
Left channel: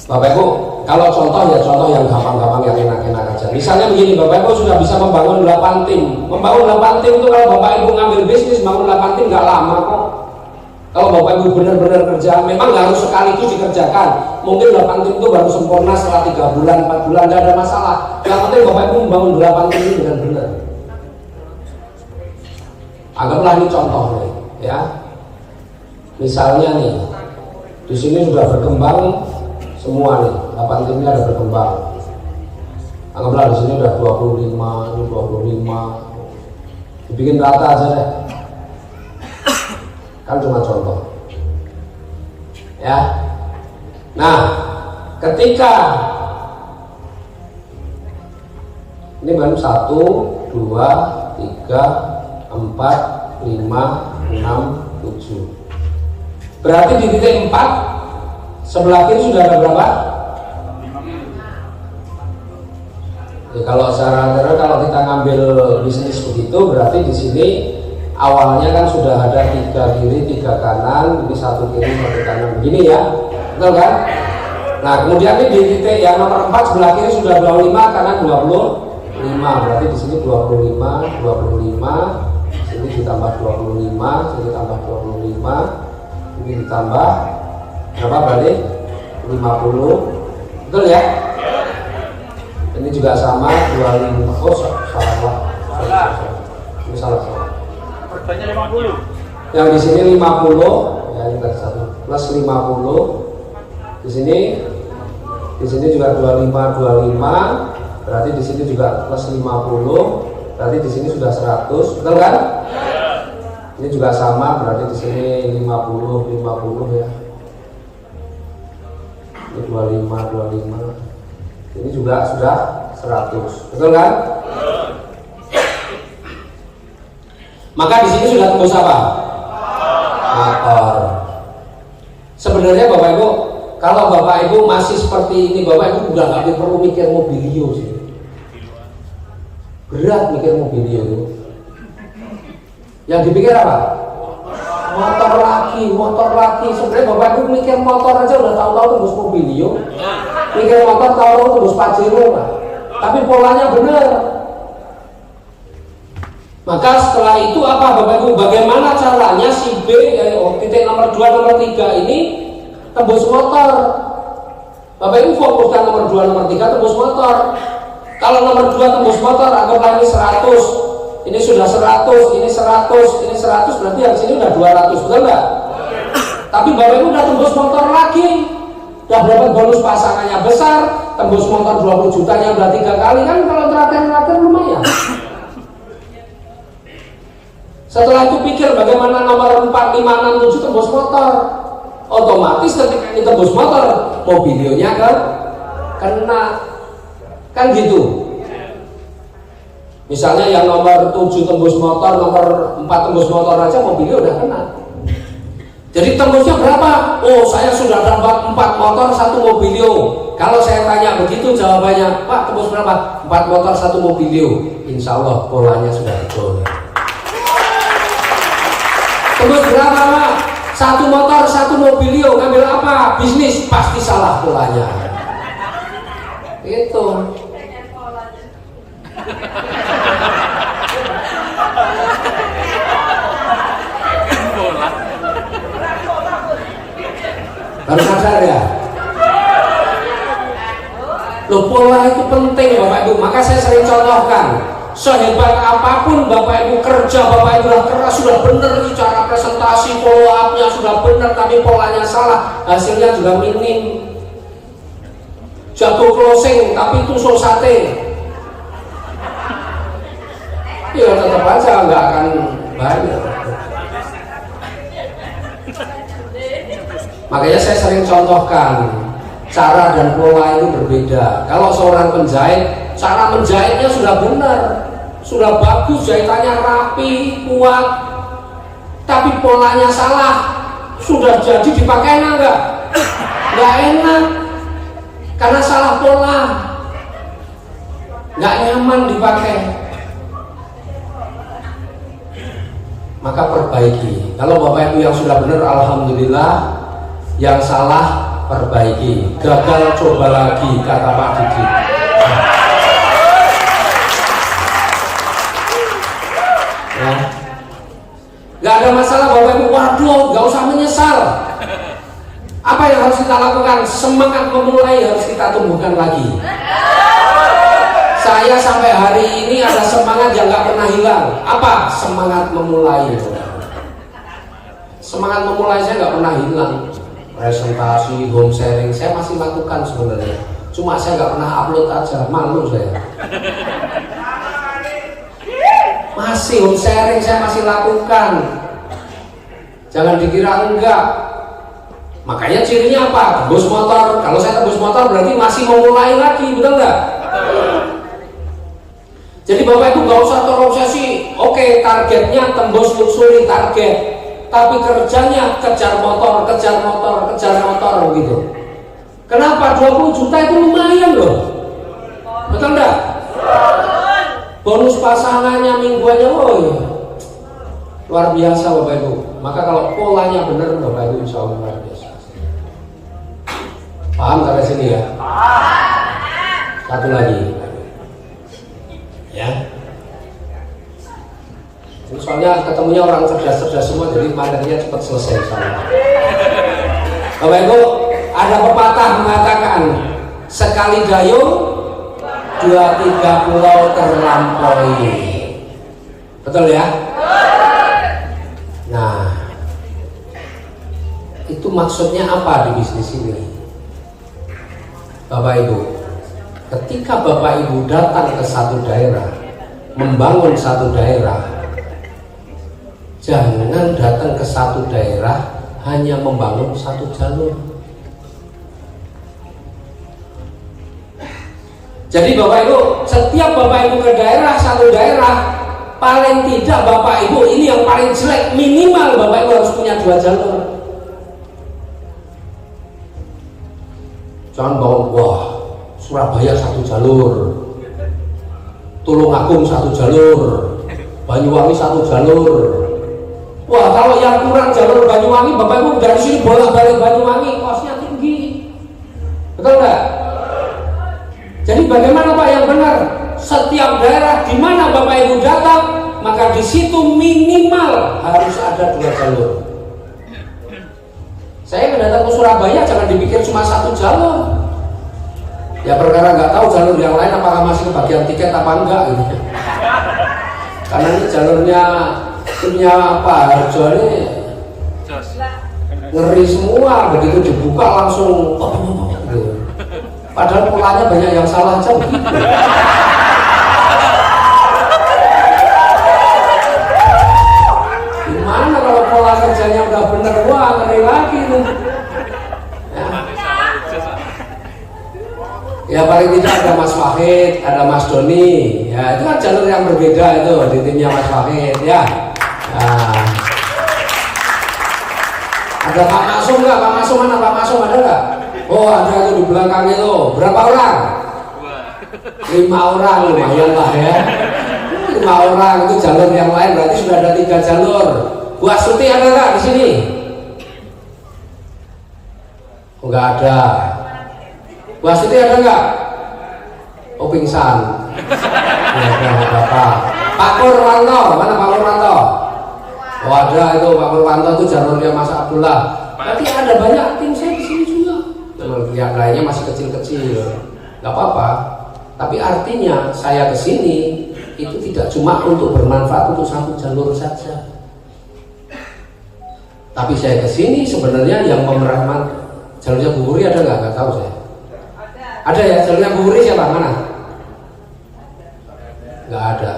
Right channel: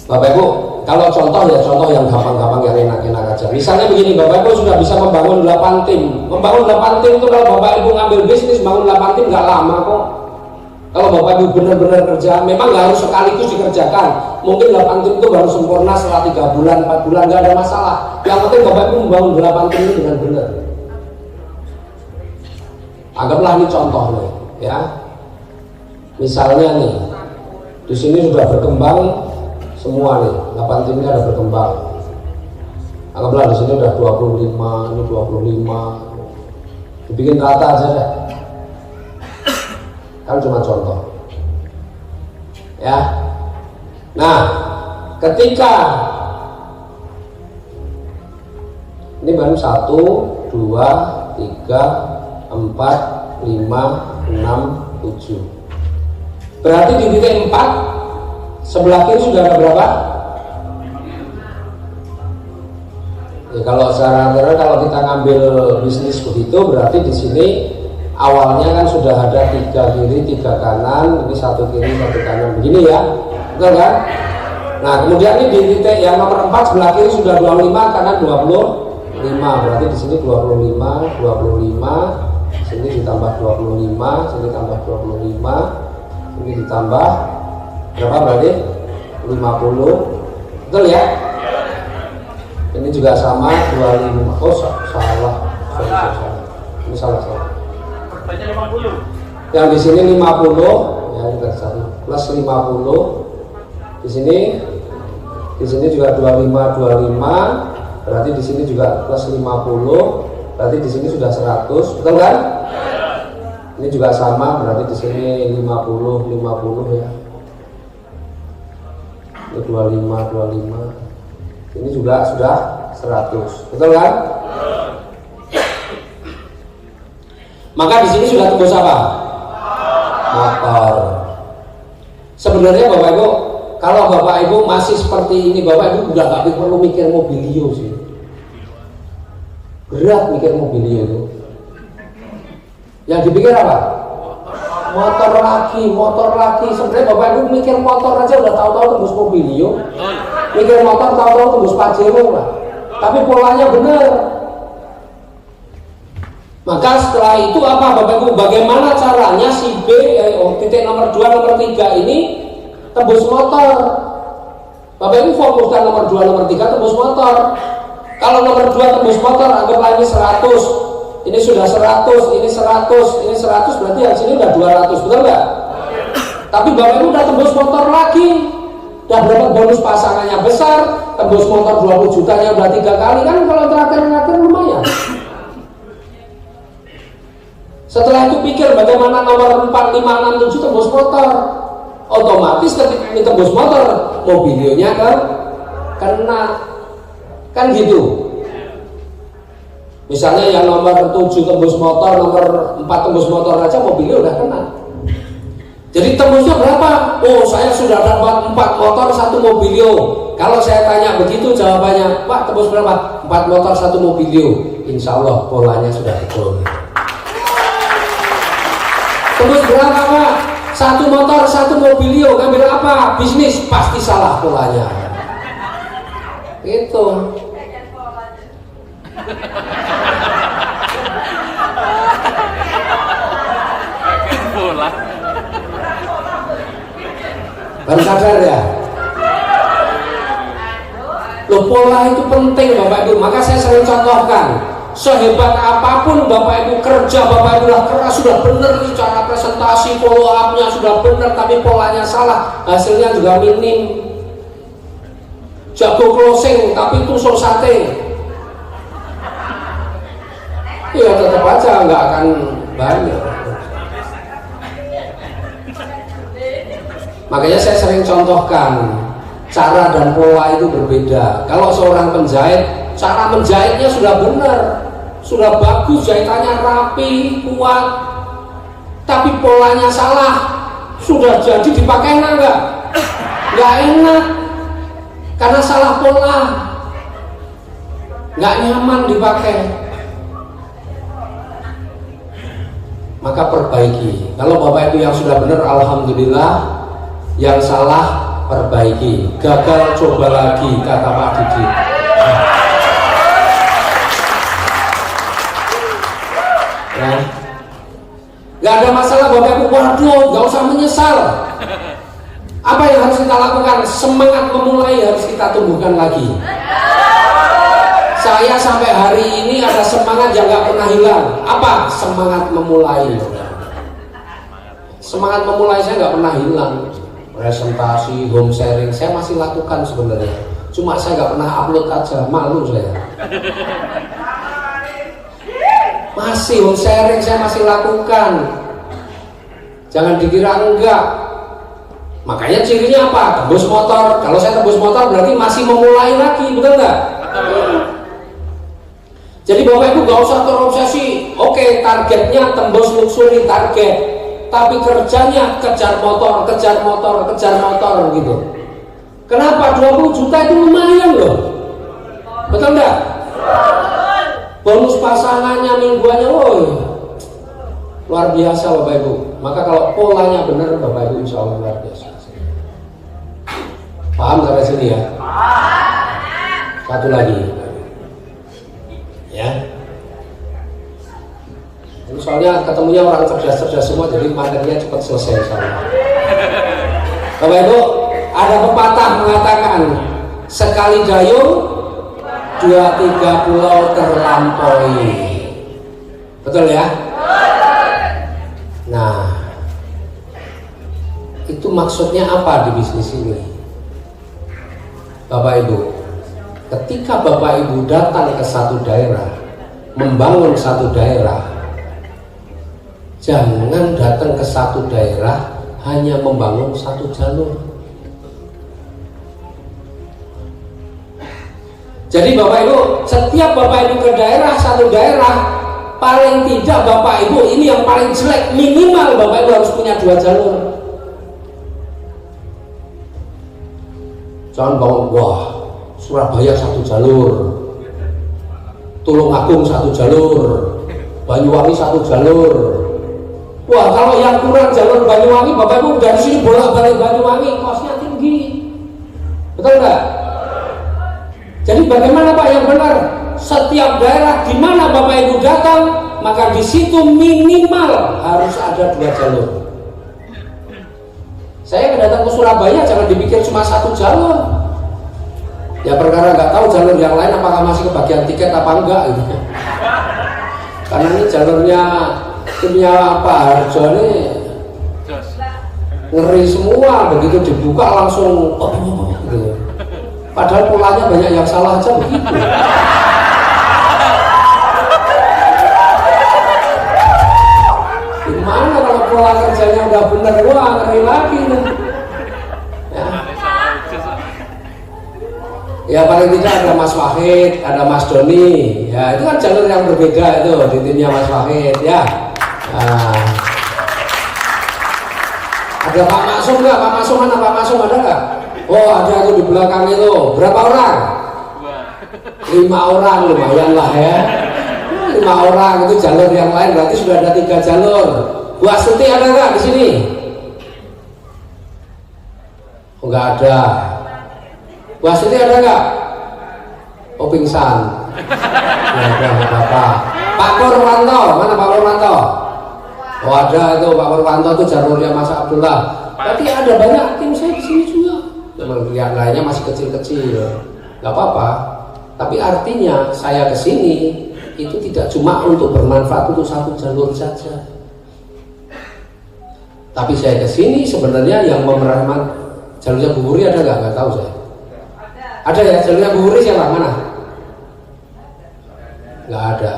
Bapak Ibu, kalau contoh yang gampang-gampang, yang enak-enak aja. Misalnya begini, Bapak Ibu sudah bisa membangun 8 tim. Membangun 8 tim itu kalau Bapak Ibu ngambil bisnis, bangun 8 tim nggak lama kok. Kalau Bapak Ibu benar-benar kerja, memang nggak harus sekaligus dikerjakan. Mungkin 8 tim itu baru sempurna setelah 3 bulan, 4 bulan, nggak ada masalah. Yang penting Bapak Ibu membangun 8 tim ini dengan benar. Anggaplah ini contoh nih, ya. Misalnya nih, di sini sudah berkembang semua nih, 8 timnya ada berkembang. Anggaplah di sini udah 25, ini 25. Dibikin rata aja deh. Kan cuma contoh. Ya. Nah, ketika ini baru 1, 2, 3, 4, 5, 6, 7. Berarti di titik 4 sebelah kiri sudah ada berapa? Ya, kalau kita ngambil bisnis begitu, berarti di sini awalnya kan sudah ada 3 kiri, 3 kanan, ini 1 kiri, 1 kanan, begini ya, betul kan? Nah, kemudian ini di titik yang nomor 4 sebelah kiri sudah 25, kanan 25, berarti di sini 25, sini ditambah 25, sini tambah 25, ini ditambah berapa berarti? 50. Betul ya? Ini juga sama 25. Oh salah. Ini salah. Yang di sini 50, ya ini satu plus 50. Di sini juga 25, berarti di sini juga plus 50, berarti di sini sudah 100, betul kan? Ini juga sama, berarti di sini 50 ya. Ini 25. Ini juga sudah 100, betul kan? Maka di sini sudah tembus apa? Motor. Sebenarnya Bapak Ibu, kalau Bapak Ibu masih seperti ini, Bapak Ibu nggak perlu mikir mobilio sih. Berat mikir mobilio itu. Yang dipikir apa? Motor lagi. Sebenarnya Bapak Ibu mikir motor aja udah tahu-tahu tembus mobilio. Mikir motor tahu-tahu tembus Pajero lah. Tapi polanya benar. Maka setelah itu apa Bapak Ibu? Bagaimana caranya si B titik nomor 2, nomor 3 ini tembus motor? Bapak Ibu fokuskan nomor 2, nomor 3 tembus motor. Kalau nomor 2 tembus motor, anggaplah ini 100. Ini sudah 100, ini 100, ini 100, berarti yang sini udah 200, betul nggak? Tapi Bapak Ibu udah tembus motor lagi. Udah dapat bonus pasangannya besar, tembus motor 20 jutanya udah 3 kali kan, kalau terakhir lumayan. Setelah itu pikir bagaimana nomor 4, 5, 6, 7 tembus motor. Otomatis ketika ini tembus motor, mobilionya kena. Kan gitu. Misalnya yang nomor 7 tembus motor, nomor 4 tembus motor aja mobilio udah kena. Jadi tembusnya berapa? Oh, saya sudah dapat 4 motor 1 mobilio. Kalau saya tanya begitu jawabannya, Pak tembus berapa? 4 motor 1 mobilio. Insya Allah polanya sudah betul. Tembus berapa Pak? 1 motor 1 mobilio. Ngambil apa? Bisnis. Pasti salah polanya. Gitu. Bola. Baru sadar ya? Loh, pola itu penting Bapak Ibu. Maka saya sering contohkan. Sehebat apapun Bapak Ibu kerja, Bapak Ibu sudah keras, sudah benar nih cara presentasi, follow up-nya sudah benar, tapi polanya salah, hasilnya juga minim. Jatuh closing, tapi tusuk sate. Ya tetap aja nggak akan banyak. Makanya saya sering contohkan cara dan pola itu berbeda. Kalau seorang penjahit, cara menjahitnya sudah benar, sudah bagus, jahitannya rapi, kuat, tapi polanya salah, sudah jadi dipakai enggak? Nggak enak, karena salah pola, nggak nyaman dipakai. Maka perbaiki. Kalau Bapak Ibu yang sudah benar, alhamdulillah. Yang salah perbaiki. Gagal coba lagi, kata Pak Didi. Ya. Gak ada masalah Bapak Ibu. Waduh, gak usah menyesal. Apa yang harus kita lakukan? Semangat memulai harus kita tumbuhkan lagi. Saya sampai hari ini ada semangat yang gak pernah hilang. Apa? Semangat memulai. Semangat memulai saya gak pernah hilang. Presentasi, home sharing saya masih lakukan sebenarnya. Cuma saya gak pernah upload aja, malu saya. Masih home sharing saya masih lakukan. Jangan dikira enggak. Makanya cirinya apa? Tembus motor. Kalau saya tembus motor berarti masih memulai lagi, betul nggak? Jadi Bapak Ibu nggak usah terobsesi. Oke, targetnya tembus luxury target. Tapi kerjanya kejar motor gitu. Kenapa? 20 juta itu lumayan loh. Betul nggak? Bonus pasangannya mingguannya, oh luar biasa loh Bapak Ibu. Maka kalau polanya benar Bapak Ibu insya Allah luar biasa. Paham sampai sini ya? Satu lagi. Ya. Soalnya ketemunya orang cerdas-cerdas semua, jadi materinya cepat selesai sama. Bapak Ibu, ada pepatah mengatakan sekali dayung 2-3 pulau terlampaui. Betul ya? Nah, maksudnya apa di bisnis ini? Bapak Ibu, ketika Bapak Ibu datang ke satu daerah, membangun satu daerah, jangan datang ke satu daerah hanya membangun satu jalur. Jadi Bapak Ibu, setiap Bapak Ibu ke daerah, satu daerah, paling tidak Bapak Ibu, ini yang paling jelek, minimal Bapak Ibu harus punya 2 jalur. Jangan bangun, wah Surabaya 1 jalur, Tulungagung 1 jalur, Banyuwangi 1 jalur. Wah, kalau yang kurang jalur Banyuwangi, Bapak Ibu dari sini bolak-balik Banyuwangi, kosnya tinggi. Betul enggak? Jadi bagaimana Pak yang benar? Setiap daerah di mana Bapak Ibu datang, maka di situ minimal harus ada 2 jalur. Saya datang ke Surabaya jangan dipikir cuma 1 jalur. Ya perkara nggak tahu jalur yang lain apakah masih kebagian tiket apa enggak gitu. Karena ini jalurnya punya apa? Jalurnya ngeri semua, begitu dibuka langsung gitu. Padahal polanya banyak yang salah aja begitu. Gimana kalau pola kerjanya nggak benar, wah ngeri lagi. Ya paling tidak ada Mas Wahid, ada Mas Doni, ya itu kan jalur yang berbeda itu di timnya Mas Wahid ya. Nah, ada Pak Masum nggak? Pak Masum mana? Pak Masum ada nggak? Oh ada itu di belakang itu. Berapa orang? 5 orang, lumayan lah ya. 5 orang itu jalur yang lain berarti sudah ada 3 jalur. Bu Astuti ada nggak di sini? Enggak ada. Bu Astuti ada nggak? Oh pingsan. Ya, apa-apa. Pak Purwanto, mana Pak Purwanto? Oh ada itu Pak Purwanto itu jalurnya Mas Abdullah. Berarti ada banyak tim saya di sini juga. Yang lainnya masih kecil-kecil, nggak apa-apa. Tapi artinya saya kesini itu tidak cuma untuk bermanfaat untuk 1 jalur saja. Tapi saya kesini sebenarnya yang memerankan jalurnya Bu Wuri ada nggak? Nggak tahu saya. Ada ya jalurnya Bu Wuri siapa mana? Nggak ada.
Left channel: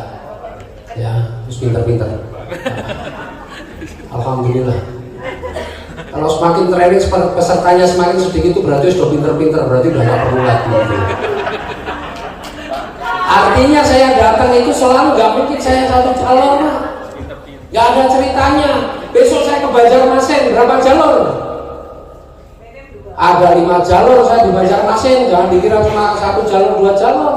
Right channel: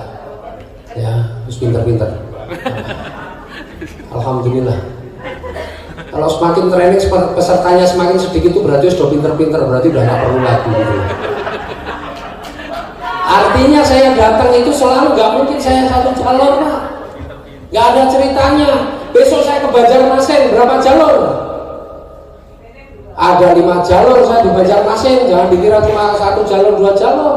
Ya, terus pinter-pinter. Alhamdulillah. Kalau semakin training pesertanya semakin sedikit itu berarti sudah pinter-pinter, berarti udah nggak perlu lagi. Artinya saya datang itu selalu nggak mungkin saya 1 jalur, nggak ada ceritanya. Besok saya ke Banjarmasin berapa jalur? Ada 5 jalur saya di Banjarmasin, jangan dikira cuma 1 jalur 2 jalur.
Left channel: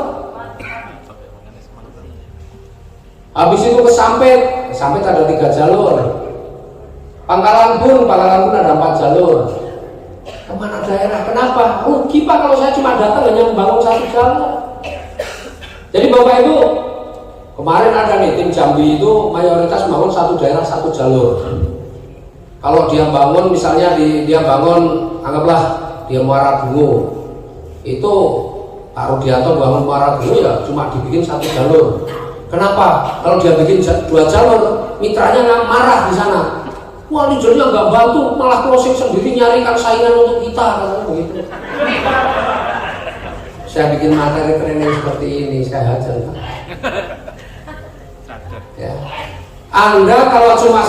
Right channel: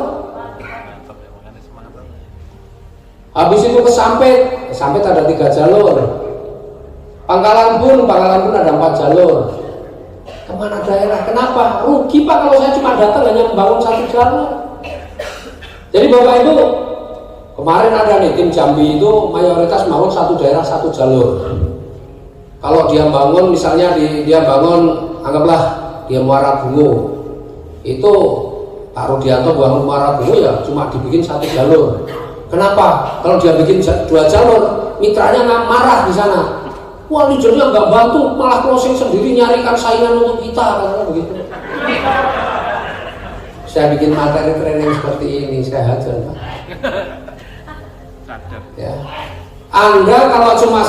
Habis itu ke Sampit ada 3 jalur. Pangkalan Bun ada 4 jalur. Kemana daerah? Kenapa? Rugi Pak kalau saya cuma datang hanya membangun 1 jalur. Jadi Bapak Ibu, kemarin ada nih tim Jambi itu mayoritas bangun 1 daerah 1 jalur. Kalau dia bangun misalnya dia bangun anggaplah dia Muara Bungo, itu Pak Rudianto bangun Muara Bungo ya cuma dibikin 1 jalur. Kenapa? Kalau dia bikin 2 jalur, mitranya nggak marah di sana. Wah leadernya nggak bantu, malah closing sendiri nyarikan saingan untuk kita, kan begitu. Saya bikin materi training seperti ini, saya hajar. Ya. Anda kalau cuma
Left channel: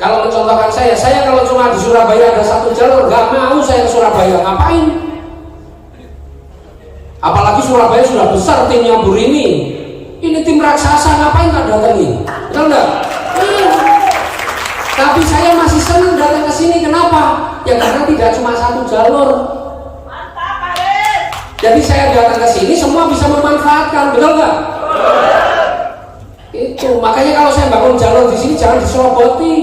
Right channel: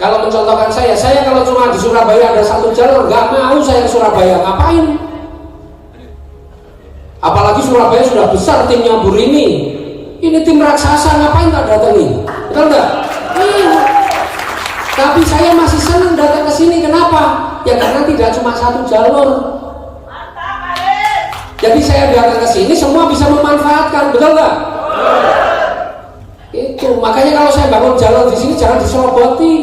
kalau mencontohkan saya kalau cuma di Surabaya ada 1 jalur, nggak mau saya ke Surabaya, ngapain? Apalagi Surabaya sudah besar timnya Bu Rini. Ini tim raksasa, ngapain tak datangi? Betul nggak? Tapi saya masih senang datang ke sini. Kenapa? Ya karena tidak cuma 1 jalur. Jadi saya datang ke sini semua bisa memanfaatkan, betul nggak? Itu makanya kalau saya bangun jalur di sini jangan diseloboti.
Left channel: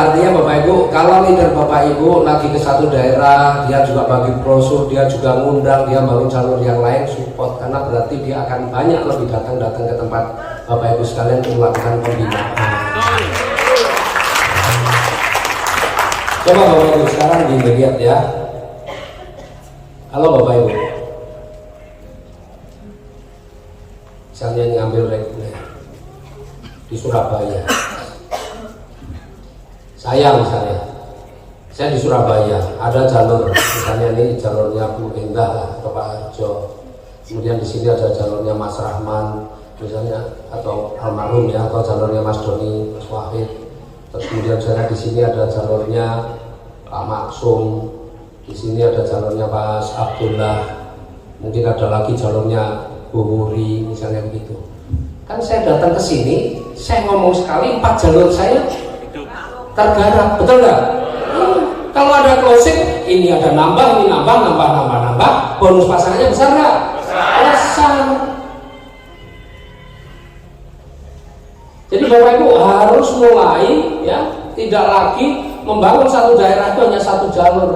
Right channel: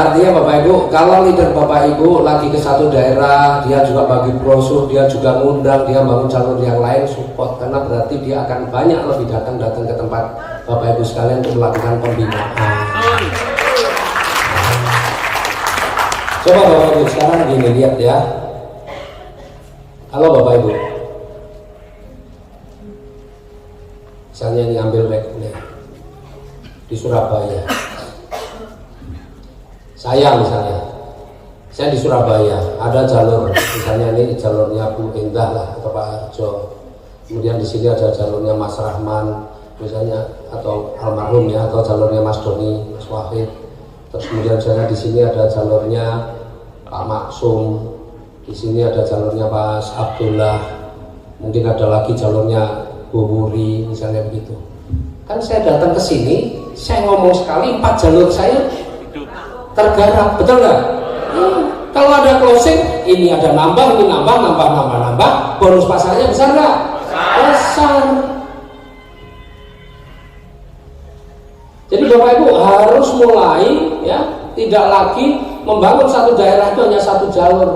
Artinya Bapak Ibu, kalau leader Bapak Ibu lagi ke satu daerah, dia juga bagi brosur, dia juga ngundang, dia bangun jalur yang lain, support, karena berarti dia akan banyak lebih datang ke tempat Bapak Ibu sekalian untuk melakukan pembinaan. Coba Bapak Ibu sekarang dilihat ya. Halo Bapak Ibu. misalnya yang ngambil reguler di Surabaya, saya di Surabaya ada jalur, misalnya ini jalurnya Bu Indah atau Pak Arjo, kemudian di sini ada jalurnya Mas Rahman misalnya, atau almarhum ya, atau jalurnya Mas Doni, Mas Wahid. Terus kemudian saya di sini ada jalurnya Pak Maksum, di sini ada jalurnya Pak Abdullah, mungkin ada lagi jalurnya Bu Wuri misalnya begitu. Kan saya datang ke sini, saya ngomong sekali 4 jalur saya tergarap, betul nggak? Kalau ada closing, ini ada nambah, ini nambah, bonus pasangannya besar nggak? Besar. Jadi Bapak Ibu harus mulai ya, tidak lagi membangun satu daerah itu hanya satu jalur.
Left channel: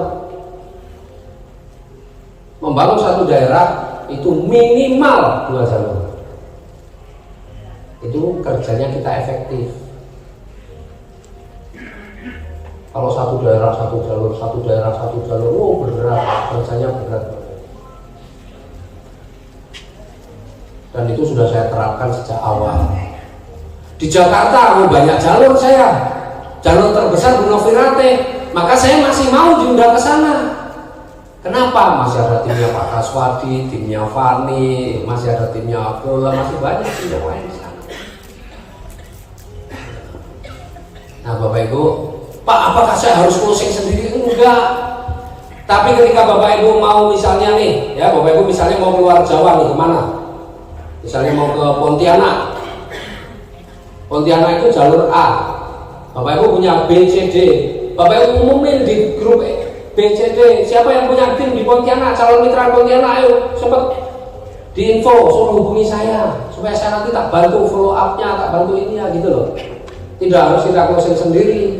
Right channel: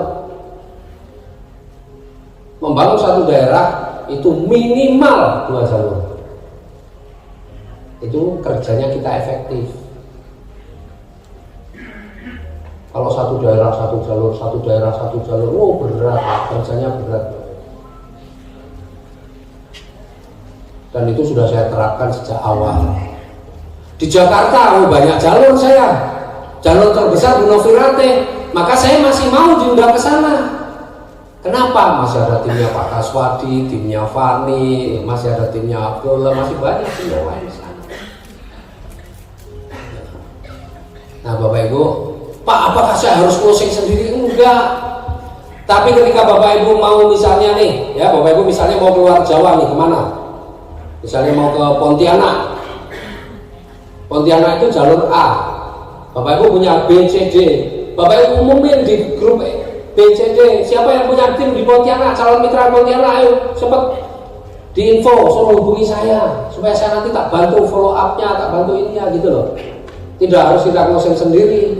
Membangun satu daerah itu minimal 2 jalur. Itu kerjanya kita efektif. Kalau satu daerah satu jalur, oh berat, kerjanya berat. Dan itu sudah saya terapkan sejak awal. Di Jakarta banyak jalur saya, jalur terbesar Gunung Firate, maka saya masih mau diundang ke sana. Kenapa? Masih ada timnya Pak Kaswadi, timnya Fani, masih ada timnya Abdullah, masih banyak tim yang lain di sana. Nah Bapak Ibu, Pak, apakah saya harus closing sendiri? Enggak. Tapi ketika Bapak Ibu mau misalnya nih, ya Bapak Ibu misalnya mau keluar Jawa nih, kemana? Misalnya mau ke Pontianak. Pontianak itu jalur A. Bapak Ibu punya B, C, D. Bapak Ibu umumin di grup B, C, D. Siapa yang punya tim di Pontianak, calon mitra Pontianak, ayo sempat diinfo, suruh hubungi saya supaya saya nanti tak bantu follow up-nya, tak bantu ininya gitu loh. Tidak harus kita closing sendiri.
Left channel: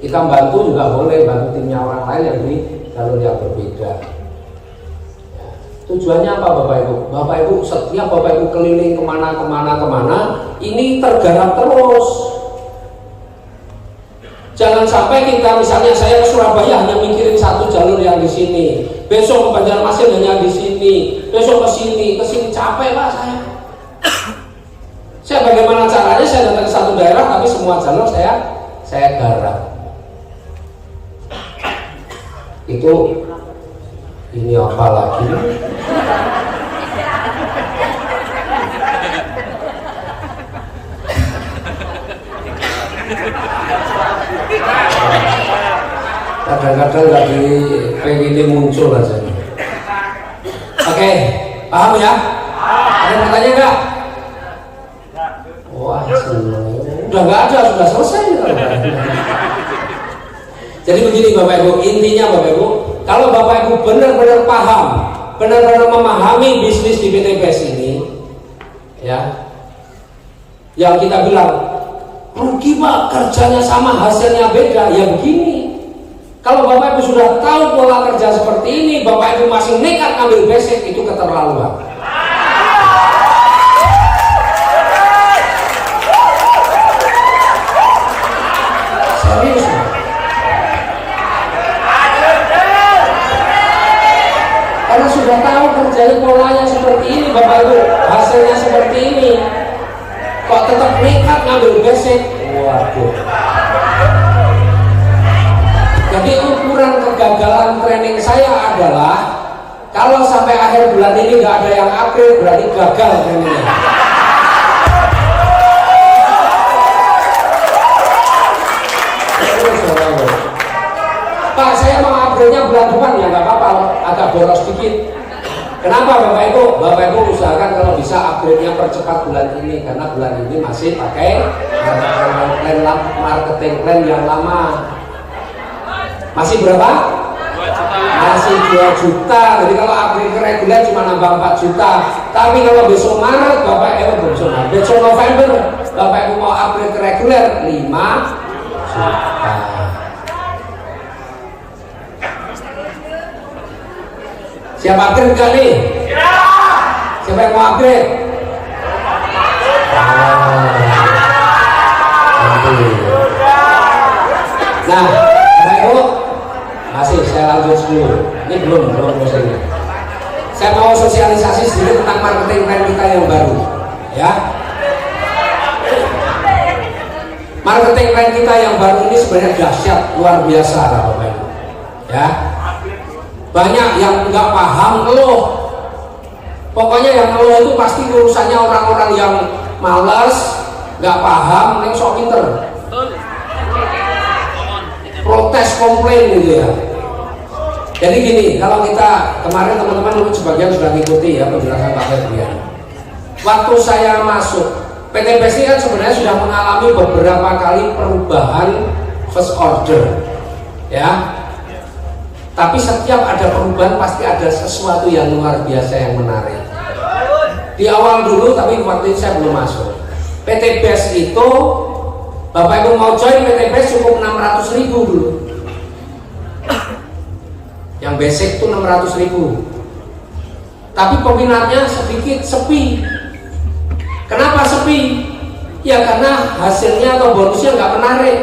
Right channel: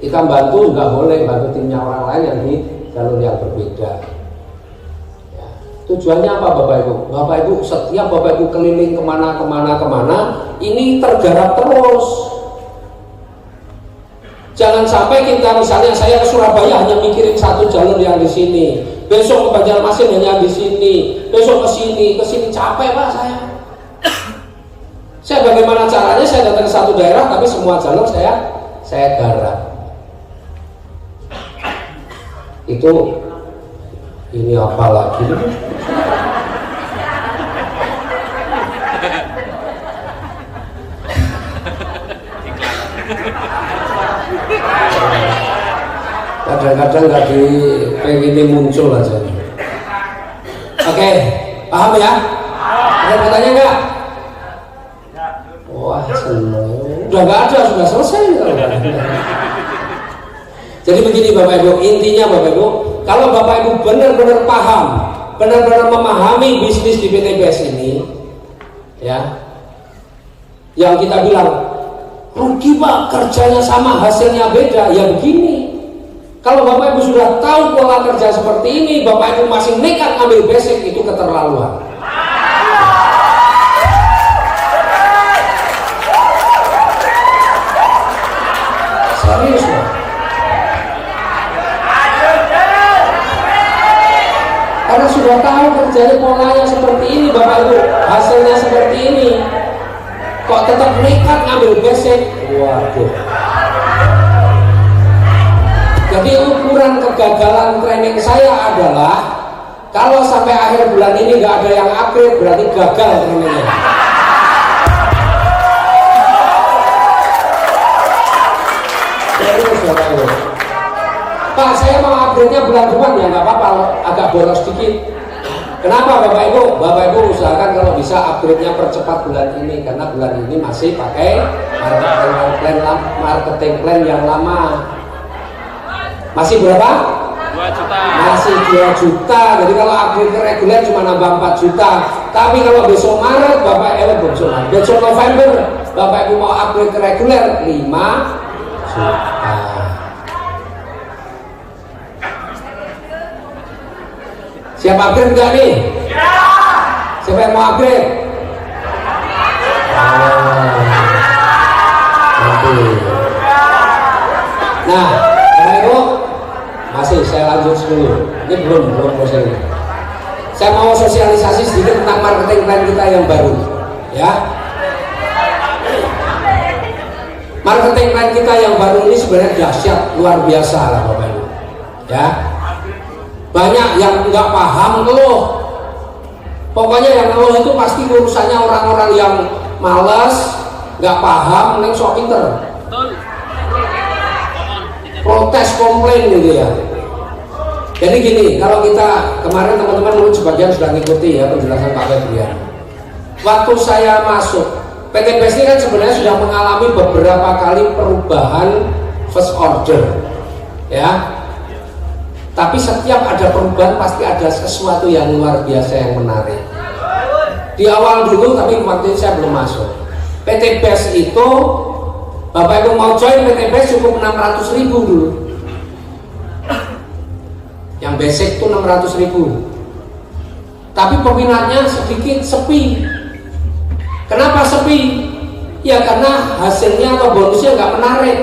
Kita bantu juga boleh, bantu timnya orang lain yang di jalur yang berbeda. Ya. Tujuannya apa Bapak Ibu? Bapak Ibu setiap Bapak Ibu keliling kemana, ini tergarap terus. Jangan sampai kita misalnya saya ke Surabaya hanya mikirin satu jalur yang di sini, besok ke Banjarmasin hanya di sini, besok ke sini capek Pak saya. Saya bagaimana caranya saya datang ke satu daerah tapi semua jalur saya garap. Itu ini apa lagi? Kadang-kadang nggak ini muncul aja. Oke, paham ya? Ada pertanyaan nggak? Wah seneng. Udah nggak ada, sudah selesai. Jadi begini Bapak Ibu, intinya Bapak Ibu, kalau Bapak Ibu benar-benar paham, benar-benar memahami bisnis di PT BES ini, ya, yang kita bilang rugi Pak, kerjanya sama, hasilnya beda, ya begini. Kalau Bapak Ibu sudah tahu pola kerja seperti ini, Bapak Ibu masih nekat ngambil basic, itu keterlaluan. Serius ya? Karena sudah tahu kerjanya polanya seperti ini, Bapak Ibu hasilnya seperti ini, kok tetap nekat ngambil basic? Waduh. Jadi ukuran kegagalan training saya adalah kalau sampai akhir bulan ini nggak ada yang upgrade, berarti gagal trainingnya. Pak, saya mau upgrade-nya bulan depan ya nggak apa-apa, agak boros sedikit. Kenapa Bapak Ibu? Bapak Ibu usahakan kalau bisa upgrade-nya percepat bulan ini, karena bulan ini masih pakai marketing plan yang lama. Masih berapa? 2 juta. Masih 2 juta. Jadi kalau upgrade ke reguler cuma nambah 4 juta. Tapi kalau besok Maret besok November Bapak Ibu mau upgrade ke reguler 5 juta. Siap upgrade enggak nih? Siapa yang mau upgrade? Nah, Bapak Ibu masih saya lanjut dulu. Ini belum selesai. Saya mau sosialisasi sedikit tentang marketing plan kita yang baru. ya. Marketing plan kita yang baru ini sebenarnya dahsyat, luar biasa Bapak Ibu. Ya. Banyak yang nggak paham ngeluh. Pokoknya yang ngeluh itu pasti urusannya orang-orang yang malas, nggak paham, yang sok pinter. Protes, komplain gitu ya. Jadi gini, kalau kita kemarin teman-teman mungkin sebagian sudah mengikuti ya penjelasan Pak Febrian. Waktu saya masuk PT BES ini kan sebenarnya sudah mengalami beberapa kali perubahan first order, ya. Tapi setiap ada perubahan pasti ada sesuatu yang luar biasa yang menarik. Di awal dulu, tapi waktu itu saya belum masuk. PT BES itu, Bapak Ibu mau join PT BES cukup 600.000 dulu. Yang basic itu 600.000. Tapi peminatnya sedikit, sepi. Kenapa sepi? Ya karena hasilnya atau bonusnya nggak menarik.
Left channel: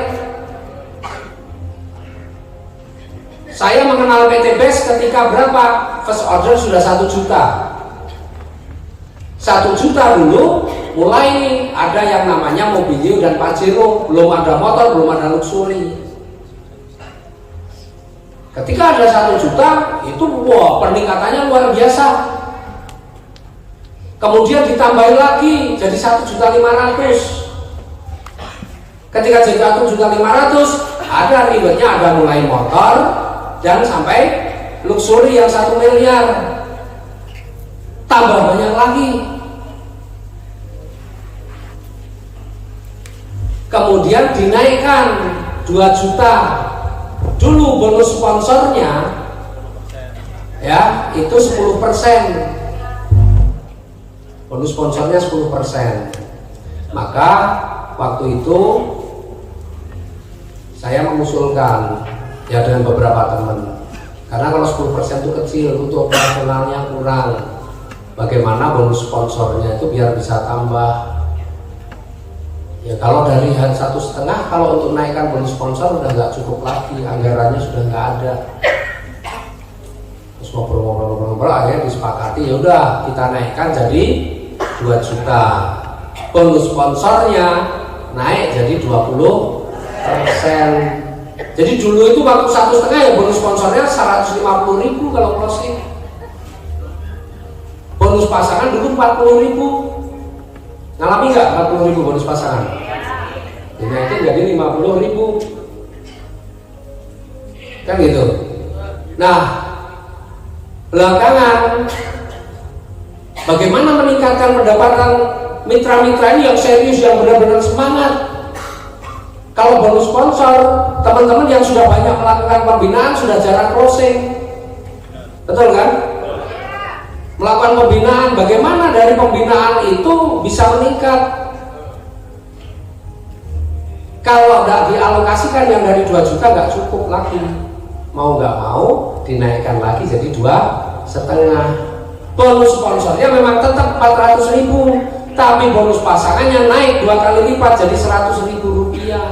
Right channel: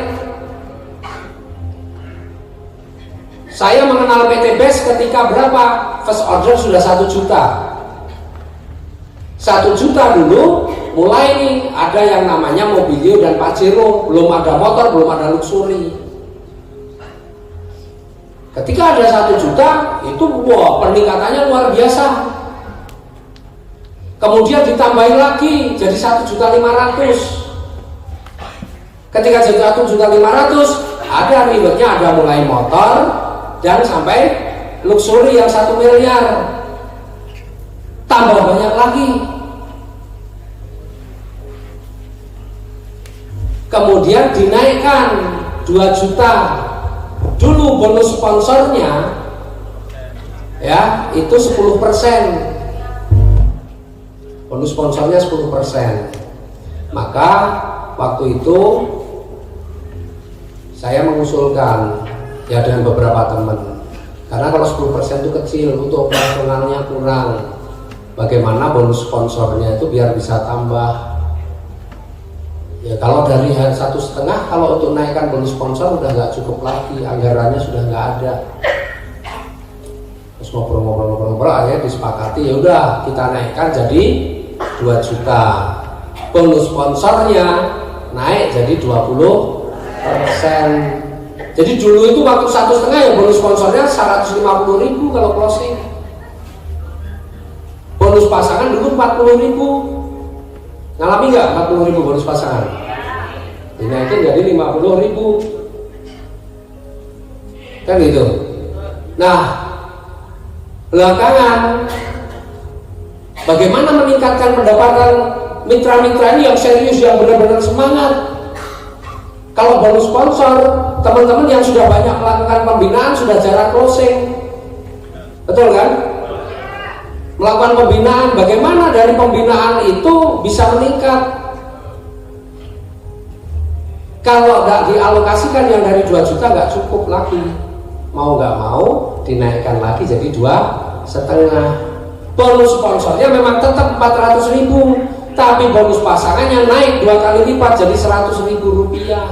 Saya mengenal PT BES ketika berapa? First order sudah 1 juta. 1 juta dulu mulai nih ada yang namanya Mobilio dan Pajero. Belum ada motor, belum ada luxury. Ketika ada 1 juta itu wah peningkatannya luar biasa. Kemudian ditambahin lagi jadi 1.500.000. Ketika jadi 1.500.000 ada ribetnya, ada mulai motor dan sampai luxury yang 1 miliar. Tambah banyak lagi. Kemudian dinaikkan 2 juta. Dulu bonus sponsornya ya itu 10%. Bonus sponsornya 10%. Maka waktu itu saya mengusulkan ya dengan beberapa teman. Karena kalau 10% itu kecil, untuk operasionalnya kurang. Bagaimana bonus sponsornya itu biar bisa tambah. Ya kalau dari 1,5, kalau untuk naikkan bonus sponsor udah nggak cukup lagi, anggarannya sudah nggak ada. Terus ngobrol-ngobrol akhirnya disepakati ya udah kita naikkan jadi 2 juta. Bonus sponsornya naik jadi 20%. Jadi dulu itu waktu 1,5 ya bonus sponsornya 150.000 kalau closing. Bonus pasangan dulu 40.000. Ngalami nggak 40.000 bonus pasangan? Dinaikin jadi 50.000. Kan gitu. Nah, belakangan bagaimana meningkatkan pendapatan mitra-mitra ini yang serius, yang benar-benar semangat? Kalau bonus sponsor, teman-teman yang sudah banyak melakukan pembinaan sudah jarang closing. Betul kan? Melakukan pembinaan, bagaimana dari pembinaan itu bisa meningkat? Kalau nggak dialokasikan yang dari 2 juta nggak cukup lagi. Mau nggak mau dinaikkan lagi jadi 2,5. Bonus sponsornya memang tetap 400.000, tapi bonus pasangannya naik 2 kali lipat jadi 100.000 rupiah.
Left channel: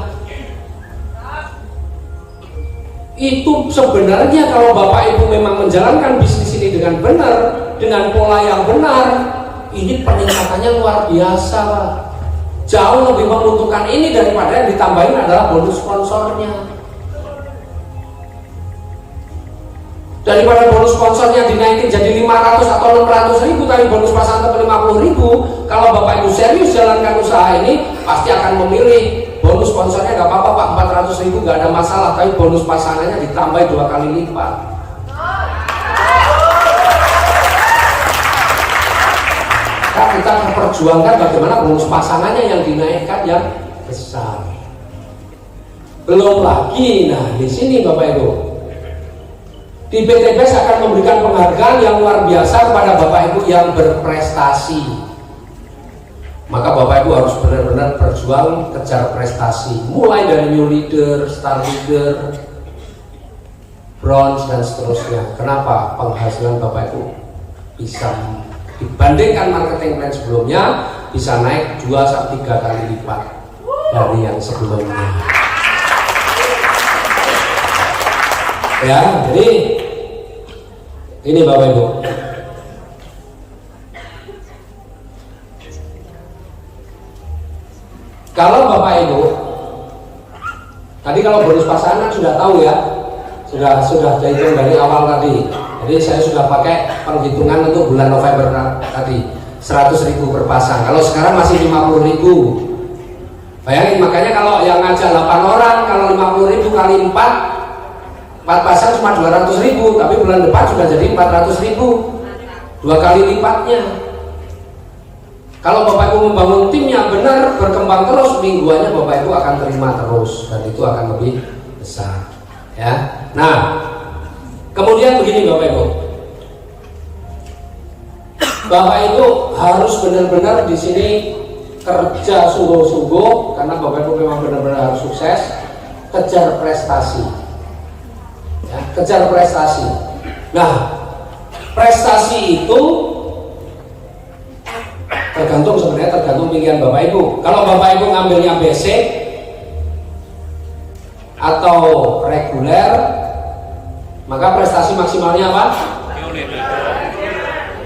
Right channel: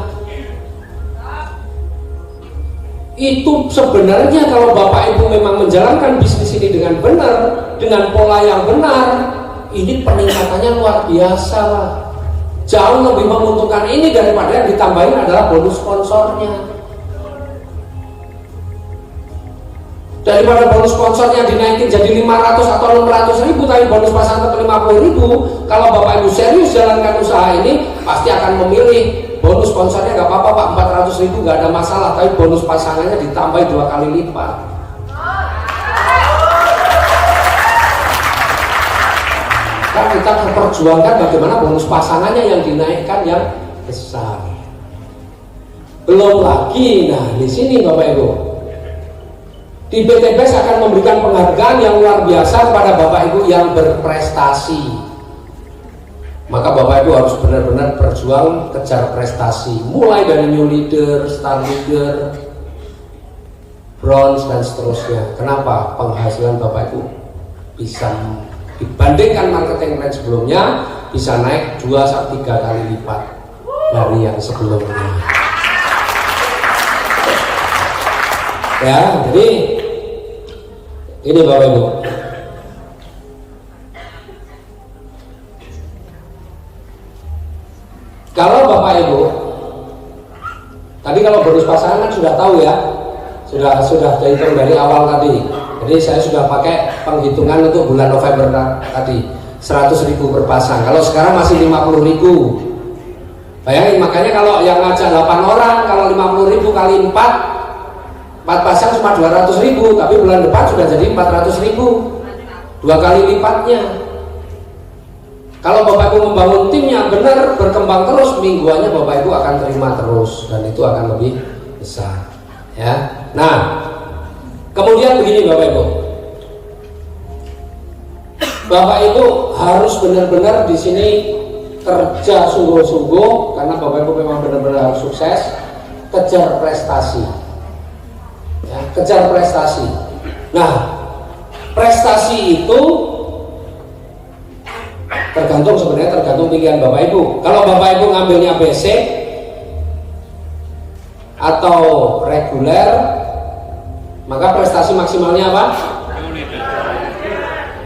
Itu sebenarnya kalau Bapak Ibu memang menjalankan bisnis ini dengan benar, dengan pola yang benar, ini peningkatannya luar biasa. Jauh lebih menguntungkan ini daripada yang ditambahin adalah bonus sponsornya. Daripada bonus sponsornya dinaikin jadi 500 atau 600.000 tadi bonus pasang ke 50.000, kalau Bapak Ibu serius jalankan usaha ini pasti akan memilih bonus sponsornya nggak apa-apa Pak, 400.000 nggak ada masalah, tapi bonus pasangannya ditambah 2 kali lipat. Nah, kita memperjuangkan bagaimana bonus pasangannya yang dinaikkan yang besar. Belum lagi, nah di sini Bapak Ibu, di PT BES akan memberikan penghargaan yang luar biasa kepada Bapak Ibu yang berprestasi. Maka Bapak Ibu harus benar-benar berjuang kejar prestasi, mulai dari new leader, star leader, bronze dan seterusnya. Kenapa? Penghasilan Bapak Ibu bisa dibandingkan marketing plan sebelumnya bisa naik 2-3 kali lipat dari yang sebelumnya. Ya, jadi ini Bapak Ibu. kalau bonus pasangan sudah tahu ya, sudah dihitung dari awal tadi. Jadi saya sudah pakai penghitungan untuk bulan November tadi 100.000 per pasang. Kalau sekarang masih 50.000. Bayangin, makanya kalau yang ngajak 8 orang, kalau 50.000 kali 4 pasang cuma 200.000, tapi bulan depan sudah jadi 400.000, 2 kali lipatnya. Kalau Bapak Ibu membangun tim yang benar, berkembang terus, mingguannya Bapak Ibu akan terima terus, dan itu akan lebih besar. Ya, nah, kemudian begini Bapak Ibu, Bapak Ibu harus benar-benar di sini kerja sungguh-sungguh, karena Bapak Ibu memang benar-benar harus sukses, kejar prestasi. Ya, kejar prestasi. Nah, prestasi itu tergantung pilihan Bapak Ibu. Kalau Bapak Ibu ngambilnya basic atau reguler, maka prestasi maksimalnya apa?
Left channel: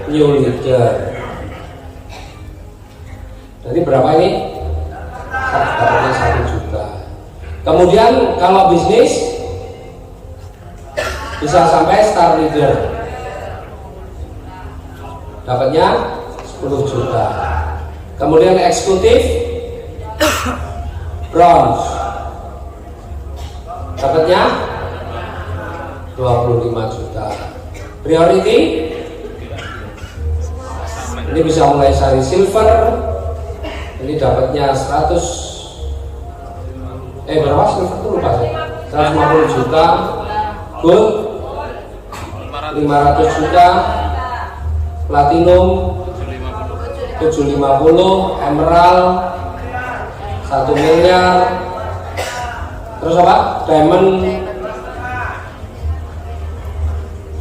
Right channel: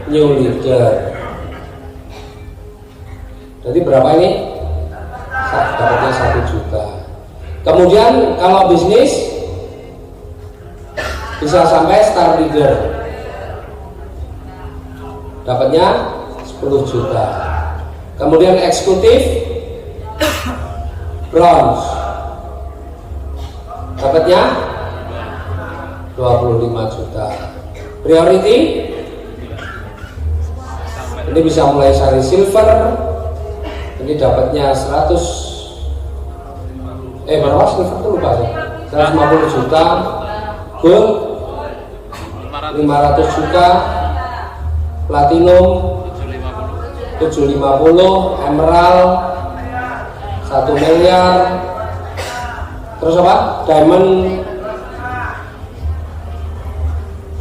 New leader. Jadi berapa ini? Dapatnya 1 juta. Kemudian kalau bisnis bisa sampai star leader, dapatnya 10 juta. Kemudian eksekutif bronze, dapatnya 25 juta. Priority ini bisa mulai dari silver, ini dapatnya 100 berapa silver itu lupa saya, 150 juta. Gold 500 juta. Platinum 750, emerald 1 miliar. Terus apa? Diamond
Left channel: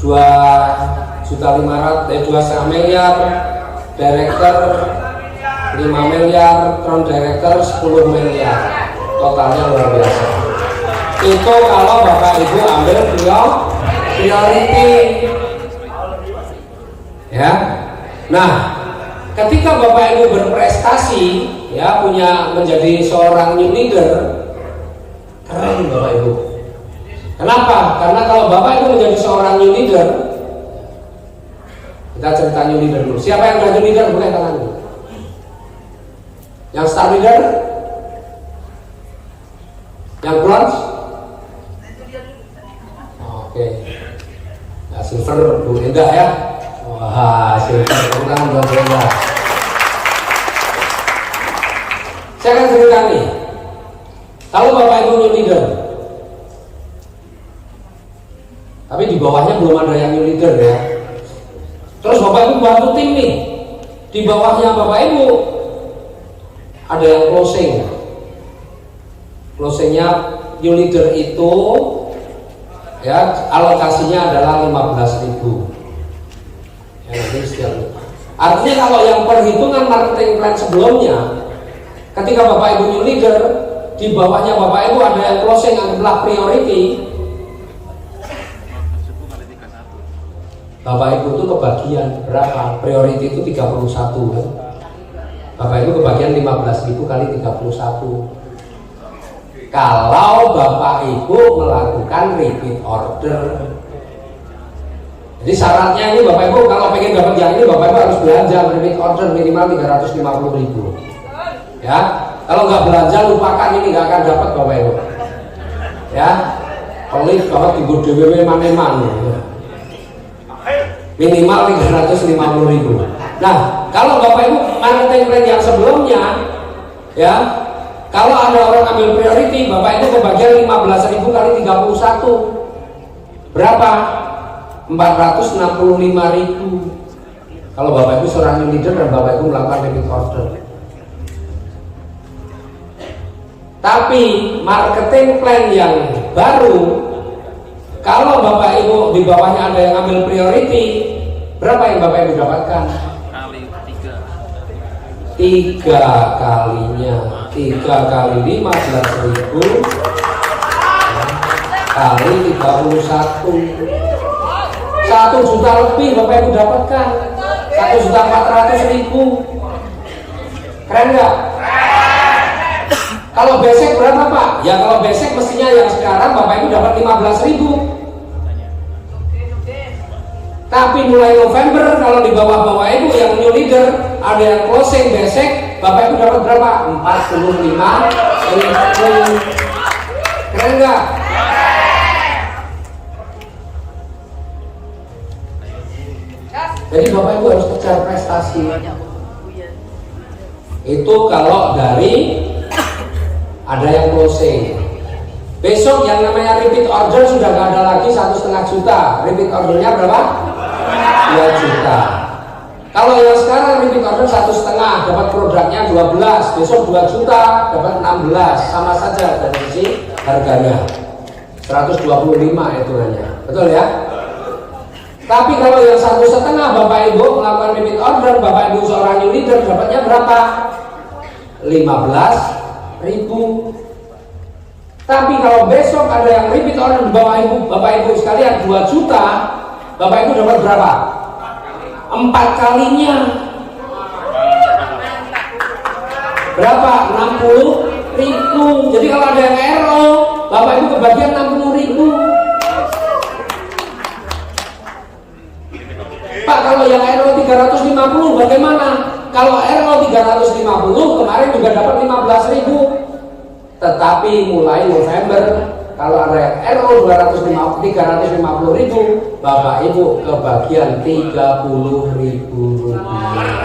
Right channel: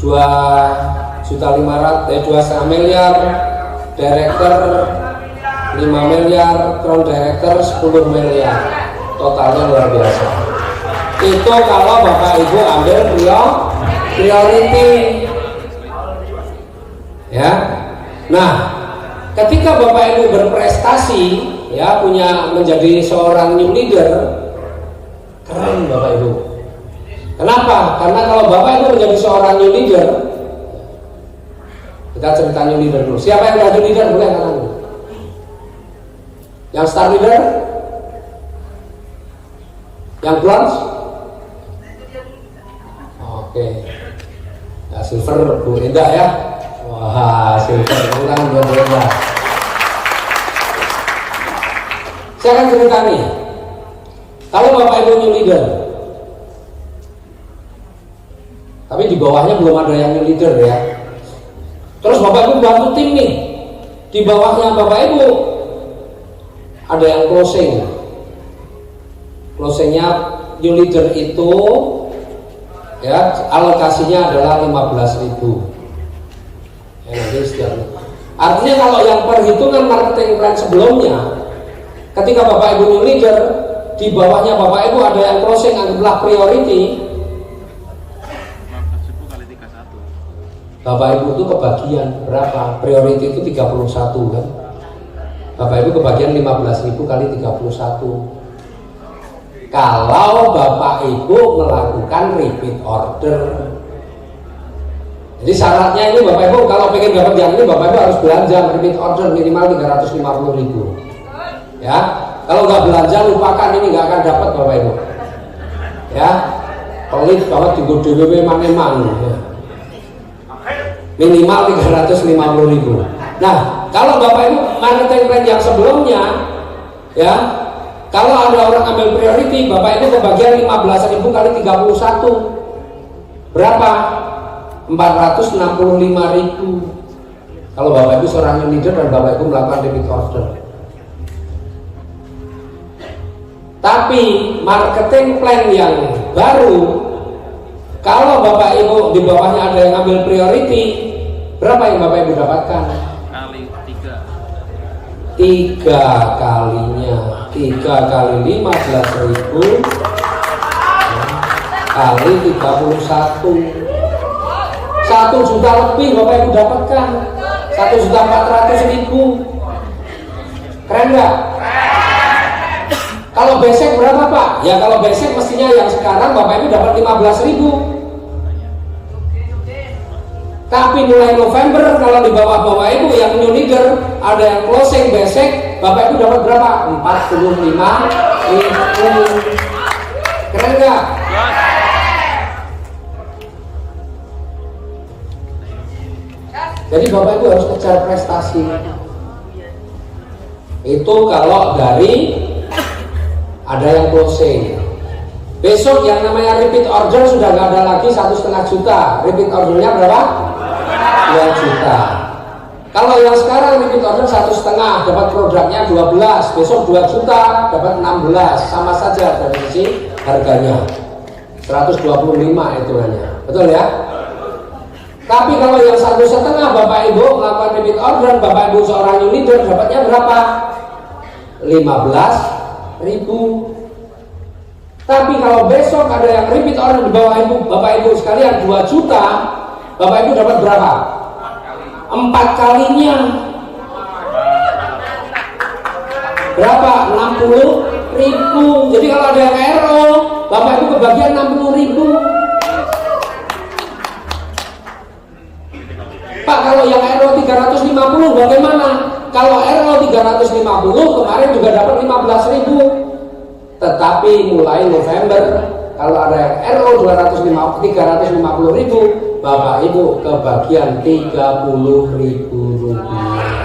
2,5 miliar. Director 5 miliar, crown director 10 miliar. Totalnya luar biasa. Itu kalau Bapak Ibu ambil priority. Ya. Nah, ketika Bapak Ibu berprestasi, ya, menjadi seorang new leader, keren Bapak Ibu. Kenapa? Karena kalau Bapak Ibu menjadi seorang new leader, kita cerita new leader dulu. Siapa yang menjadi leader? Boleh angkat tangan. Yang star leader? Yang bronze? Oke. Ya, silver Bu Indah ya. Wah, silver kurang berbeda. Saya akan cerita nih. Kalau Bapak Ibu new leader, tapi di bawahnya belum ada yang new leader ya. Terus Bapak Ibu bantu tim nih. Di bawahnya Bapak Ibu ada yang closing. Closingnya new leader itu ya alokasinya adalah 15.000. Ya, nanti setiap. Artinya kalau yang perhitungan marketing plan sebelumnya, ketika Bapak Ibu new leader, di bawahnya Bapak Ibu ada yang closing adalah priority. Bapak Ibu itu kebagian berapa? Priority itu 31 kan? Bapak Ibu kebagian 15.000 kali 31. Kalau Bapak Ibu melakukan repeat order. Jadi syaratnya ini Bapak Ibu kalau pengen dapat yang ini Bapak Ibu harus belanja repeat order minimal 350.000. Ya, kalau nggak belanja lupakan, ini nggak akan dapat Bapak Ibu. Ya, kalau tinggal DWW memang minimal 350.000. Nah, kalau Bapak Ibu marketing plan yang sebelumnya, ya, kalau ada orang ambil priority, Bapak Ibu kebagian 15.000 kali 31. Berapa? 465.000. Kalau Bapak Ibu seorang leader dan Bapak Ibu melakukan repeat order. Tapi marketing plan yang baru, kalau Bapak Ibu di bawahnya ada yang ambil priority, berapa yang Bapak Ibu dapatkan? Kali 3. 3 kalinya, 3 kali 15.000 kali 31. 1 juta lebih Bapak Ibu dapatkan. 1.400.000. Keren nggak? Kalau basic berapa Pak? Ya kalau basic mestinya yang sekarang Bapak Ibu dapat 15.000. Tapi mulai November kalau di bawah Bapak Ibu yang new leader ada yang closing basic, Bapak Ibu dapat berapa? 45.000. Keren nggak? Jadi Bapak Ibu harus kejar prestasi. Itu kalau dari ada yang closing. Besok yang namanya repeat order sudah nggak ada lagi 1,5 juta. Repeat ordernya berapa? 2 juta. Kalau yang sekarang repeat order 1,5 dapat produknya 12. Besok 2 juta dapat 16. Sama saja dari sisi harganya 125 hitungannya. Betul ya? Tapi kalau yang 1,5 Bapak Ibu melakukan repeat order, Bapak Ibu seorang new leader dapatnya berapa? 15.000. Tapi kalau besok ada yang repeat order di bawah Ibu, Bapak Ibu sekalian 2 juta, Bapak Ibu dapat berapa? 4 kalinya. Berapa? 60.000. Jadi kalau ada yang error, Bapak Ibu kebagian 60.000. Pak, kalau yang error 350 bagaimana? Kalau error 350 kemarin juga dapat 15.000. Tetapi mulai November kalau ada yang RO 350.000, Bapak Ibu kebagian 30.000 rupiah.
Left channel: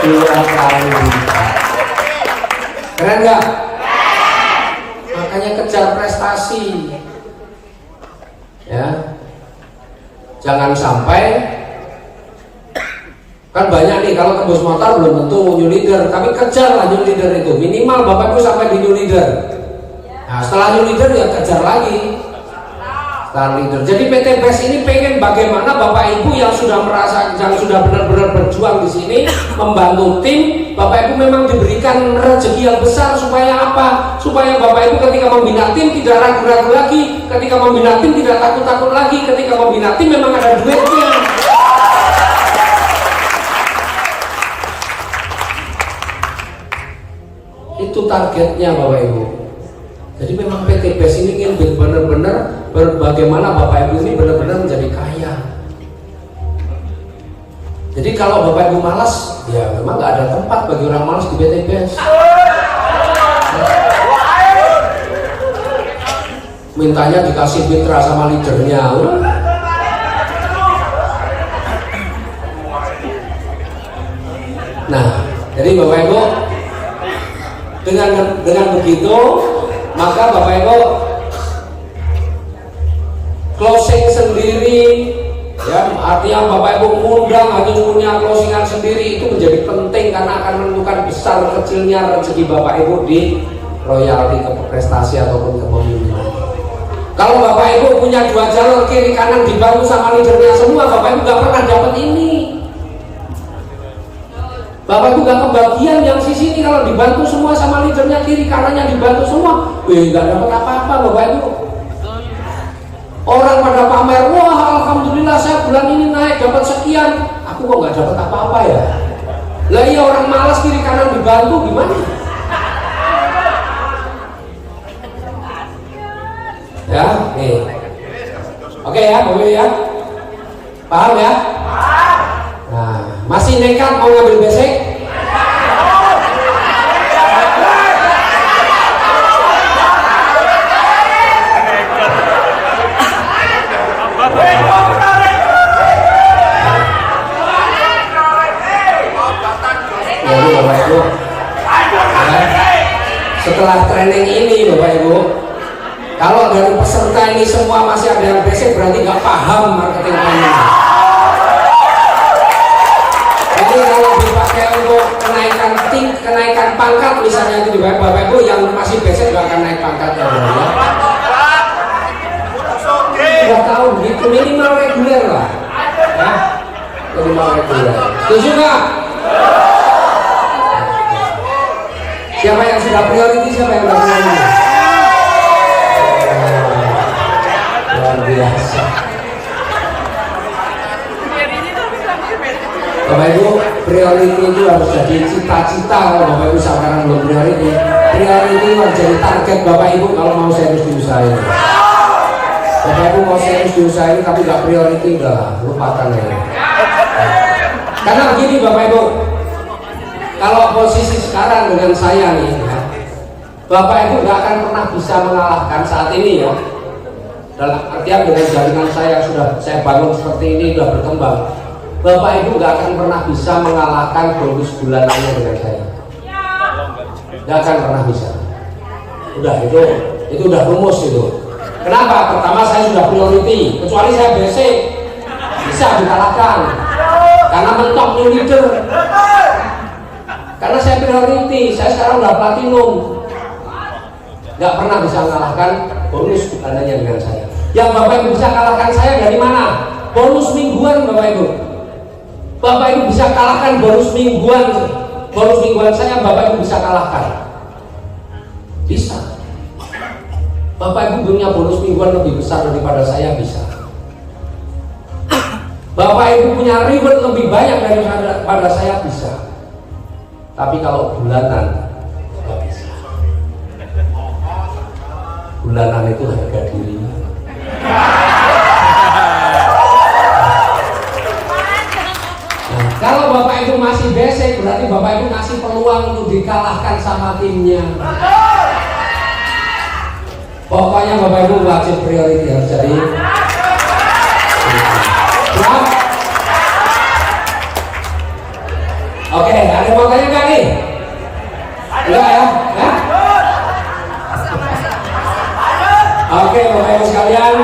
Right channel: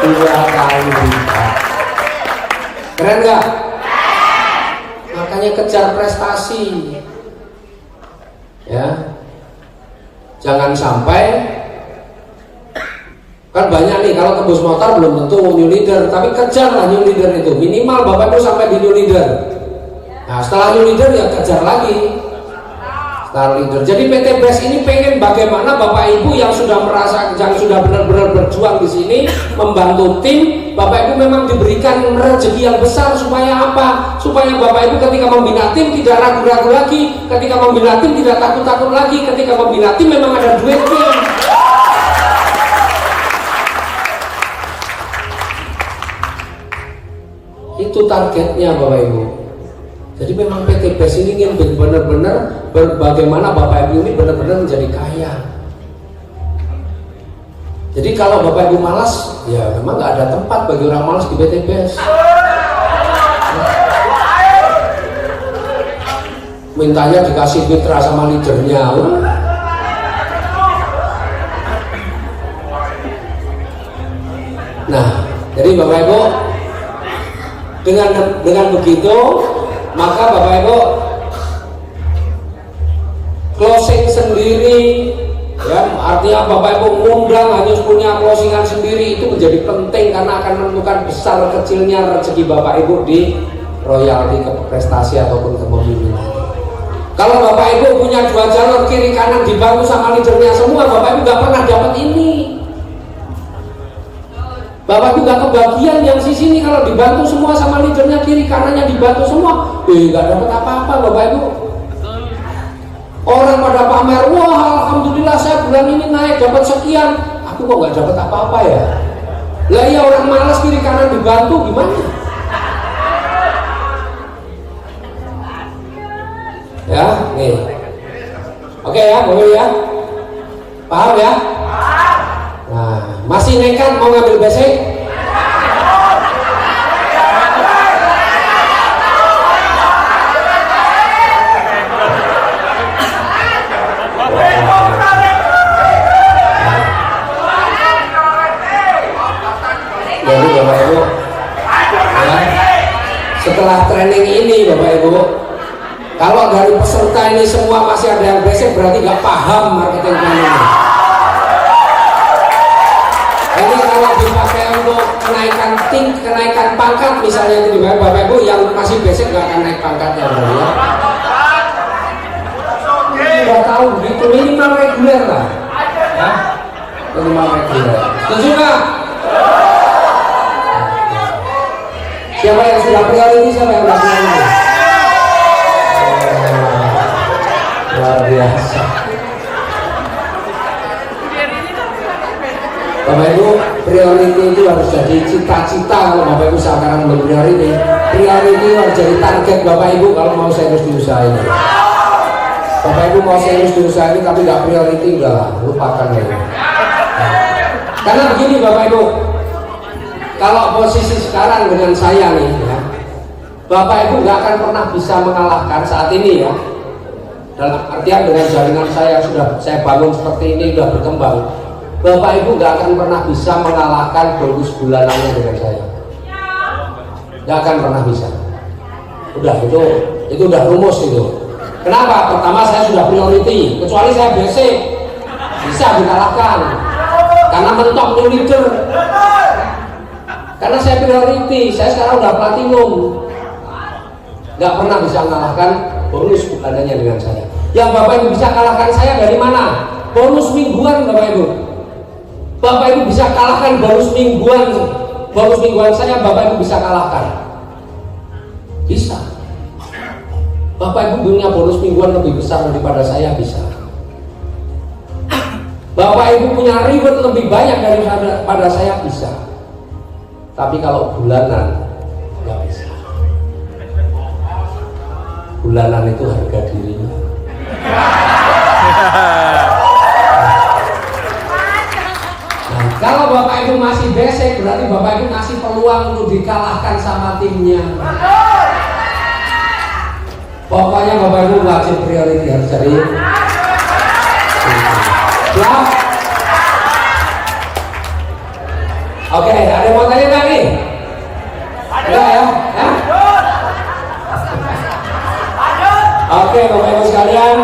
2 kali lipat. Keren nggak? Makanya kejar prestasi. Ya. Jangan sampai, kan banyak nih kalau ke bus motor belum tentu new leader, tapi kejarlah new leader itu minimal Bapak Ibu sampai di new leader. Nah setelah new leader ya kejar lagi setelah leader. Jadi PT BES ini pengen bagaimana Bapak Ibu yang sudah merasa, yang sudah benar-benar berjuang di sini membantu tim, Bapak Ibu memang diberikan rezeki yang besar supaya apa? Supaya Bapak Ibu ketika membina tim tidak ragu-ragu lagi, ketika membina tim tidak takut-takut lagi, ketika membina tim memang ada duitnya. Itu targetnya Bapak Ibu. Jadi memang PT BES ini ingin benar-benar bagaimana Bapak Ibu ini benar-benar menjadi kaya. Jadi kalau Bapak Ibu malas, ya memang nggak ada tempat bagi orang malas di PT BES. Mintanya dikasih mitra sama leadernya. Nah, jadi Bapak Ibu dengan begitu maka Bapak Ibu closing sendiri ya, artinya Bapak Ibu undang harus punya closingan sendiri, itu menjadi penting karena akan menentukan besar kecilnya rezeki Bapak Ibu di royalti prestasi ataupun kepemimpinan. Kalau Bapak Ibu punya 2 jalur kiri kanan dibantu sama leadernya semua, Bapak Ibu gak pernah dapat ini. Bapak Ibu gak kebagian yang sisi ini kalau dibantu semua sama leadernya kiri kanannya dibantu semua, gak dapat apa-apa Bapak Ibu. Orang pada pamer, wah alhamdulillah saya bulan ini naik dapat sekian, aku kok gak dapat apa-apa ya. Lah ya orang malas kiri kanan dibantu gimana? Ya, nih. Oke ya, boleh ya. Paham ya? Nah, masih nekat mau ngambil basic? Jadi Bapak Ibu, ya, setelah training ini Bapak Ibu, kalau dari peserta ini semua masih ada yang basic, berarti nggak paham marketing plan ini. Ini kalau dipakai untuk kenaikan pangkat misalnya itu di Bapak Ibu yang masih basic nggak akan naik pangkatnya. Sudah tahu gitu, minimal reguler lah. Nah, minimal reguler. Setuju nggak? Siapa yang sudah priority, siapa yang priority? Luar biasa. Bapak Ibu, priority itu harus jadi cita-cita kalau Bapak Ibu sekarang benar-benar ini. priority harus jadi target Bapak Ibu kalau mau serius di usaha ini. Bapak Ibu mau serius di usaha ini tapi nggak priority, udahlah, lupakan aja. Karena begini Bapak Ibu, kalau posisi sekarang dengan saya nih ya, Bapak Ibu nggak akan pernah bisa mengalahkan saat ini ya. Dalam artian dengan jaringan saya yang sudah saya bangun seperti ini sudah berkembang, Bapak Ibu nggak akan pernah bisa mengalahkan bonus bulanannya dengan saya. Nggak akan pernah bisa. Udah itu udah rumus itu. Kenapa? Pertama saya sudah priority, kecuali saya basic bisa dikalahkan karena mentok leader. Karena saya priority, saya sekarang udah platinum, nggak pernah bisa mengalahkan bonus bulanannya dengan saya. Yang Bapak Ibu bisa kalahkan saya dari mana? Bonus mingguan Bapak Ibu. Bapak Ibu bisa kalahkan bonus mingguan saya, Bapak Ibu bisa kalahkan. Bisa. Bapak Ibu punya bonus mingguan lebih besar daripada saya, bisa. Bapak Ibu punya reward lebih banyak daripada saya, bisa. Tapi kalau bulanan nggak bisa. Bulanan itu harga diri. Nah, kalau Bapak Ibu masih basic, berarti Bapak Ibu kasih peluang untuk dikalahkan sama timnya. Pokoknya Bapak Ibu wajib priority harus jadi. Siap? Oke, ada mau tanya nggak nih? Enggak ya? Hah? Oke, Bapak Ibu sekalian,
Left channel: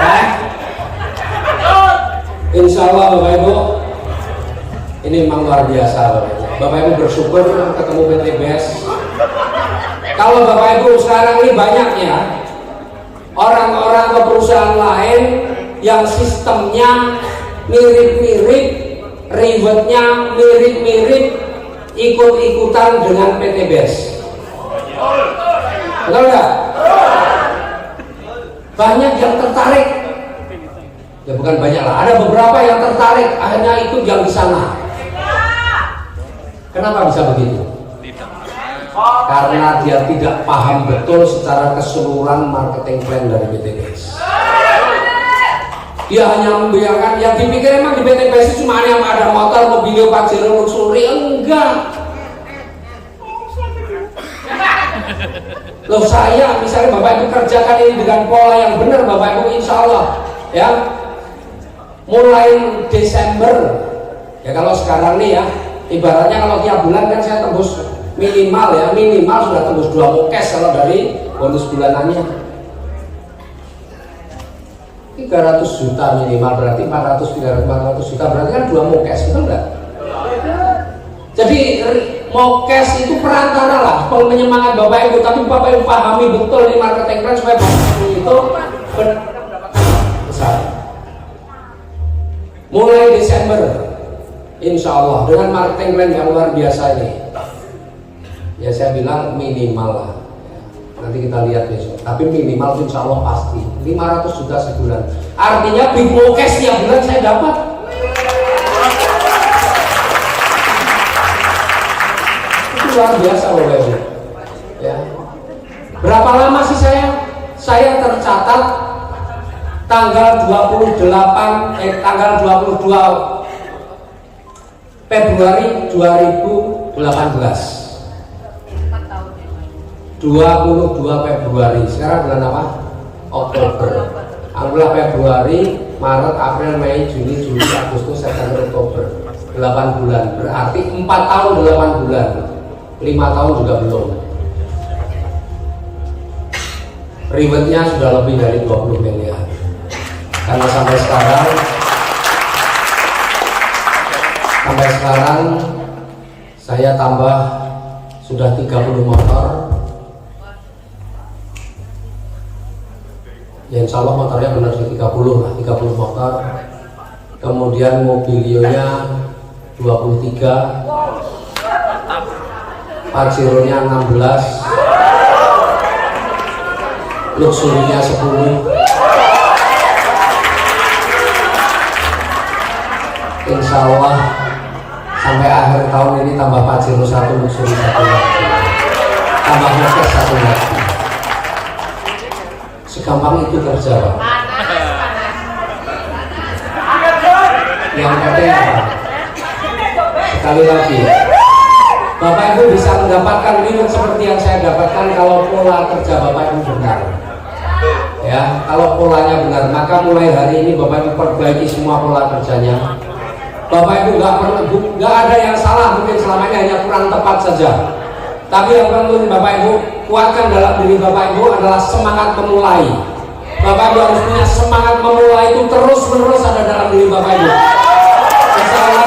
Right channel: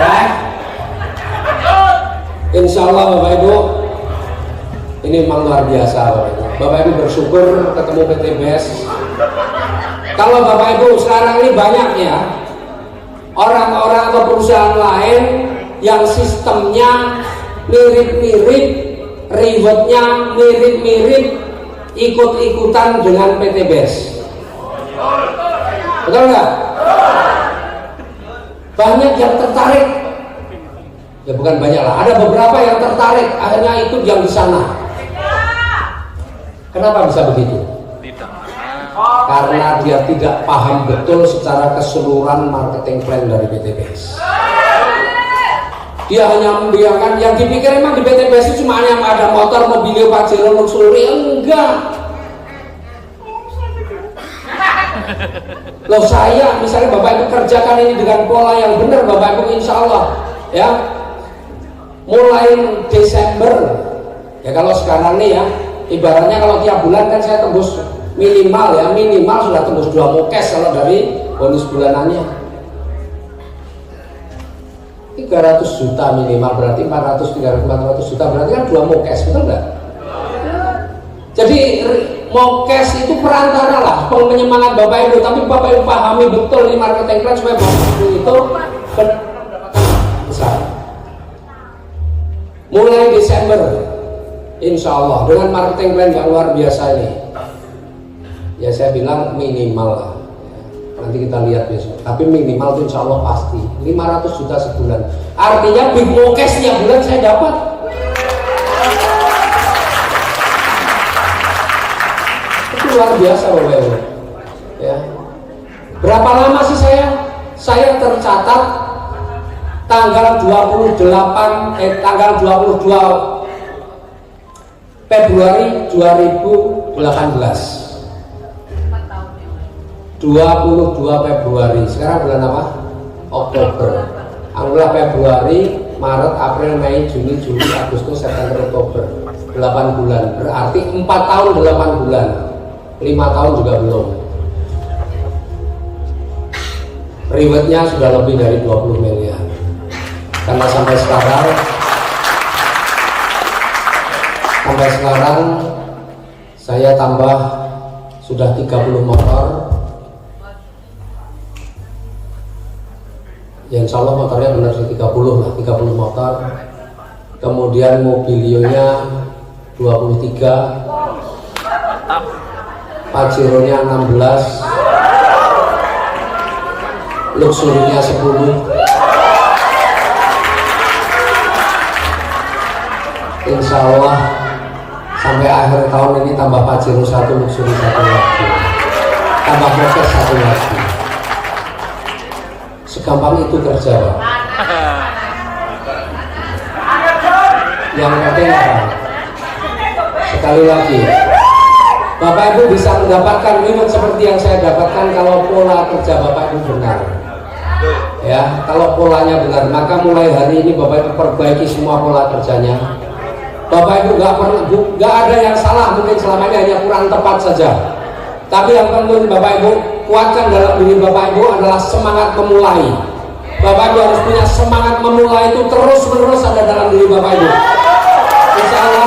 ya. Insya Allah Bapak Ibu, ini memang luar biasa. Bapak Ibu bersyukur ketemu PTBS. Kalau Bapak Ibu sekarang ini banyaknya orang-orang atau perusahaan lain yang sistemnya mirip-mirip, rewardnya mirip-mirip, ikut-ikutan dengan PTBS. Betul nggak? Banyak yang tertarik. Ya bukan banyak lah, ada beberapa yang tertarik, akhirnya ikut yang di sana. Kenapa bisa begitu? Karena dia tidak paham betul secara keseluruhan marketing plan dari PTBS. Dia hanya membiarkan yang dipikir emang di PTBS itu cuma yang ada motor, mobil, Pajero, Luxury. Enggak. Loh saya misalnya Bapak Ibu kerjakan ini dengan pola yang benar Bapak Ibu, insya Allah ya, mulai Desember ya, kalau sekarang nih ya, ibaratnya kalau tiap bulan kan saya tembus minimal sudah tembus 2 mokes kalau dari bonus bulanannya 300 juta minimal, berarti 400 juta, berarti kan 2 mokes, betul nggak? Jadi mokes itu perantara lah penyemangat Bapak Ibu, tapi Bapak Ibu pahami betul di marketing plan supaya itu besar. Mulai Desember insya Allah dengan marketing plan yang luar biasa ini, ya saya bilang minimal lah, nanti kita lihat besok, tapi minimal itu insya Allah pasti 500 juta sebulan. Artinya big mokes tiap bulan saya dapat. Itu luar biasa Bapak Ibu ya. Berapa lama sih saya tercatat tanggal 22 Februari 2018, 22 Februari. Sekarang bulan apa? Oktober. Anggaplah Februari, Maret, April, Mei, Juni, Juli, Agustus, September, Oktober. 8 bulan. Berarti 4 tahun 8 bulan. 5 tahun juga belum. Rewardnya sudah lebih dari 20 miliar. Karena sampai sekarang saya tambah sudah 30 motor. Ya insya Allah motornya benar sih 30 lah, 30 motor. Kemudian mobilionya 23, Pajero-nya 16, Luxury-nya 10. Insya Allah sampai akhir tahun ini tambah Pajero 1, Luxury 1 lagi. tambah motor satu lagi. Segampang itu kerja, Pak. Yang penting sekali lagi, Bapak Ibu bisa mendapatkan reward seperti yang saya dapatkan kalau pola kerja Bapak Ibu benar. Ya, kalau polanya benar, maka mulai hari ini Bapak Ibu perbaiki semua pola kerjanya. Bapak Ibu nggak ada yang salah, mungkin selama ini hanya kurang tepat saja. Tapi yang perlu Bapak Ibu kuatkan dalam diri Bapak Ibu adalah semangat memulai. Bapak Ibu harus punya semangat memulai itu terus-menerus ada dalam diri Bapak Ibu. Misalnya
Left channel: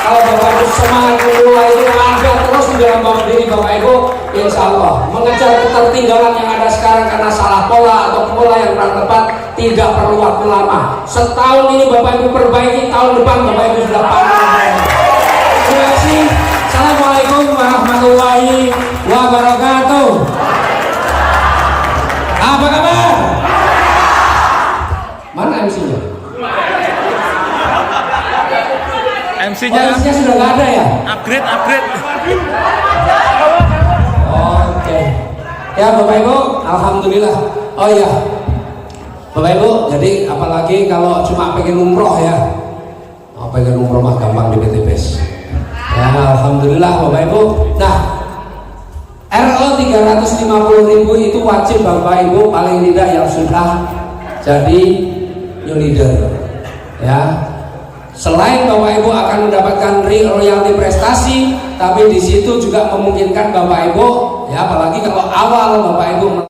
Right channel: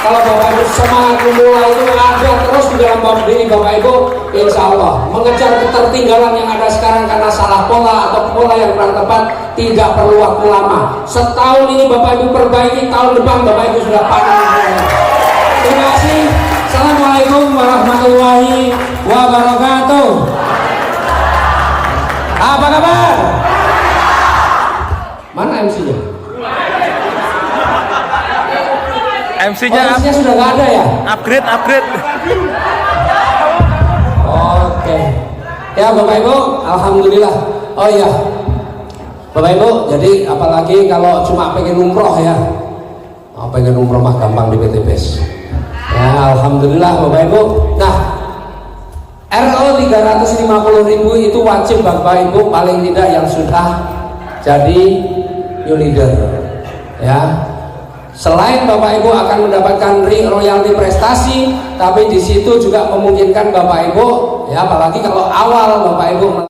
kalau Bapak Ibu semangat memulai itu ada terus di dalam diri Bapak Ibu, insya Allah mengejar ketertinggalan yang ada sekarang karena salah pola atau pola yang kurang tepat tidak perlu waktu lama. Setahun ini Bapak Ibu perbaiki, tahun depan Bapak Ibu sudah pakai. Terima kasih. Assalamualaikum warahmatullahi wabarakatuh. Apa kabar? Mana MC-nya? MC-nya sudah nggak ada ya? upgrade. Oke. Ya Bapak Ibu, alhamdulillah. Oh iya, Bapak Ibu, jadi apalagi kalau cuma pengen umroh ya. Pengen umroh mah gampang di BTPS. Nah, alhamdulillah Bapak Ibu. Nah, RO 350.000 itu wajib Bapak Ibu paling tidak yang sudah jadi new leader. Ya. Selain Bapak Ibu akan mendapatkan royalti prestasi, tapi di situ juga memungkinkan Bapak Ibu, ya apalagi kalau awal Bapak Ibu